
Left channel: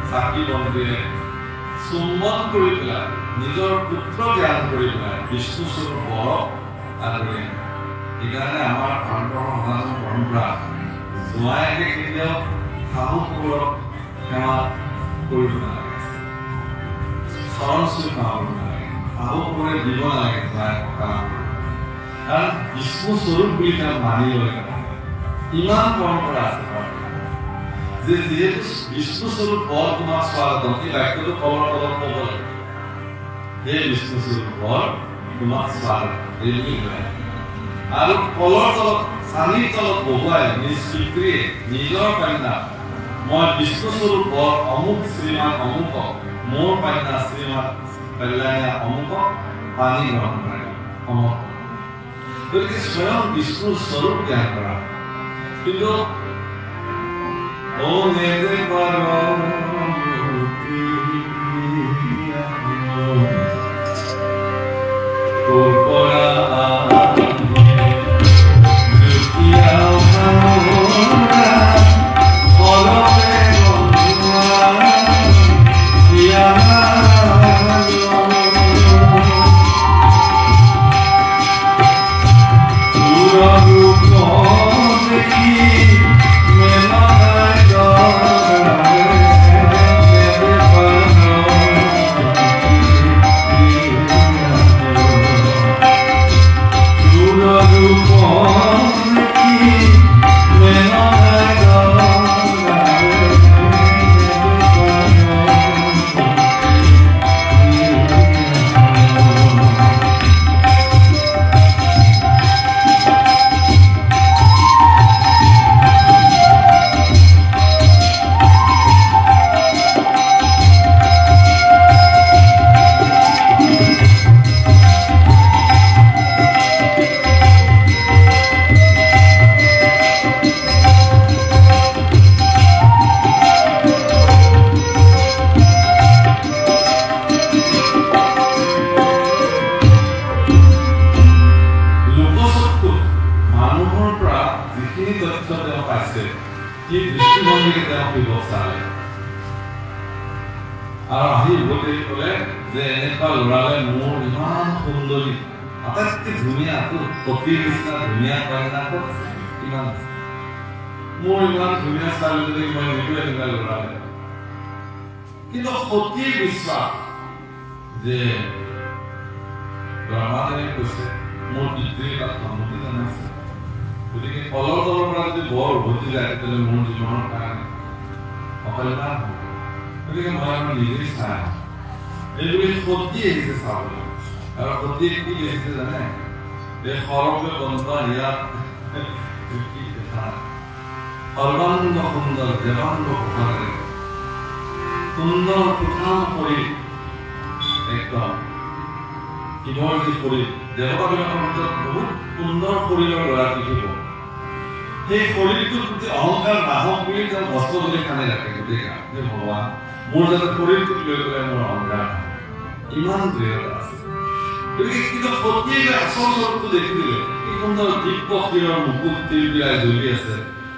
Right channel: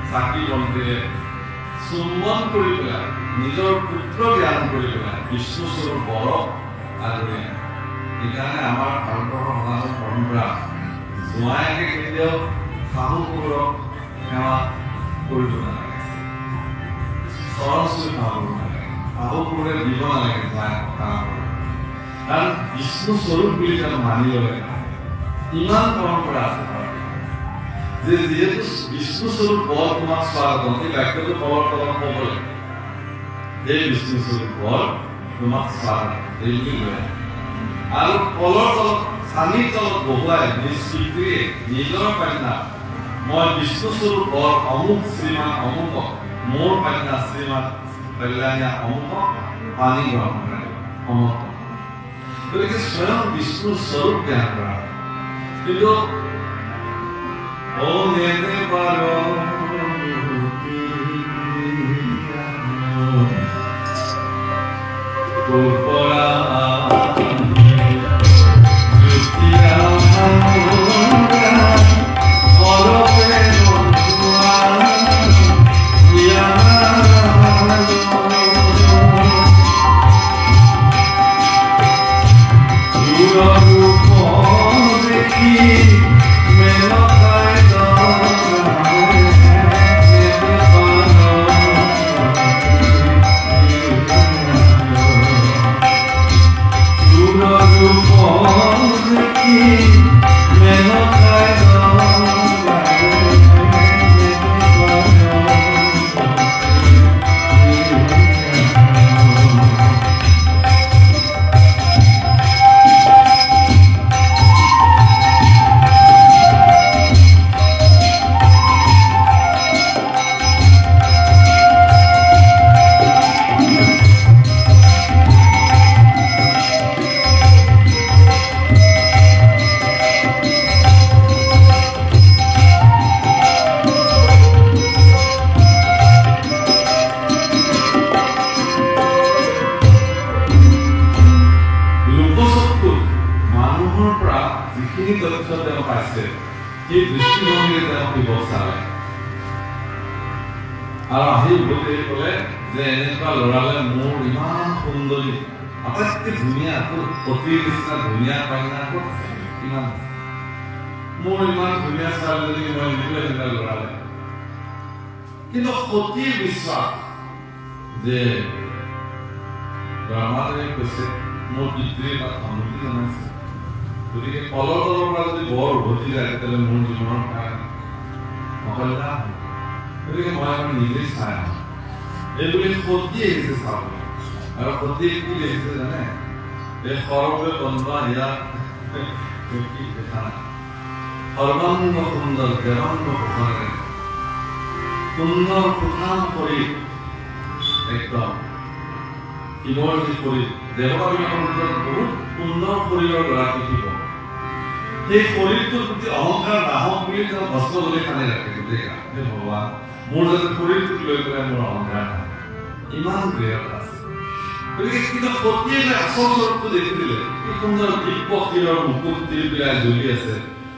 চাকি বন্তিৰে চুম্বন কৰি পেলাই নিজৰ পুত্ৰ জ্ঞান কৰি পেলাই বিষ্ণু স্বৰূপ বৰক আদৰি সেইকাৰণে আমাৰ ভাৰতৰ সমাজৰ পৰম্পৰা জোঁৱায়েকে কেতিয়াও শাহুবোৰক সেৱা কৰিব নালাগে চৰণ চুই সেৱা কৰিব নালাগে শাহুবোৰে দিব নালাগে জোঁৱায়েক কাম কাৰণ বিষ্ণু স্বৰূপ বুলি তেওঁ মানি ল'লে ইমান পৰম্পৰা আছে যে যিহেতু বিষ্ণু স্বৰূপ বৰ তোমাক স্বাগতম এই বাক্যটো তলৰ তলত ক'ব লাগে এই বিষ্ণু স্বৰূপ বৰ তোমাক স্বাগতম এই বুলি কয় আৰু কলৰ তলত চানিৰ তলত বহুৱাই নিজ পিতৃয়ে নিজৰ কন্যা মই বিষ্ণু স্বৰূপ বৰ অমুক শ্ৰীমান অমুকক মোৰ কন্যা শ্ৰীমান কল্যাণীয়া অমুকক পানী গ্ৰহণ কৰে সমৰ্থন গতিকে স্বয়ং বিষ্ণুৰ স্বৰূপ জ্ঞান কৰা কিন্তু ও নেতে পাৰো তোৰ পৰা কিন্তু সতী বিশ্বাস যে ব্ৰহ্মাদেৱে কৈছে মোৰ পিতৃৰ তাত সন্মতি জনাইছে গতিকে কলৰ তলৰ পৰা যদি বৰ উভতি যায় তেতিয়াহ'লে মোৰ জীৱনৰ কাৰণে অকল্যাণ হ'ব গতিকে মই আমাৰ নিজে চাই এইবুলি সতী আহিছে চাবলৈ আৰু সতীয়ে কি দেখিছে জানে এই সৰৱে বন্ধা ইয়াত কি দেখা সৰ্বাংগ সুন্দৰ দেৱাংগ পোখাৰে সুন্দৰ কোঠাম কৰি একদম শিৱৰ যি শৰীৰ দেৱতাবিলাকৰ ভিতৰত বহুত সুন্দৰ শৰীৰৰ গৰাকী শিৱ সেই শৰীৰটোৰ প্ৰতি অহংকাৰ নাহক বুলি তেওঁ ভস্ম বুলি খানে ৰাখে গোটেই কাম হে ভগৱান মোৰ যাতে শৰীৰটোক লৈ পেলাই মোৰ অহংকাৰ ইমান দৃঢ়তা আছে গতিকে কিন্তু সতীয়ে যে আচল স্বৰূপটো দেখি দিলে কি সুন্দৰ দিব্য শিলৰ মুকুট তিলবিলাই জ্বলি আছে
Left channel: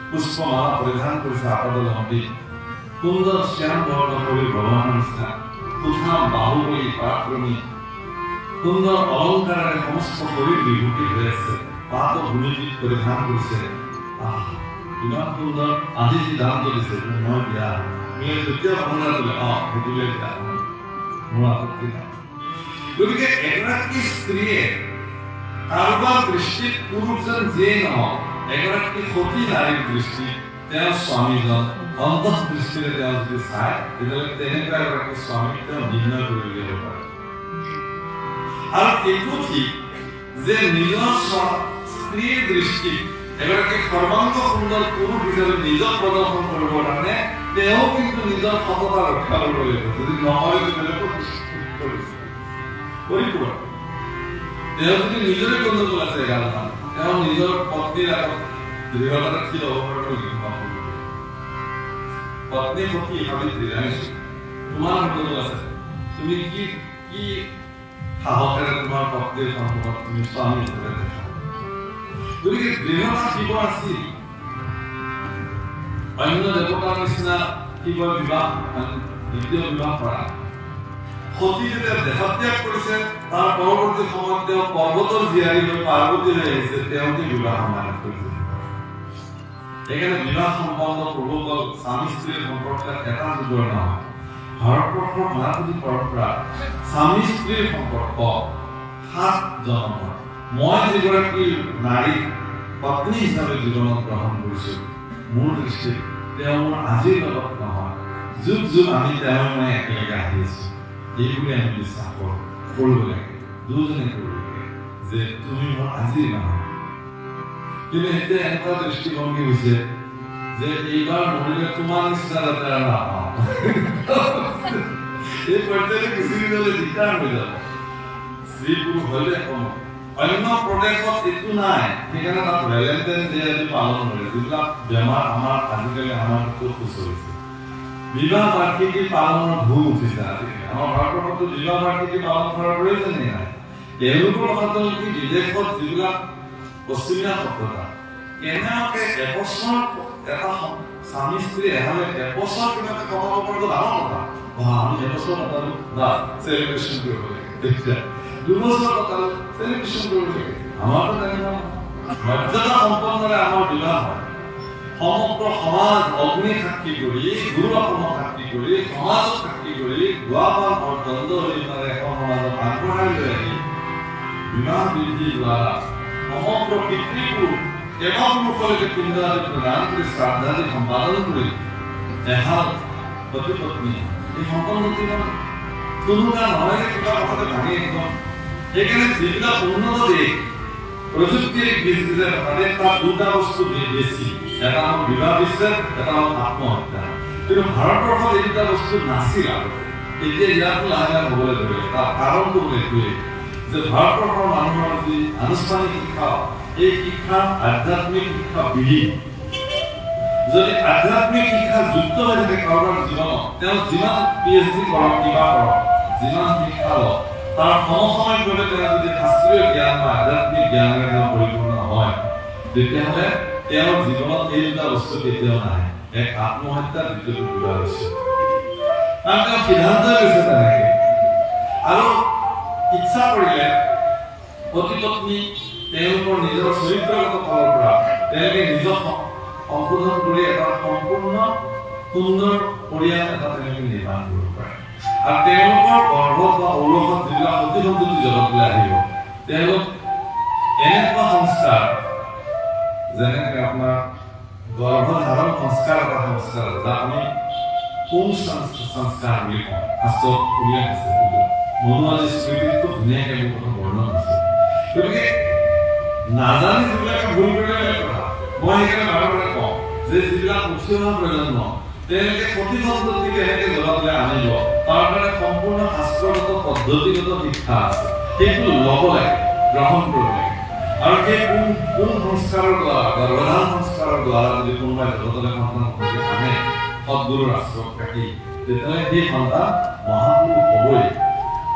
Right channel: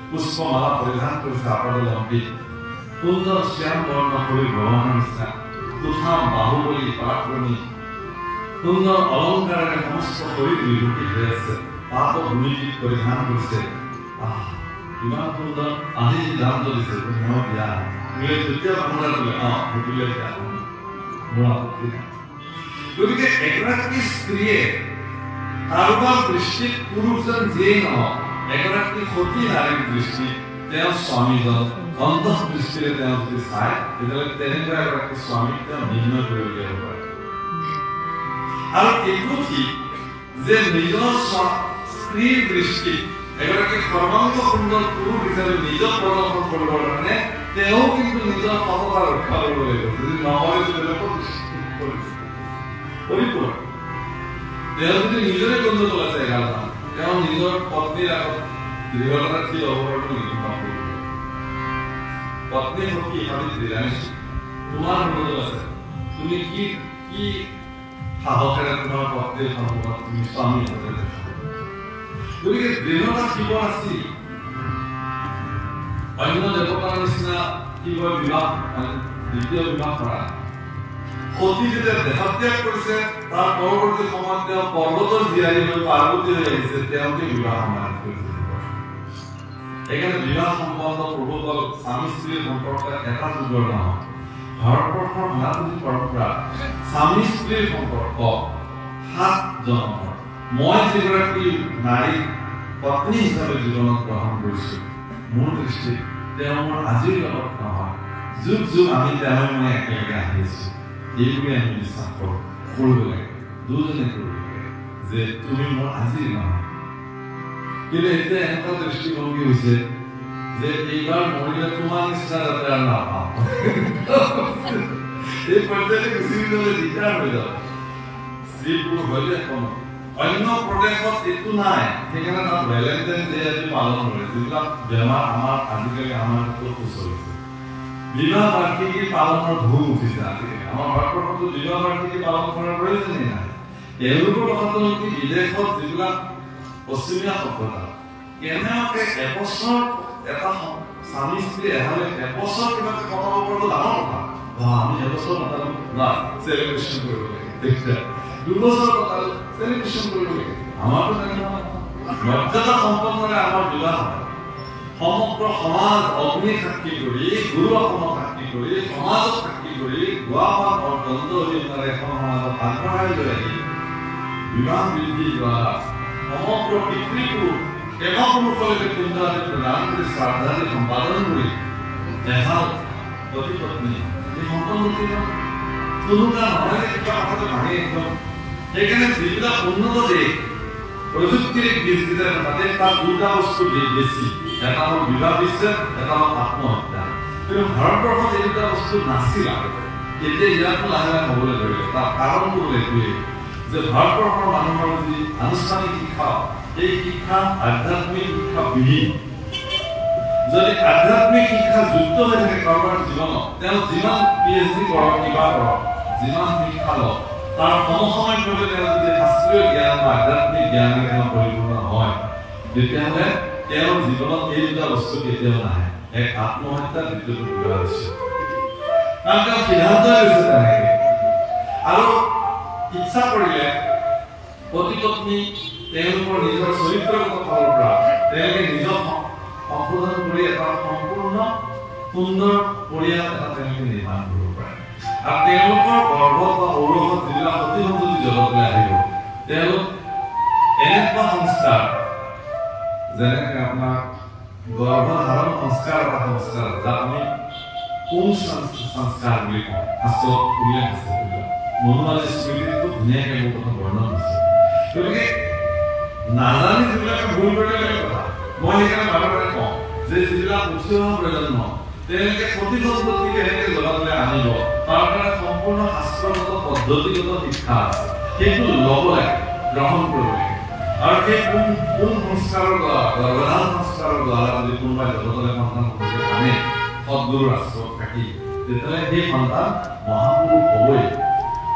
পুষ্পমালা পৰিধান কৰিছে আপদল হম্পি সুন্দৰ শ্যাম বৰ্ণ কৰি ভগৱানৰ নিচিনা কোঠাম বাহুবলী পৰাক্ৰমী সুন্দৰ অলংকাৰেৰে সমস্ত শৰীৰ বিভূতি হৈ আছে পাত ভূমিগীত পৰিধান কৰিছে ইমান সুন্দৰ আজি যি দাম দিছে মই বিয়া যেতিয়া ভাৱনা দিলে সেইটোলে বিয়া মোৰ আপত্তি নাই গতিকে এগৰাকী স্ত্ৰীয়ে কাৰোবাৰ দৃষ্টিত পুৰুষজন যিয়েই নহওক এগৰাকী সতী নাৰীৰ দৃষ্টিত তেওঁৰ স্বামীজন অন্তঃদৃষ্টিৰে তেওঁ যদি চায় তেতিয়াহ'লে তেনেকুৱা এগৰাকী স্বামীক তেওঁ নিৰ্ণয় কৰি উলিয়াব পাৰে আৰু এইটো ঠিক যে নিজৰ স্ত্ৰীৰ দৃষ্টি এগৰাকী সৰ্বাংগ সুন্দৰ পুৰুষ হিচাপে নিজক প্ৰদৰ্শন কৰিবৰ কাৰণে তেওঁ কিন্তু নিজৰ সততা ৰক্ষা কৰিব লাগিব। যদি নকৰে পৰিপূৰ্ণ তেওঁ যদি নিজৰে গণ্ডগোল আছে গালখন তেওঁ নিজৰ পত্নীৰ আগত দৃঢ়তাৰে থিয় হ'ব পাৰিব নেকি? পত্নী সতী সাবিত্ৰী জানিছো তোমাৰ গণ্ডগোল আছে, তুমি কি কি সাহসেৰে তোমাৰ পত্নীৰ সন্মুখত তুমি স্বামী হিচাপে দেখা? গতিকে দৃঢ়তা শিৱ আছিল। অন্য দেৱতাৰ নিচিনা শিৱৰ বিবাহ দ্বিতীয় বিবাহ কৰা। সতী যেতিয়া দেহত্যাগ কৰিছে তাৰ পৰৱৰ্তী সময়ত তেওঁ পৰ্বতৰ জীয়াৰী হৈ পাৰ্বতী হৈ আহিছে, তেওঁলোকে বিবাহ সমাধান কৰিছে। সেইকাৰণে বিবাহ সম্বন্ধ প্ৰভুসকল স্বামী স্ত্ৰীৰ সম্পৰ্ক এটা যুগৰ নহয়। ভাৰতবৰ্ষৰ সনাতনী পৰম্পৰা স্বামী স্ত্ৰীৰ সম্পৰ্ক 7 জন্মৰ। মই যিগৰাকী নাৰী পত্নী হিচাপে জীৱনত গ্ৰহণ কৰিছো, মোৰ দৃষ্টিত তেওঁ মোৰ আজিৰ লগত নহয়, যুগ যুগ আমি তেওঁ মই একেলগে আহি আছো। এইবোৰে আমি বিশ্বাস কৰো, কৰিব লাগে, দুজনে কৰিব লাগে যে তুমি মোৰ আজিৰ নহয়। কিন্তু এতিয়া এনেকুৱা দৃষ্টিভংগী হৈছে যে এইবাৰ মৰিলে তোমাৰ নিচিনা যাতে আৰু নাপাওঁ। এই পৰ্যায়তে গুচি গ'লে দিগদাৰ হৈ যাব। স্ত্ৰী পুৰুষ হলে অন্য প্ৰদেশত এইটো নাই, সেইকাৰণে তাত ভেলেণ্টাইন ডে আজি পালন কৰে। যিবিলাক বেমাৰ আমাৰ আজিকালি আমাৰ সুচৰিছে, বিবাহ বাৰ্ষিকী পালনৰ ধুম উঠিছে আজিকালি। আমাৰ ভাৰতবৰ্ষতো বিবাহ বাৰ্ষিকী পালন কৰাৰ প্ৰয়োজনেই নাই। তেওঁলোকৰ কথাটো কি বিদেশত যিবিলাক পশ্চিমীয়া সভ্যতা কেনেকৈ এবছৰ এটা স্বামী স্ত্ৰী এহালে এবছৰ কিবাকে কটাব পাৰিব ডাঙৰ কথা। আমি এবছৰ কটালো না চেলিব্ৰেশ্যন কৰিব লাগে, 2 বছৰ কটালো চেলিব্ৰেশ্যন কৰিব লাগে। আমাৰতো তেনেকুৱা মৰ্যাদা সম্পন্নৰে আমাৰ বিবাহ হয়। সমগ্ৰ সমাজ অগ্নি সাক্ষী কৰি, গুৰু অসমক সাক্ষী কৰি, সমাজক সাক্ষী কৰি গোৱাপান দণ্ড অৰিহণাৰে এখন সমাজত আগবঢ়াই লৈ আহি বিবাহ বৃদ্ধি দ্বাৰা সমগ্ৰ পিতৃপুৰুষ দেৱপুৰুষলৈকে পিণ্ড আদি প্ৰদান কৰি শ্ৰাদ্ধাদি সম্পাদন কৰি এহাল পতি পত্নী এই সম্পন্নতি কোনোটা নহয় কিবা কথাটো ভাঙি একদম। সেইকাৰণে যিবিলাক উন্নত দেশ প্ৰযুক্তিৰ বীজবিলাক তাতে তাত 2টা বস্তু বেছি, এটা হ'ল বিবাহ বিচ্ছেদ, এটা হ'ল আত্মহত্যা। কিন্তু ভাৰতবৰ্ষত এই 2টা বস্তু নাছিল আগতে, এতিয়া ইয়াতো লাহে লাহে হ'বলৈ ধৰিলে। তাৰ কাৰণটো হ'ল এইটোৱেই যে ভাৰতবৰ্ষৰ মানুহৰ যি আনুষ্ঠানিক শিক্ষা, এই শিক্ষা আধ্যাত্মিক শিক্ষা বিলীন। যদি আধ্যাত্মিক শিক্ষা যুক্ত হৈ থাকে কাৰোবাৰ জীৱনত, তেওঁ যিমান PhD কৰক কিবা কৰক, যিমান শিক্ষা লওক, তাৰ সমসাময়িকভাৱে তেওঁ যদি শাস্ত্ৰীয় জ্ঞান বা আধ্যাত্মিক জ্ঞানেৰে তেওঁ পৰিপূৰ্ণ হয়, তেতিয়াহ'লে তেওঁৰ জীৱনত এই 2টা বস্তু কেতিয়াও নাহে, এক আত্মহত্যা, দ্বিতীয়টো বিবাহ বিচ্ছেদ। কাৰণ তেওঁ সিদ্ধান্ত লৈছে তেনেকে। আৰু ইচ্ছা কৰিলে পতি পত্নী তেওঁলোকৰ নিজৰ চৰিত্ৰগত ফালৰ পৰা তেওঁলোকে নিজক সংশোধন কৰি এটা সম্পূৰ্ণ সুন্দৰ পৰিয়াল এটা তেওঁলোকে নিৰ্মাণ কৰিব পাৰে। আৰু তেওঁলোকৰ গৰ্ভত বা ঔৰসত যিবিলাক সতি সন্ততি জগতলৈ আহিব, তেওঁলোক এনেকুৱা সংস্কাৰ, যেনেকৈ আপোনাৰ গৰ্ভধাৰণ সংস্কাৰ এটা সংস্কাৰ আছে, যাক আমি সংস্কাৰ বুলি কওঁ। শাস্ত্ৰত উল্লেখ আছে, মনোৱালী স্মৃতিটো ধুনীয়াকৈ মোৰ কথা বৰ্ণনা হৈছে। গতিকে নাজানি যিবিলাকে ভুল কৰিলে কথা, মই সেইকাৰণে বাৰে বাৰে কওঁ যে যিবিলাক উঠি অহা প্ৰজন্ম তেওঁলোকে সতি সন্ততি কেনেকৈ জগতলৈ আনিব, তাৰ কাৰণে সম্পূৰ্ণ শাস্ত্ৰগত পদ্ধতিগত শিক্ষা আছে। সেইটো ল'ব লাগে, গ্ৰহণ কৰিব লাগে। আৰু সেই কোন সংস্কাৰৰ দ্বাৰা, গৰ্ভধাৰণ সংস্কাৰৰ দ্বাৰা যদি কোনোবাই জগতলৈ সন্তান আনে সদগুৰুৰ আশ্ৰয়ত থাকি, তেতিয়াহ'লে সেই সন্তান মহাপুৰুষ হ'বই,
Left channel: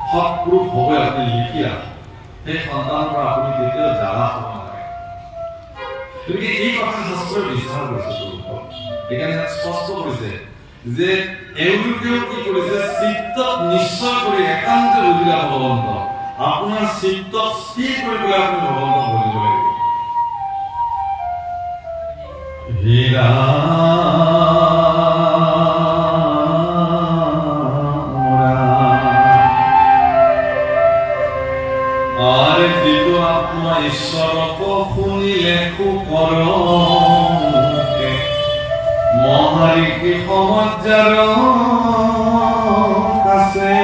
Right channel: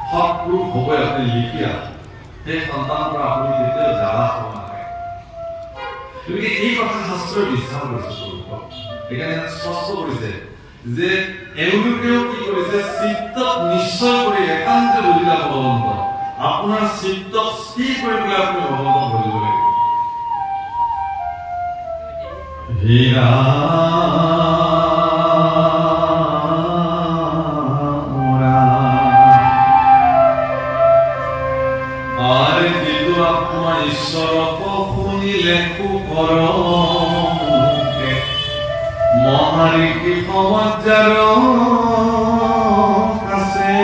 সৎপুৰুষ হ'বই। আপুনি লিখি আছে সেই সন্তানৰ পৰা আপুনি কেতিয়াও জ্বালা হ'ব নালাগে। গতিকে এই কথা শাস্ত্ৰই বিস্তাৰ কৰিছে পুৰুষক। সেইকাৰণে স্পষ্ট কৰিছে যে এওঁলোকেও কি কৰিছে, চিত্তক নিশ্চয় কৰি একান্তে বুজিলা ভগৱন্ত, আপোনাৰ চিত্তক স্থিৰ কৰি পেলাই আপুনি ভগৱন্তক বুজিব লাগিব। হীৰা আৰে দিত আত্মা ঈশ্বৰক শুনিলে সুকৰকে মহাৰিকি সমাজাৰ কাছে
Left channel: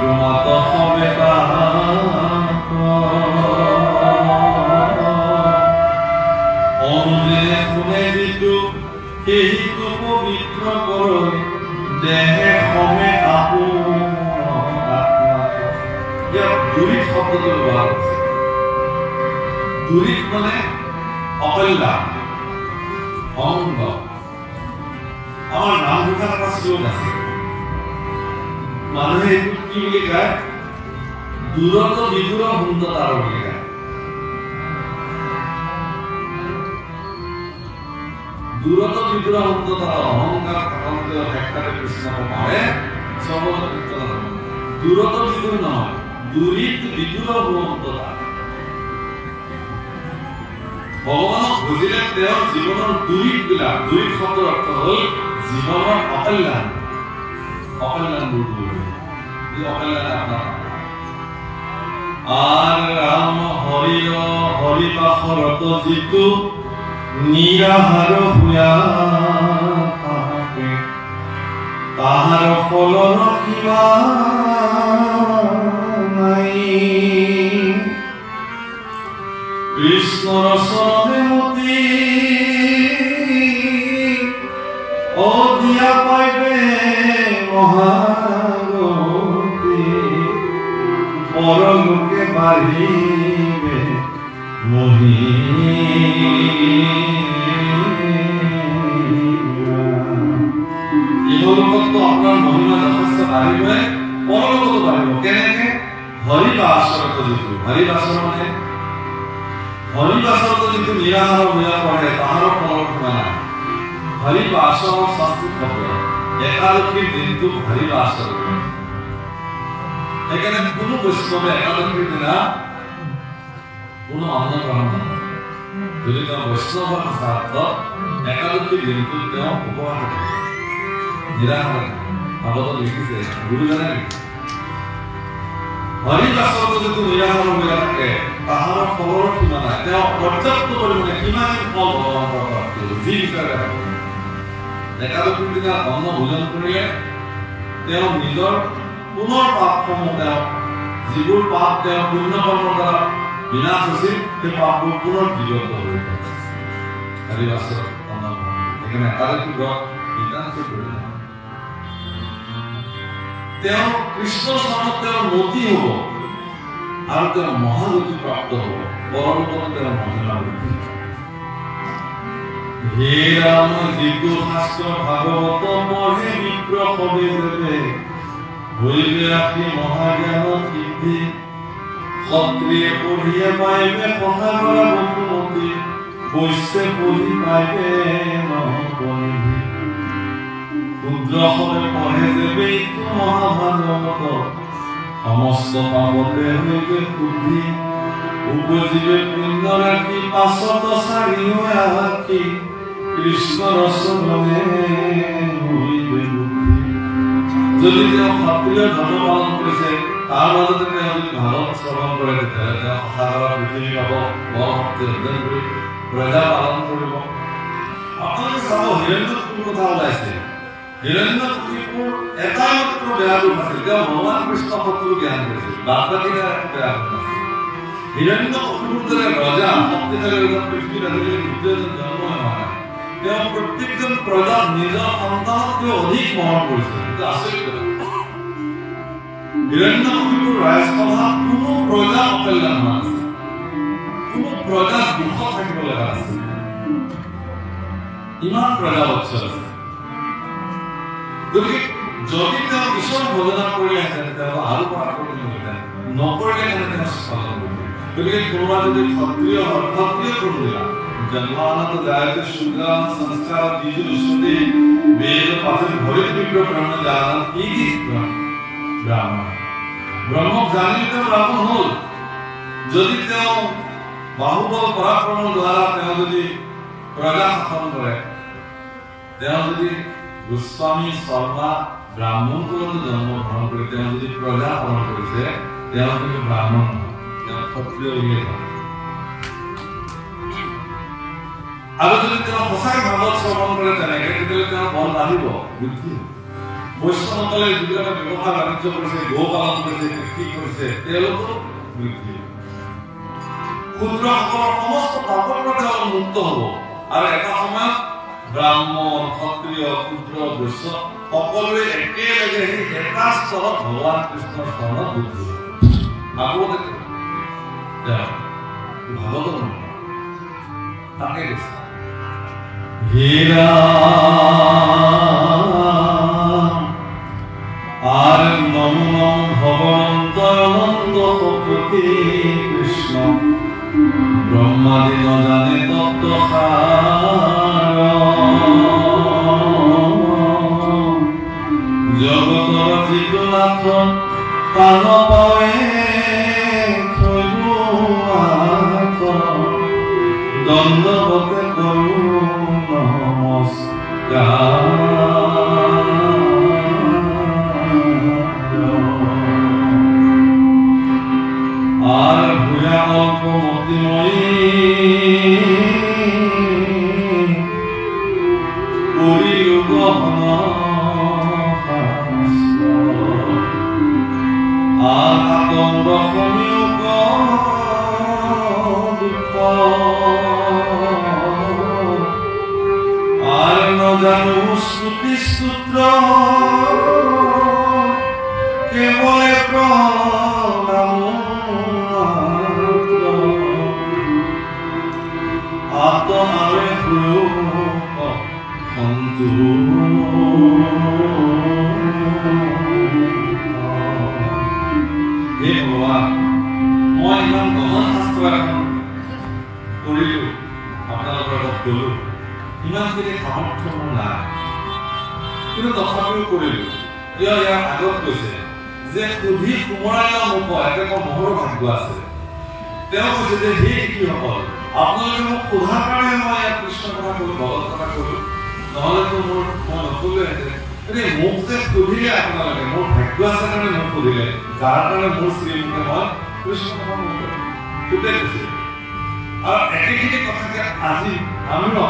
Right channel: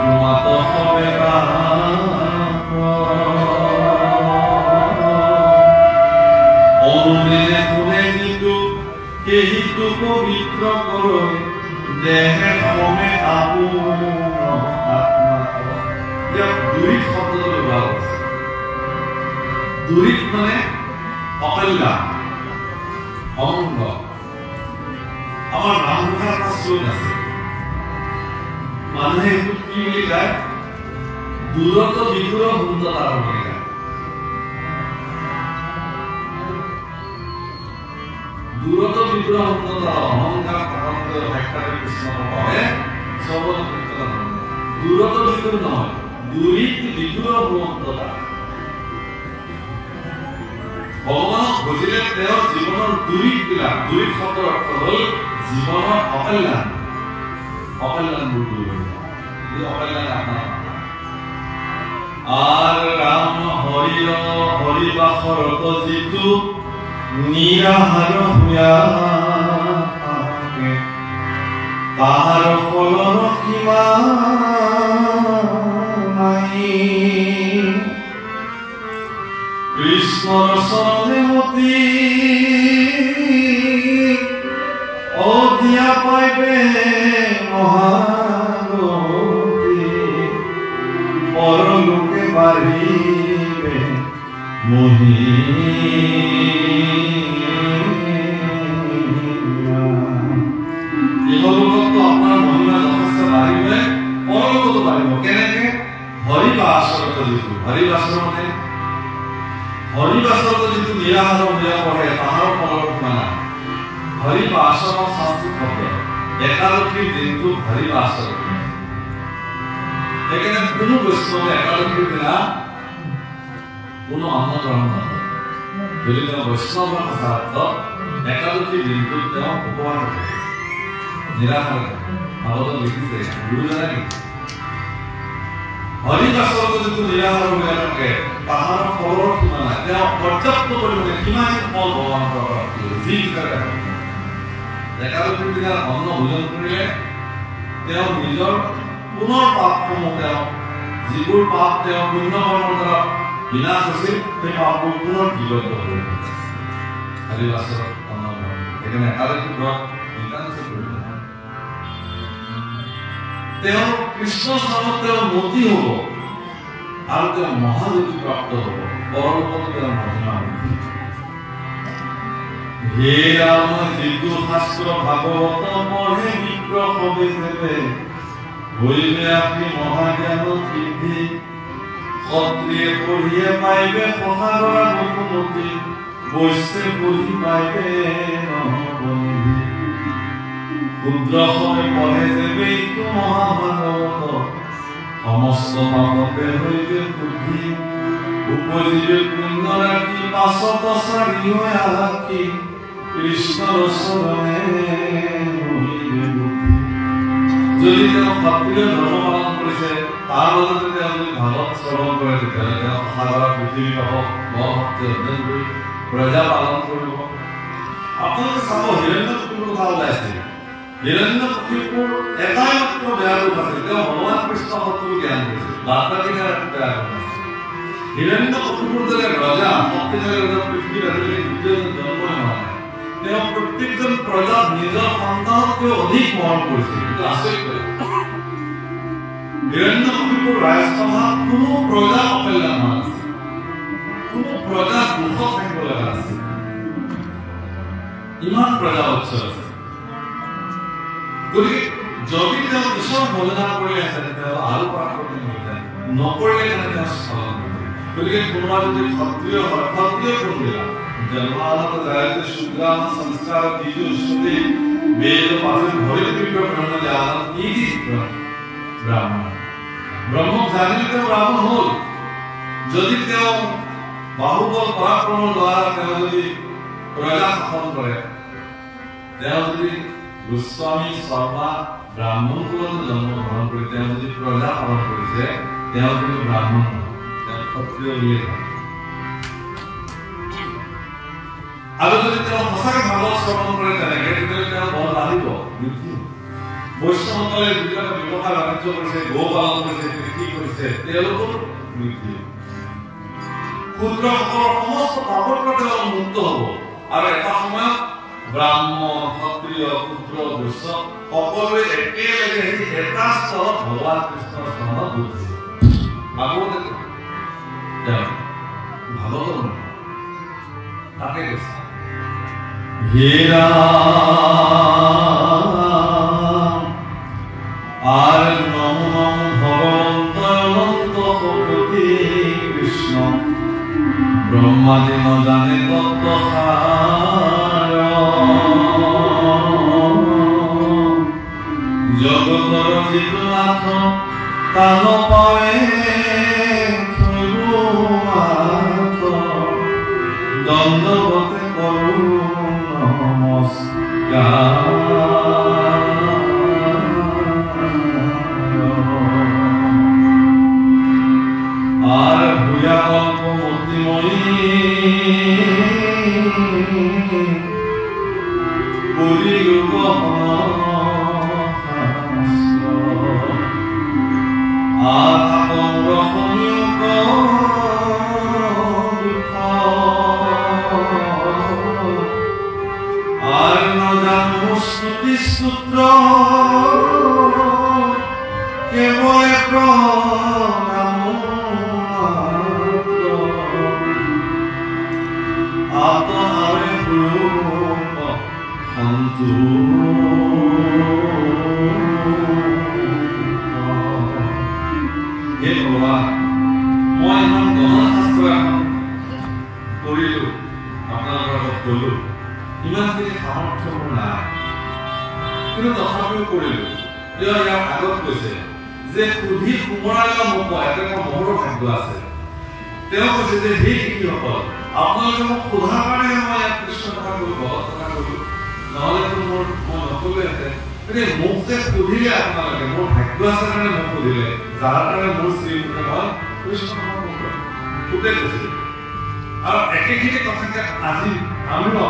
তোমাত হবে অনুদিনে শুনে যিটো সেইটো পবিত্ৰ কৰে দেহে সবে আপোন আত্মাত। দুৰিত শব্দটো ব্যৱহাৰ কৰিছে। দুৰিত মানে অকল্যাণ, অমঙ্গ। আমাৰ নামঘোষাত এটা শ্লোক আছে, মানুহে এইটো কি বুলি কয়? দূৰত বিদুৰ সুন্দৰতা বুলি কয়। দূৰত বিদুৰ সুন্দৰতা অহংকাৰ সাক্ষাৎ কৃষ্ণৰ ভাৱে সবল কীৰ্তন। দূৰত বিদুৰ নহয়, দূৰিত বিদুৰ সুন্দৰতা। ভগৱানক বুজিলে তেওঁৰ জীৱনৰ দূৰিত বিলাক, দূৰিত শব্দৰ অৰ্থ হ'ল জীৱনৰ অকল্যাণ, অকল্যাণবোৰ দূৰ হয়। এই অকল্যাণ আপোনাৰ আৰ ৰাম হৰিল হৰিবাসৰত যিটো নিৰাহাৰ হুয়া থাকে তাহাৰ ফল ৰখিবা নাই। কৃষ্ণৰ চৰণে মতি অধিয়া পাইবে মহাগতি পৰলোকে বাঢ়িবে মহিমা। ইহলোকতো আপোনাৰ মহিমা যথেষ্ট বাঢ়িবে, পৰলোকতো বাঢ়িব। কেনেকে? হৰিবাসৰত যিটো, হৰিবাসৰত যিটো নিৰাহাৰ মেয়া পঢ়ে তাহাৰৰ ফলৰ সীমা নাই। হৰিবাসৰ শাস্ত্ৰীয় শব্দ একাদশীৰ দিনটো হৰিবাসৰ। সেইকাৰণে কোনো বৈষ্ণৱে একাদশীৰ দিনা কোনো অন্ন গ্ৰহণ নকৰে। যদি তেওঁ বৈষ্ণৱ শাস্ত্ৰত একাদশীৰ দিনটোত তেওঁ উপবাস কৰে, নিৰাহাৰ ভাগৱতত লিখিছে, গুৰুজনে লিখিছে। হৰিবাসৰত যিটো নিৰাহাৰ হৈ থাকে তাহাৰ ফলৰ সীমা নাই। তেওঁ পৰ্যাপ্ত পৰিমাণে কিমান ফল গ্ৰহণ কৰা যি বিচাৰে। একাদশীৰ দিনা অন্ন ভোজন কৰিলে তেওঁ নিজৰ পুনৰ পাপসমূহ, তেওঁ যিবোৰ পাপ তেওঁ পুণ্য কৰ্মৰ দ্বাৰা বিনাশ হৈছিল, সেই পাপবোৰ পুনৰ জীৱিত হৈ থাকে। হৰিবাসৰত অন্ন সেইকাৰণে একাদশী ব্ৰত নিতান্ত কৰিলে তেওঁ কৃষ্ণ চৰণত তেওঁ মতি হ'ব আৰু তেওঁ মহাগতি প্ৰাপ্ত হ'ব, পৰলোকত তেওঁৰ মহিমা বৃদ্ধি। হে ৰাম যিটো শাস্ত্ৰ ভাগৱত পঢ়ে বিপ্ৰ সবে যেতে হৈবে আপনি মহাজ্ঞান সিদ্ধি। ক্ষত্ৰিয়ে পঢ়িয়ে পাইবে সহাগৰা বসুমতী, বৈশ্যে পঢ়ি পাইবে নহবন্ধি। ক্ষুদ্ৰসৱে পঢ়ে যেবে এইটো মহাভাগৱত, সমস্ত পাপতে হৈবে শুদ্ধি। উপজিবে পুণ্য ৰাখি পাছত চাৰি হৈ আশী, কৃষ্ণৰ চৰণে হৈবে বুদ্ধি। যদি তেওঁ ক্ষত্ৰিয় ধৰ্ম পালন কৰিছে, তাৰ মাজতে তেওঁ যদি ভাগৱত শ্ৰৱণ কৰে, তেতিয়াহ'লে তেওঁ সাৰা পৃথিৱী পাব, ভক্তি অৰ্জন কৰি প্ৰজা পালন কৰিব। আপোনালোকে চাব, হিৰণ্যকশিপুৰ কথা ওলাইছে। হিৰণ্যকশিপুৰ এটাই মাত্ৰ বেয়া ৰূপ আছিল, তেওঁ ভগৱান কৃষ্ণ শত্ৰু জ্ঞান কৰিছিল, বাকী বেয়া ৰূপ নাছিল। হিৰণ্যকশিপুৰ দৰে ৰজা শক্তিশালী ৰজা পৃথিৱীত আজিলৈকে দ্বিতীয়জন জন্ম হোৱা নাই। তেওঁ প্ৰত্যেকজন প্ৰজাক নিজৰ সন্তানতকৈ অধিক মৰম কৰিছিল। কিন্তু আচৰিত কথা, হিৰণ্যকশিপুৰ ৰাজসভাত কোনো প্ৰজা অকল্যাণ হোৱা নাছিল, কোনো প্ৰজা দুখত থাকিব লগা নাছিল। ইমান প্ৰজা উচ্চ আছিল। গতিকে যদি তেওঁ ঈশ্বৰ ভজনা কৰিলেহেঁতেন, তেওঁ আৰু পৰাক্ৰমী হ'লহেঁতেন, নকৰিলে কেনে তেওঁ স্খলন কৰিলে। গতিকে কোনোবা যদি ক্ষত্ৰিয় হয়, ক্ষত্ৰিয় কোনবিলাক জন্মানত জায়তে শূদ্ৰাম সংস্কাৰ দ্বিজু শ্ৰুতি বেদ পাঠে ভবেত বিপ্ৰ ব্ৰহ্ম জান ইতি ব্ৰাহ্মণ। ব্ৰহ্মক জানিলে তেওঁ ব্ৰাহ্মণ হ'ল। যদি তেওঁ বাহুবল পৰাক্ৰমৰ দ্বাৰা তেওঁ যদি প্ৰজা শাসন কৰে, তেওঁ যদি গোস্বামী শৰ্মা ব্ৰাহ্মণ কুলত জন্মগ্ৰহণ কৰি তেওঁ যদি প্ৰজা পালন কৰিছে, তেওঁ কিন্তু ব্ৰাহ্মণ নহয়, তেওঁ ক্ষত্ৰিয় বুলিয়ে কয়। আৰু যদি তেওঁ সঁচাকৈ ভাগৱত শ্ৰৱণ কৰে তেনেকে, তেতিয়াহ'লে তেওঁৰ বল বাঢ়িব, বৃদ্ধি হ'ব। বৈষ্ণৱসকলে যিবিলাক ব্যৱসায় বাণিজ্য কৰিছে, গো পালন কৰিছে, কৃষি কৰিছে, তেওঁলোকৰ মৃত্যু। ক্ষুদ্ৰসকলৰ সমস্ত পাপৰ পৰা তেওঁলোক মুক্ত হ'ব আৰু এটা সময়ত ব্ৰাহ্মণ, ক্ষত্ৰিয়, ক্ষুদ্ৰ, বৈশ্য সকলোৱে একেলগে সেই এটা স্তৰত ভগৱান কৃষ্ণৰ চৰণত দুখ দিব। ভাগৱতে ভাগৱত তাকে কৈছে হেৰা আৰ নম নম ভগবন্ত অনন্ত সতী কৃষ্ণ ব্ৰহ্মাদি ন জানে তত্ত্ব জগতৰ যিটো নাথ তান পাৱে দণ্ডবতে কৰো নমস্কাৰ। আৰ ভূয়া কল্প মতিময়ী পৰিযুগ আৰ আতঙ্ক সংযোগ দুঃখ আৰ নজানো শ্ৰুতি সূত্ৰ কেবলে প্ৰণাম আত্মাৰে ৰূপ অন্তু হে ভগৱান, মই ইমান গহন শাস্ত্ৰ এখন কৰিলো, আপোনালোকৰ আগত কলো, ইমানখিনি সামৰ্থ্য মোৰ নাই, কিন্তু তথাপিও কৰিলো। ইয়াৰ আগত কৈছে যে সুধি সোমৰালৰ মুখ এটা মহৰ ভাগ্য আছে। তেওঁ কৈছে যে হে শিশুসকল, আপোনালোকে মোক সোধাৰ কাৰণে মই কৃষ্ণ কথা কলো, ভগৱত কথা কলো, নহলেতো মই নকলোহেঁতেন। গতিকে মোক যে সুধিলে আপোনালোকে, মোৰ ভাগ্য আছে কাৰণে মোক সুধিলে, যাৰ কাৰণে মোৰ শ্ৰীমুখে মই কৃষ্ণ কথা নকলো গোটেই কৈছিল। আৰু একেখিনি কথাকে আজি আমিও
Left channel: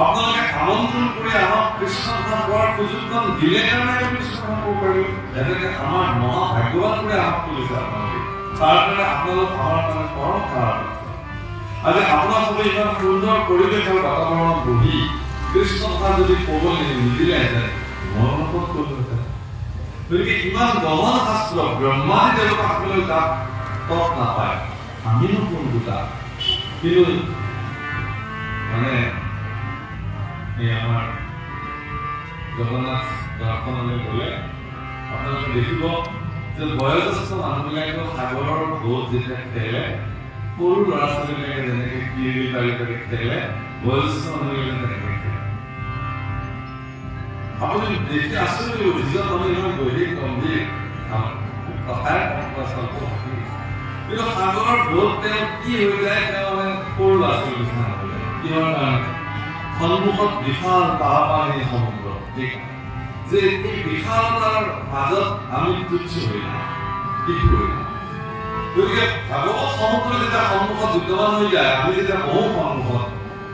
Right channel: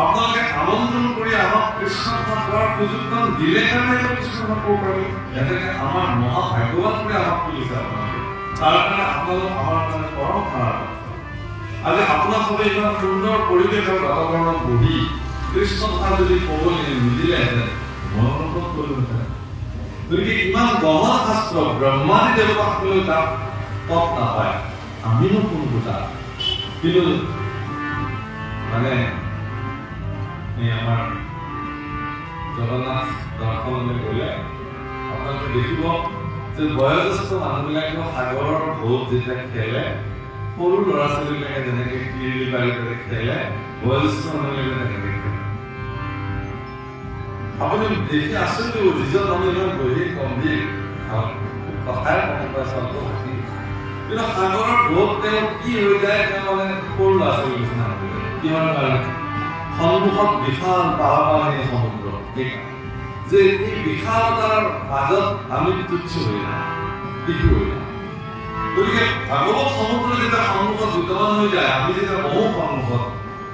আপোনালোকে আমন্ত্ৰণ কৰি আমাক কৃষ্ণ কথা কোৱাৰ সুযোগখন দিলে কাৰণে আমি কৃষ্ণ কথা ক'ব পাৰিলো। যেনেকে আমাৰ মহাভাগ্যৱান কৰি আমাক তুলিছে আপোনালোকে, তাৰ কাৰণে আপোনালোক আমাৰ কাৰণে পৰম কাৰণ। আজি আপোনাৰ সবে ইমান সুন্দৰ পৰিৱেশ আৰু বাতাবৰণত বহি কৃষ্ণ কথা যদি ক'বলৈ নিদিলেহেঁতেন মই অনুভৱ কৰিলোহেঁতেন। গতিকে ইমান গহন শাস্ত্ৰ ব্ৰহ্মাদি দেৱতাসকলে তাক তৎ নাপায়, আমিনো কোনটো তাত। কিন্তু মানে আমাৰ জগন্নাথ দৰ্শনলৈ গ'লে আপোনালোকে দেখিব যে বয়োজ্যেষ্ঠ মানুহবিলাকে সাগৰৰ ঢৌত যেতিয়া খেলে, সৰু ল'ৰা ছোৱালীবিলাকে যেনেকে কিৰিলি পাৰি কৰি খেলে, বয়োজ্যেষ্ঠ মানুহবিলাকে তেনেকে খেলে। আপুনি দেখি আচৰিত হ'ব, যিজন মানুহ ইমান গভীৰ গম্ভীৰ কথাই মন পাইছে অল্প ভাষী, কিন্তু সাগৰৰ ঢৌত তেওঁ কি হৈ যায়, তেওঁ মানে সৰু ল'ৰা ছোৱালী নিচিনা হৈ যায়। কিহৰ কাৰণে? সন্মুখত বিশাল পাহাৰী সমুদ্ৰ, যে এই বিশালতাৰ মাজত আমি তুচ্ছ হৈ নাই, শিশু হৈ নাই। গতিকে ভাগৱত সমুদ্ৰ যেতিয়া সন্মুখত বিদ্যমান হৈ যায়, আমি যেতিয়া বহু সন্মুখত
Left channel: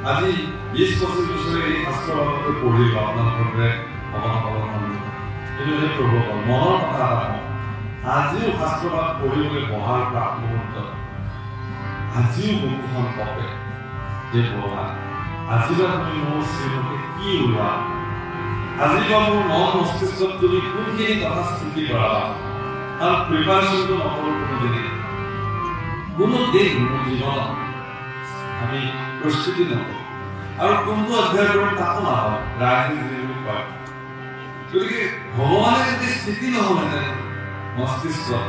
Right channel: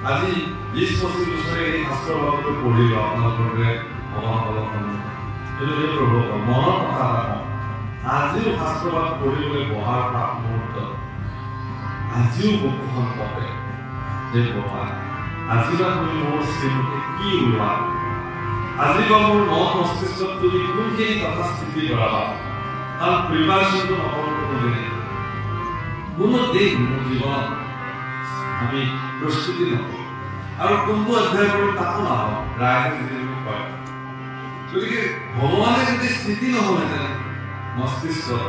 আজি 20-25 বছৰে এই শাস্ত্ৰৰ বাবদে পঢ়িলো আপোনালোকৰ কিন্তু সেই প্ৰভু মনৰ কথা এটা কওঁ, আজিও শাস্ত্ৰবাদ পঢ়িবলৈ বহাৰ প্ৰাক মুহূৰ্তত আজিও বুকুখন কপে যে ভগৱান আজিবা তুমি মোৰ শ্ৰীমুখে কি ওলোৱা, আজিবা মোৰ মন মস্তিষ্কত তুমি কোনখিনি কথা স্থিতি কৰাবা। কাৰণ প্ৰিপাৰেশ্যনটো নকৰোঁ কোনোদিনে, কোনো দিন মোৰ জীৱনত আমি প্ৰস্তুতি নকৰোঁ, আৰু কোনটো অধ্যয়ন কৰিম তাকো নাপাওঁ, ৰাইজে যিবোৰ কয়। গতিকে ভগৱানে যদি স্থিতি নহ'লহেঁতেন মস্তিষ্কত,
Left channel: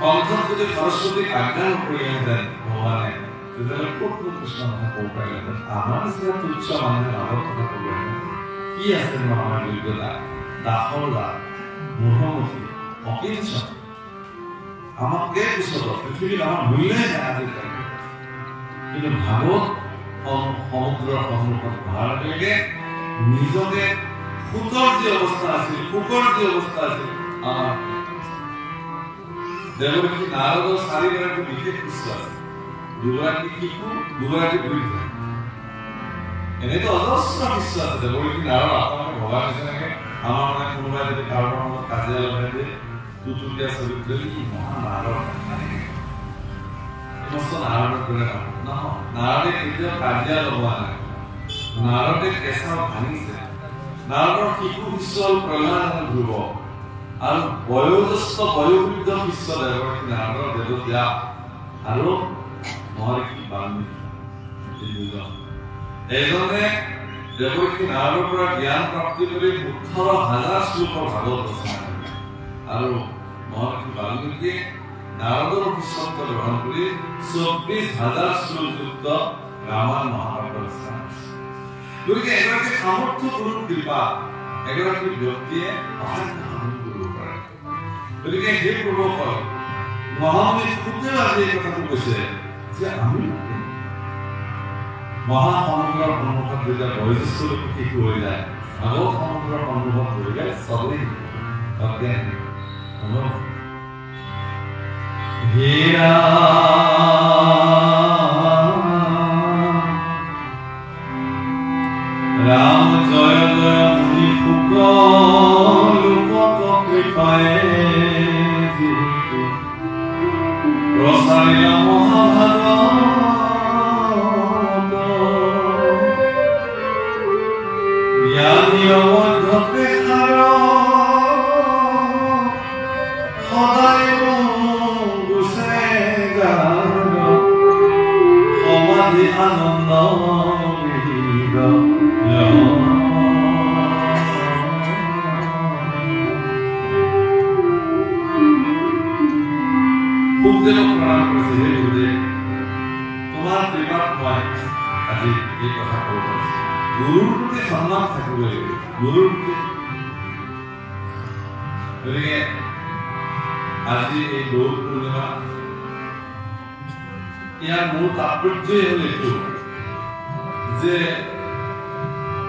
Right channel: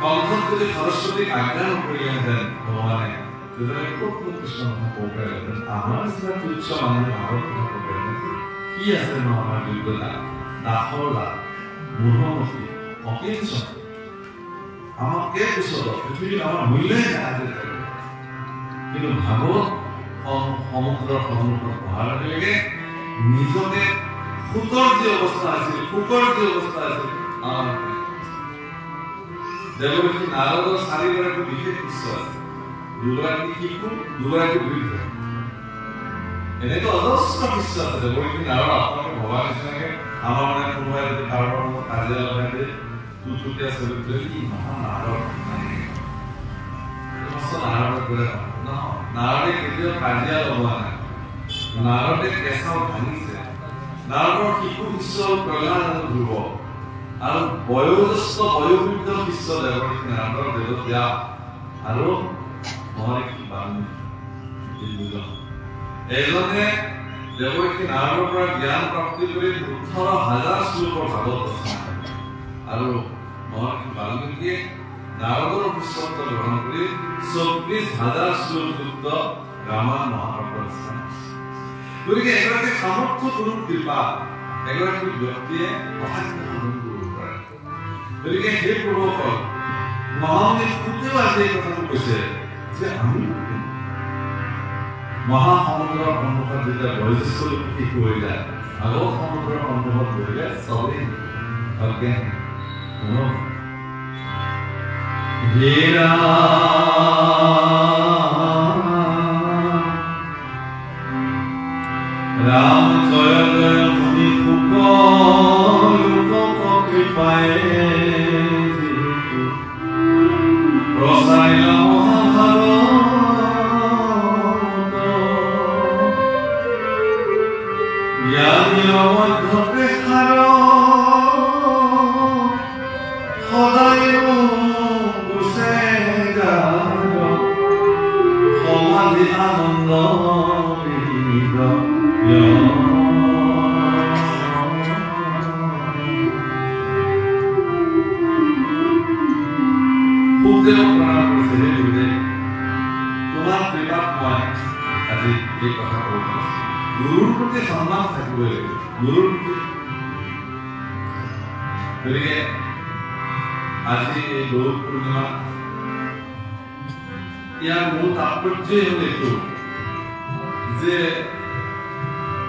কণ্ঠত যদি সৰস্বতীক আজ্ঞা নকৰিলেহেঁতেন ভগৱানে, তেতিয়াহ'লে ক'তনো কৃষ্ণ কথা ক'ব পাৰিলেহেঁতেন। আমাৰ নিচিনা তুচ্ছ মানুহে আগত কথা ক'ব পাৰিলেহেঁতেন। কি আছেনো আমাৰ যোগ্যতা? দাসৰ লাভ, মুখমুখি, অকিঞ্চন, আমাতকে পিছত পৃথিৱীত আমাৰ মূল্যই নাই আজিকালি। কিন্তু ভাগৱত সমুদ্ৰৰ সন্মুখত অহাৰ লগে লগে নিজকে সুতৰ যি অৱস্থা আছিল, সুকৰ যি অৱস্থা আছিল, আমাৰ দেৱৰ্ষি নাৰদৰ 4গৰাকী বিশেষ শিষ্য আছে, 2গৰাকী শিশু, 2গৰাকী বৃদ্ধ। এনেতো অজস্ৰ শিষ্য আছে। দেৱৰ্ষি নাৰদ আপোনালোকে ভগৱান নিচিনাকে আমাৰ মানে কোনোবাই যদি কাৰোবাৰ লগত কাজিয়া লগাই দিয়ে টুটুকীয়া ছবি তুলি মহান নাৰদ নাৰদৰ দৰে নহয় নাৰদে কেতিয়াও কাজিয়া লগোৱা নাই নাৰদে কেঁচা ভাঙিছে নাৰদৰ শিশু শিষ্য প্ৰহ্লাদ ধ্ৰুৱ আৰু বয়োজ্যেষ্ঠ বয়োবৃদ্ধ শিষ্য দেৱৰ্ষি নাৰদৰ বেদব্যাস আৰু মহৰ্ষি বাল্মীকি দুজন এজনে দেৱৰ্ষি নাৰদৰ পৰা জ্ঞান প্ৰাপ্তি কৰি 18,000 শ্লোকৰ ভাগৱত ৰচনা কৰিলে আৰু মহৰ্ষি বাল্মীকিয়ে নাৰদৰ শিষ্যত্ব গ্ৰহণ কৰি 24,000 শ্লোকযুক্ত ৰামায়ণ মহাভাৰত ৰচনা কৰিছে গতিকে এগৰাকী সামৰ্থ্য গুৰুৰ কৃপা এগৰাকী ব্যক্তিয়ে অসাধ্য সাধন কৰিব পাৰে গতিকে সেই প্ৰভুসকল মহামুনি সুদেৱ আজি এই কথাটো কৈছে যে আমি মহাসমুদ্ৰৰ সন্মুখত যেতিয়া বয়োজ্যেষ্ঠ লোক শিশু হৈ যায় আগৰ সমুদ্ৰৰ সন্মুখত বহিলে চবেই অজ্ঞান হেৰা ৰাম জয় জয় মুনি শুক লোক কৃপায় প্ৰচাৰিলা মহাভাৰত জ্ঞানী অধ্যক্ষে সাৰ সদায় গুছে সমাধি আনন্দ তোমাৰ কৃপাত মই আজি এই কথা ক'ব পাৰিছো গুৰুৰ প্ৰতি সন্মান থাকিবই লাগিব গুৰুৰ প্ৰতি গতিকে আজি এই গৌৰ পূৰ্ণিমা ইয়াৰ মূল তাৎপৰ্যই হ'ল এইটো যে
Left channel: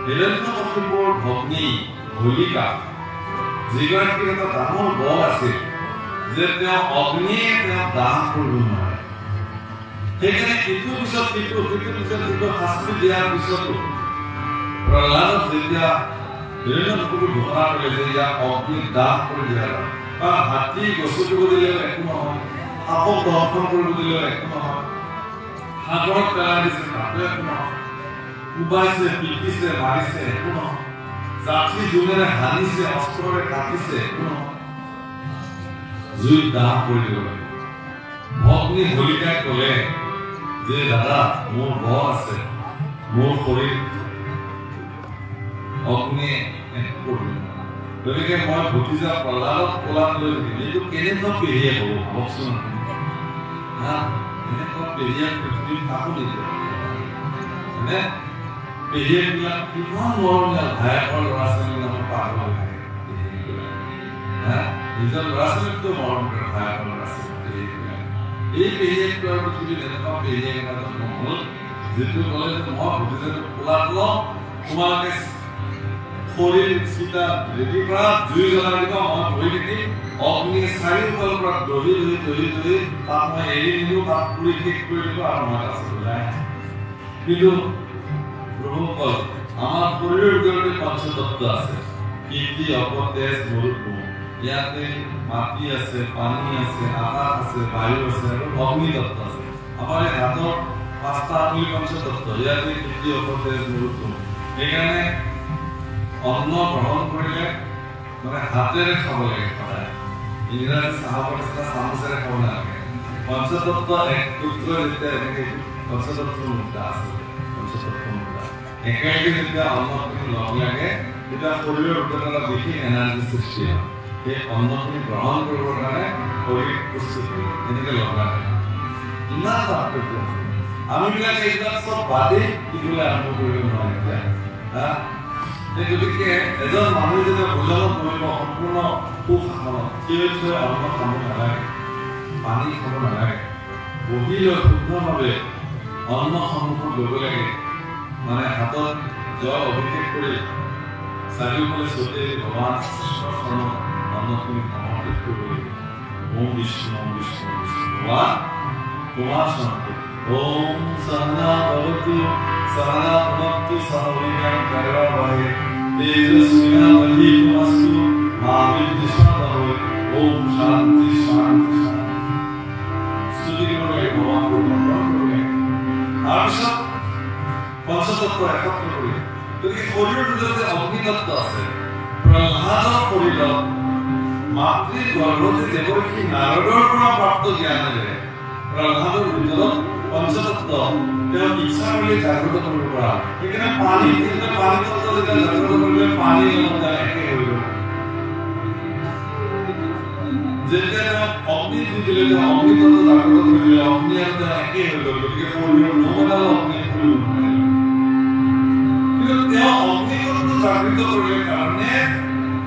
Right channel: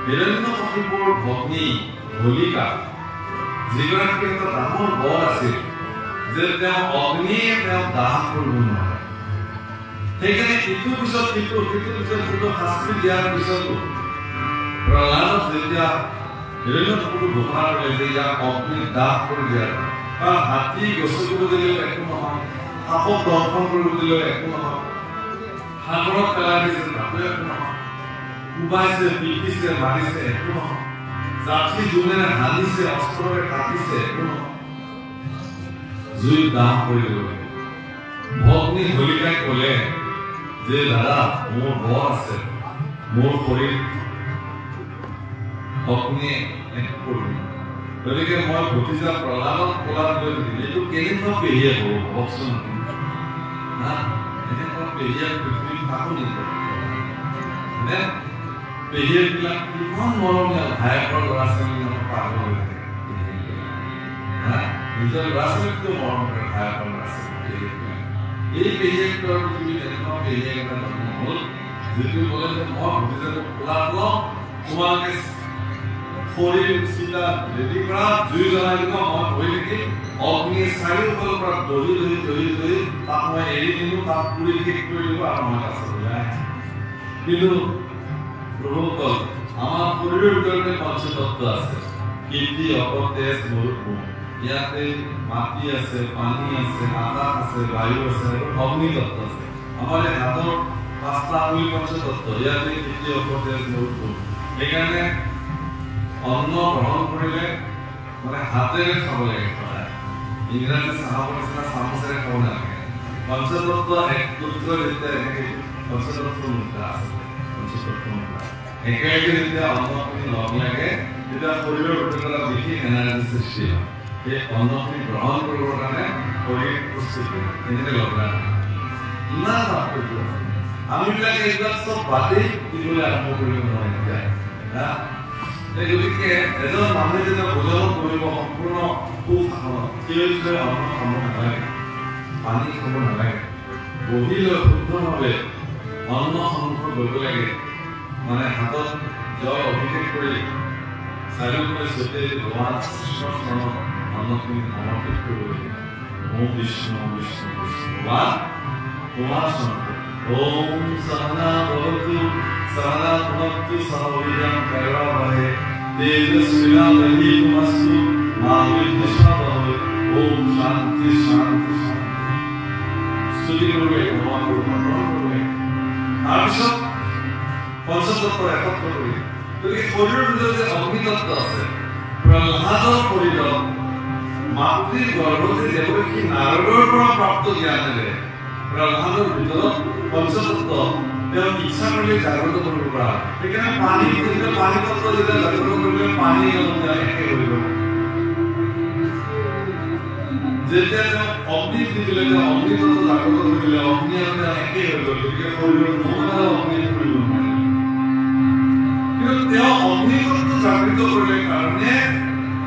হিৰণ্যকশিপুৰ ভগ্নী হোলিকা যিগৰাকী এটা ডাঙৰ বৰ আছিল যে তেওঁ অগ্নিয়ে তেওঁ দাহ কৰিব নোৱাৰে সেইকাৰণে ইটোৰ পিছত সিটো শাস্তি দিয়াৰ পিছতো প্ৰহ্লাদক যেতিয়া হিৰণ্যকশিপুৰ ঘোষণা কৰিলে যে ইয়াক অগ্নিত দাহ কৰি দিয়া যায় কাৰণ হাতী গছকিব দিলেও একো নহয় সাপক দৰ্শন কৰিব দিলেও একো নহয় সাগৰত পেলাই দিছে তাতো একো নহয় কোবাইছে পিটিছে মাৰিছে একো নহয় জাঠি জোনেৰে হানিছে অস্ত্ৰৰে কাটিছে একো নহয় জুইত দাহ কৰি দিব লাগে ভগ্নী হোলিকাই ক'লে যে দাদা মোৰ বৰ আছে মোৰ শৰীৰ অগ্নিয়ে একো কৰিব গতিকে মই ভতিজা প্ৰহ্লাদক কোলাত লৈ থাকিম এইটো কেনেকুৱা পেহীয়ে হ'ব ভাবকচোন এনেকুৱা পেহীয়ে পৃথিৱীত কাকো নিদিয়ে মানে পেহীয়েকবিলাক কিমান মৰমীয়াল ভায়েকৰ ল'ৰা ছোৱালীৰ নামত পাগল হৈ থাকে নিজৰ ল'ৰা ছোৱালীতকৈ মৰম কৰে ভায়েকৰ ল'ৰা ছোৱালী এই পেহীয়েকৰ পৃথিৱীত এনেকুৱা পেহীয়েক এটা জন্ম হ'ল যিটো ক'লে যে মই ভতিজাটোক কোলাত লওঁ তোমালোকে শৰীৰ চিতা ৰেডি কৰা জুই জ্বলাই দিব মই বহি থাকিম অগ্নি চাৰিওফালৰ পৰা দহি তাক মই এৰি দিলোঁ তাক পুৰি শেষ কৰি দিব আৰু মই তাত ওলাই কিন্তু প্ৰভুসকল আমাৰ শৰীৰৰ ভিতৰতে পঞ্চতত্ব আছে কীৰ্তি অপৰ তেজ মৰুভূম ইয়াতে মাটি আছে পানী আছে আকাশ আছে বায়ু আছে আৰু অগ্নিতত্ব আছে আমাৰ এই হাতৰ 5টা আঙুলি পঞ্চতত্ব ইয়াতে কীৰ্তি অপৰ তেজ মৰুভূম সেইকাৰণে অন্ন গ্ৰহণ কৰিলে মানে হাতেৰে খাব লাগে সদায় ইংৰাজী চাহৰ নিচিনা চামুচেৰে খাব নালাগে পঞ্চতত্ব এক সূত্ৰ যেতিয়া এনেকে পঞ্চতত্ব মুদ্ৰা আছে পঞ্চতত্ব মুদ্ৰা একেলগে যেতিয়া অন্নখিনি লগ লাগে তেতিয়া শৰীৰৰ ভিতৰত এটা বিশেষ এনাৰ্জি সৃষ্টি হয় সেই অন্নখিনি গ্ৰহণ কৰিবৰ কাৰণে শৰীৰ প্ৰস্তুত হয় এনেকে লগ লাগে ইমান তাৎপৰ্য আমিবিলাকে এইবিলাক চব বাদেই দিবলৈ আৰম্ভ কৰিব নোৱাৰি যায় গতিকে এজন মানুহে যেতিয়া ভোজন কৰিব সম্পূৰ্ণ সুশাসনত থিয় থিয় অন্ন খাব নালাগে পানী খাব নালাগে বহি লৈ শুদ্ধভাৱে অন্ন সন্মুখত ল'ব লাগে মানে হাতত জল অভিষেক কৰি চাৰিওফালে ছটিয়াই ভগৱান কৃষ্ণৰ চৰণত অন্নখিনি সমৰ্পিত কৰিব লাগে ওম বিষ্ণু বিষ্ণু বিষ্ণু ভগৱান তোমাৰ চৰণত ওম সহনা ভৱতু সহনা ভুনক্তু সহ বীৰ্যং কাৰৱাবহৈ তেজস্বিনাবধি তুমাস্তু মা বিদ্বিষাদহৈ ওম শান্তি শান্তি শান্তি স্তুতি কৰিলে ভগৱান প্ৰণাম কৰিলে তাৰপিছত পঞ্চতত্ব একত্ৰ কৰি গতিকে শৰীৰৰ ভিতৰতে অগ্নিতত্ব আছে প্ৰহ্লাদৰ শৰীৰত মাতৃৰ গৰ্ভতে দেৱৰ্ষি নাৰদৰ পৰা প্ৰাপ্ত জ্ঞানেৰে প্ৰহ্লাদৰ ভিতৰত পঞ্চতত্ব তেওঁ ইচ্ছা কৰিলে জাগ্ৰত কৰিব পৰা সেইকাৰণে পানী তত্ত্ব যেতিয়া জাগ্ৰত কৰিলে পানী একে হৈ গ'ল যেতিয়া তেওঁ অগ্নি দি দিলে তেওঁ অগ্নিতত্ত্ব জাগ্ৰত কৰিলে অগ্নি আৰু তেওঁ একে হৈ গ'ল গতিকে শৰীৰৰ নোমেলাল অগ্নি কৰিব নোৱাৰে কিন্তু তেওঁ অগ্নিতত্ত্ব জাগৃত কৰিলে কাৰণে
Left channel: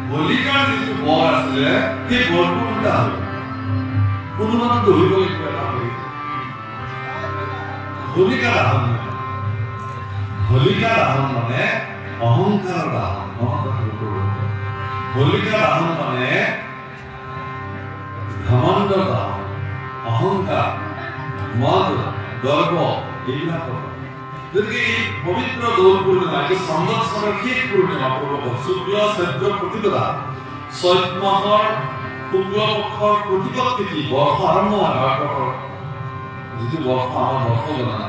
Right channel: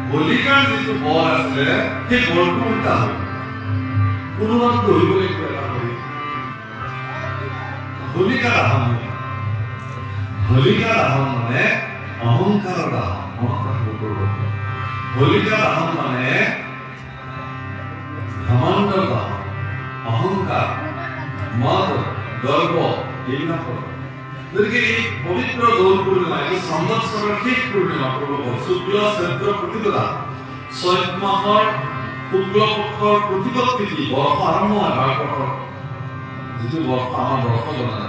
হোলিকাৰ যিটো বল আছিলে সেই বলটো উল্টা হ'ল কোনোবাটো দৌৰিবলৈ কিবা কৰি হোলিকাৰ আহৰণ মানে অহংকাৰৰ আহৰণ মনত ৰাখিব হোলিকাৰ আহৰণ মানে ঘমণ্ডৰ আহৰণ অহংকাৰ মদ গৰ্ব এইবিলাক গতিকে এই পবিত্ৰ দৌল পূৰ্ণিমা এই সংবৎসৰৰ শেষ পূৰ্ণিমা পূৰ্বক শুক্ল চৈত্ৰ প্ৰতিপদা চৈত মাহৰ শুক্ল পক্ষৰ প্ৰতিপদ তিথি বৰ্ষ আৰম্ভ হয় যিটো বৰ্ষ আমাৰ বৰ্ষ গণনা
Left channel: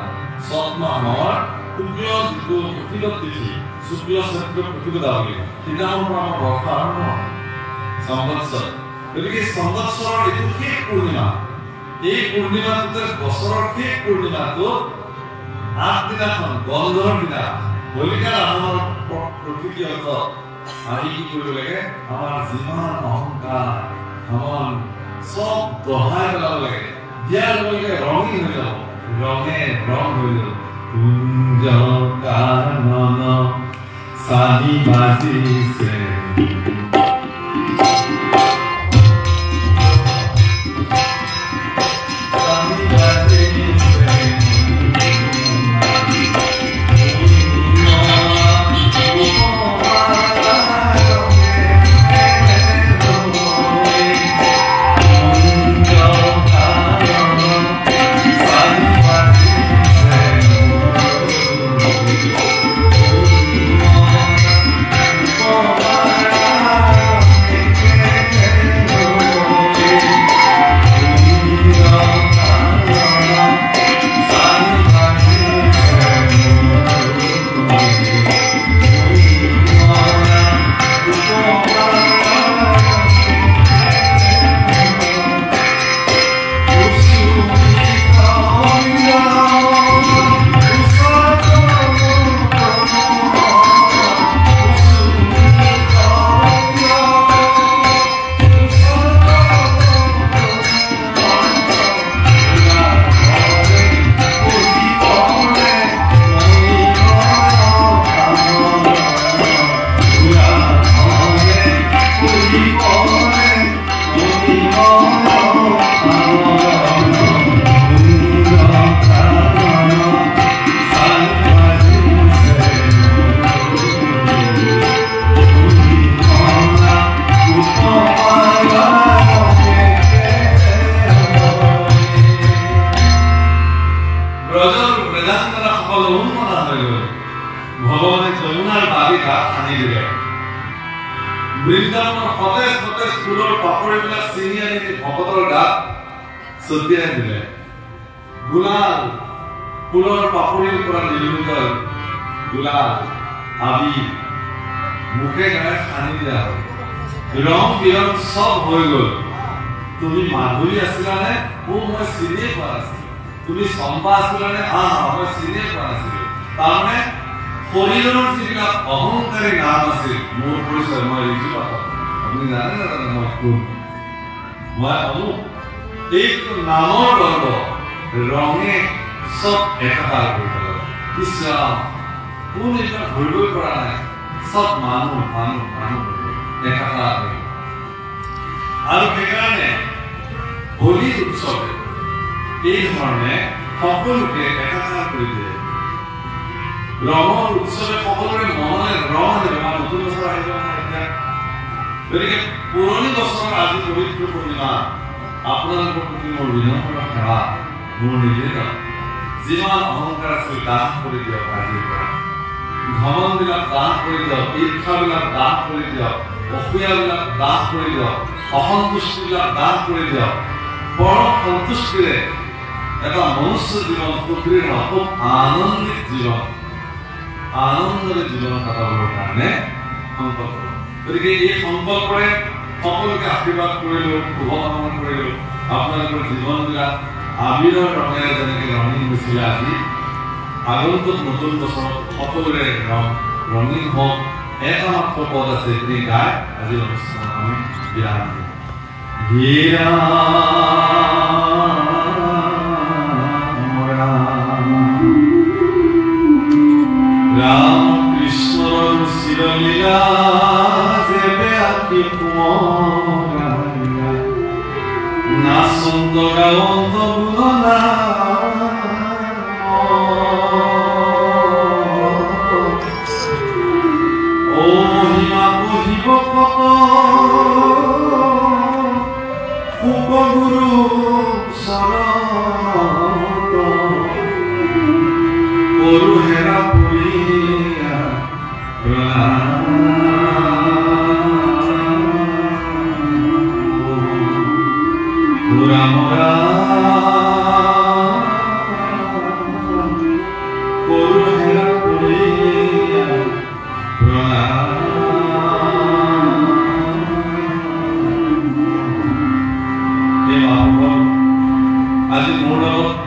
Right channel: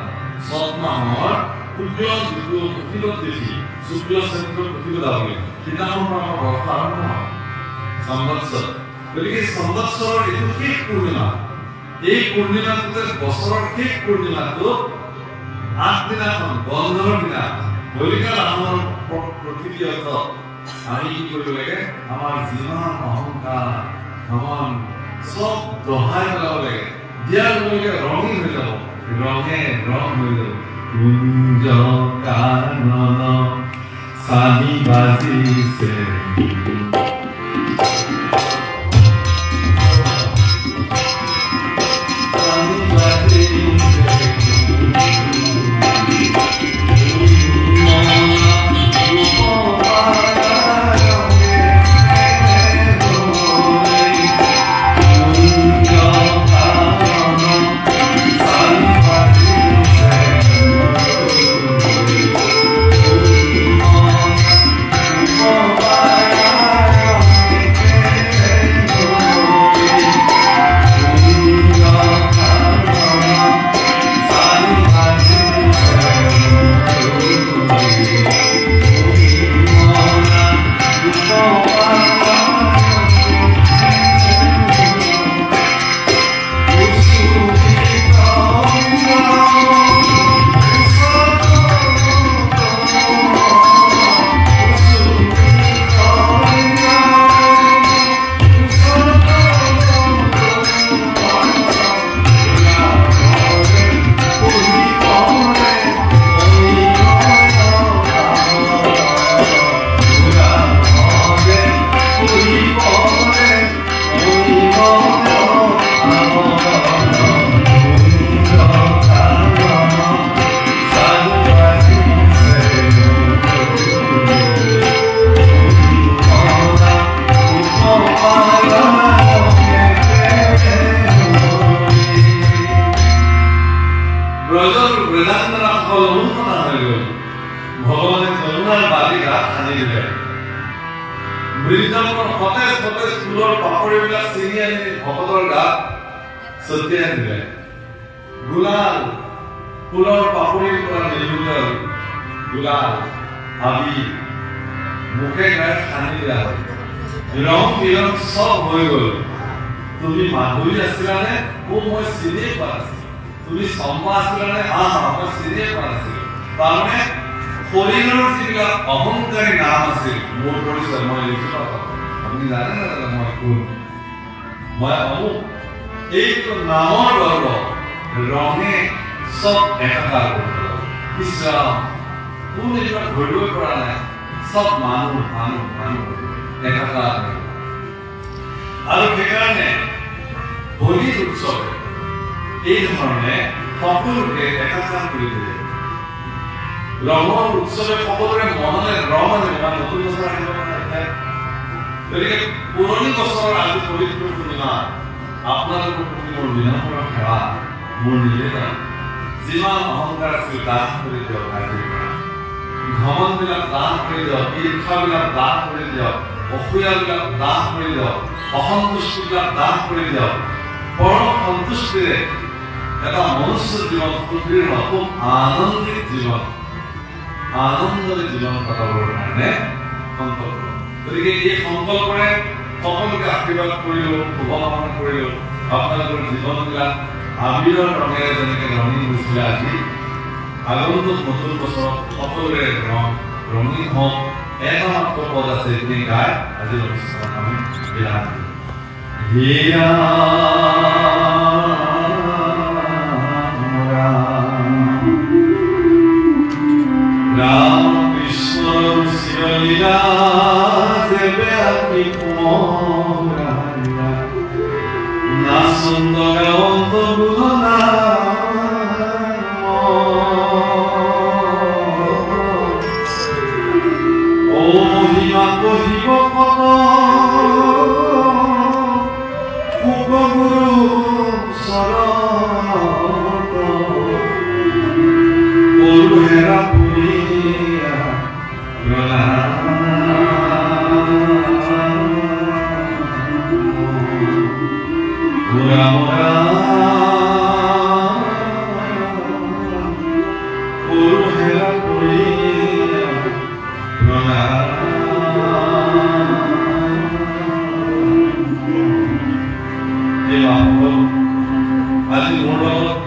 চৈত মাহৰ শুক্ল যিটো প্ৰতিপদ তিথি শুক্ল চৈত্ৰ প্ৰতিপদা বুলি সেইদিনাখনৰ পৰা আমাৰ বৰ্ষ আৰম্ভ হয় সংবৎসৰ গতিকে সংবৎসৰৰ এইটো শেষ পূৰ্ণিমা এই পূৰ্ণিমাটোতে বছৰৰ শেষ পূৰ্ণিমাটো আগদিনাখন বন্ধৰ দিনা হোলিকাৰ আহৰণৰ প্ৰকৃতি অৰ্থ আমি কি কৰিব লাগে আমাৰ যিমান অহংকাৰ ঘমন চব দহাই পেলাব লাগে দিয়াৰ লগে লগে ৰঙীন হৈ যাব ৰঙে ৰং হৈ যাব কুঞ্জ কানন চানি বাজিছে ভগৱানে কৰুণাৰ বালিকা আনি দিলে বৃন্দাবনৰ সতেজ সতেজ ফুলৰ পাপৰিবিলাক চিনি আনি ভকতৰ গাত ছটিয়াই দিলে গুলাল ফুলৰ পাপৰিৰ পৰা নিৰ্মিত গুলাল আবি মুখে গায়ে সানি দিয়া হ'ল ৰং বিৰং চব হৈ গ'ল তুমি মাধুৰী আছিলানে মই চিনিয়ে পোৱা নাছিলো তুমি চম্পা আছিলানে মই চিনিয়ে পোৱা নাছিলো তাৰমানে শৰীৰৰ যিবিলাক অহংকাৰী নাম আছিল মোৰ পৰিচয় মই লিখিব আপুনি জানে মই কোন মই অমুক এইটো নামৰ গৰ্ব ৰঙে চব একাকাৰ কৰি পেলালে ইছৰাম কোন এইবিলাক ধৰিব পৰা নাই চব মানুহ একাকাৰ কৰি আৰু সেইকাৰণে হোলী উৎসৱে এই ধৰণে সকলোকে একাকাৰ কৰি দিয়ে ৰঙৰ উৎসৱে সকলোৰে মনলৈ ৰং আনে নতুন বছৰ আহিব গতিকে পুৰণি বছৰৰ আজি পবিত্ৰ পূৰ্ণিমা আপোনালোকৰ প্ৰতি মোৰ বিনম্ৰ সেৱা মোৰ নিবেদন যিমান অহংকাৰ আছিল দাহ কৰি দিয়ক আজিৰ পৰা ঘমনবিলাক দাহ কৰি দিয়ক, ঈৰ্ষাবিলাক দাহ কৰি দিয়ক, অসূয়াবিলাক দাহ কৰি দিয়ক, অসন্তুষ্টিবিলাক দাহ কৰি দিয়ক। পৰম সন্তুষ্টিৰে এটা মনুষ্য জীৱন সুদৃঢ়, খুব আনন্দিত জীৱন, আনন্দৰে জীৱন কটাবৰ কাৰণে সংকল্প। গতিকে এই সংকল্পৰে সকলোকে আশীৰ্বাদ কৰিলোঁ, শুভকামনা কৰিলোঁ। আপোনালোকৰ জীৱনবিলাক আবিৰৰ ৰঙেৰে যেনেকৈ ৰঙীন হৈছিলে, আজি আগন্তুক নতুন বছৰত সকলোৰে ৰঙীন হওক। এটা মাত্ৰ পদ আছে, যিখিনি গাই আজি অনুষ্ঠানত আমি বিৰাম দিম। রাম কৃষ্ণ শিবলীলা যেবে আপনি নাচন্দ গাওন্ত বুধনা ও মহিমা কহিব কত উপগুরু শরণ করু হেরা পুরিয়া রাম করু হেরা পুরিয়া আজি মোৰ লগত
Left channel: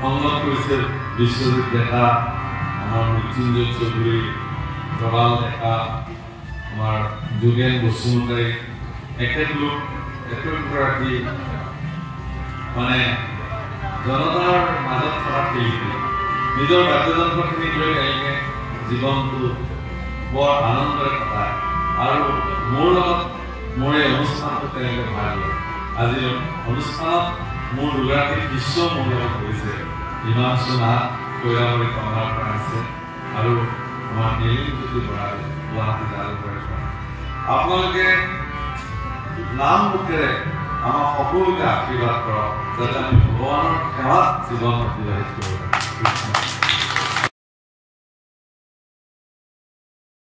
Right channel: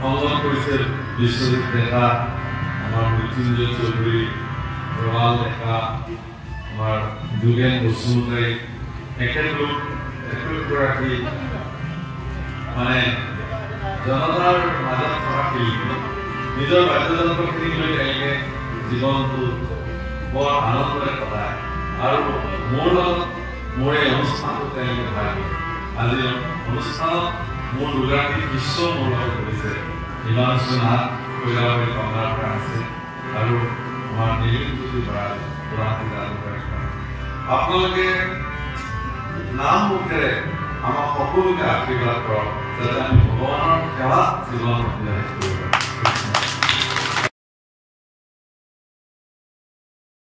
সংগ্ৰহ কৰিছে বিশ্বজিৎ ডেকা, আমাৰ মৃত্যুঞ্জয় চৌধুৰী, প্ৰবাল ডেকা, আমাৰ যোগেন বসুমতাৰী, এখেতলোক একোগৰাকী মানে জনতাৰ মাজত থকা শিল্পী। নিজৰ বাদ্যযন্ত্ৰখিনিক লৈ তেওঁলোকে জীৱনটো বৰ আনন্দৰে কটায় আৰু মোৰ লগত মোৰ এই অনুষ্ঠানটো তেওঁলোকে ভাগ লয়। আজিৰ অনুষ্ঠানত মোৰ দুগৰাকী শিষ্য মোৰ লগত কৰিছে। হিমাংশু নাথ কৈলাবাৰী কমলাৰ পৰা আছে আৰু আমাৰ নীলিমজ্যোতি বৰা গুৱাহাটী জালুকবাৰীৰ পৰা। আপোনালোকে নাম মুখেৰে আমাক সকলোকে আশীৰ্বাদ কৰক, যাতে আমি ভগৱানৰ সেৱাত জীৱন অতিবাহিত কৰিব পাৰোঁ।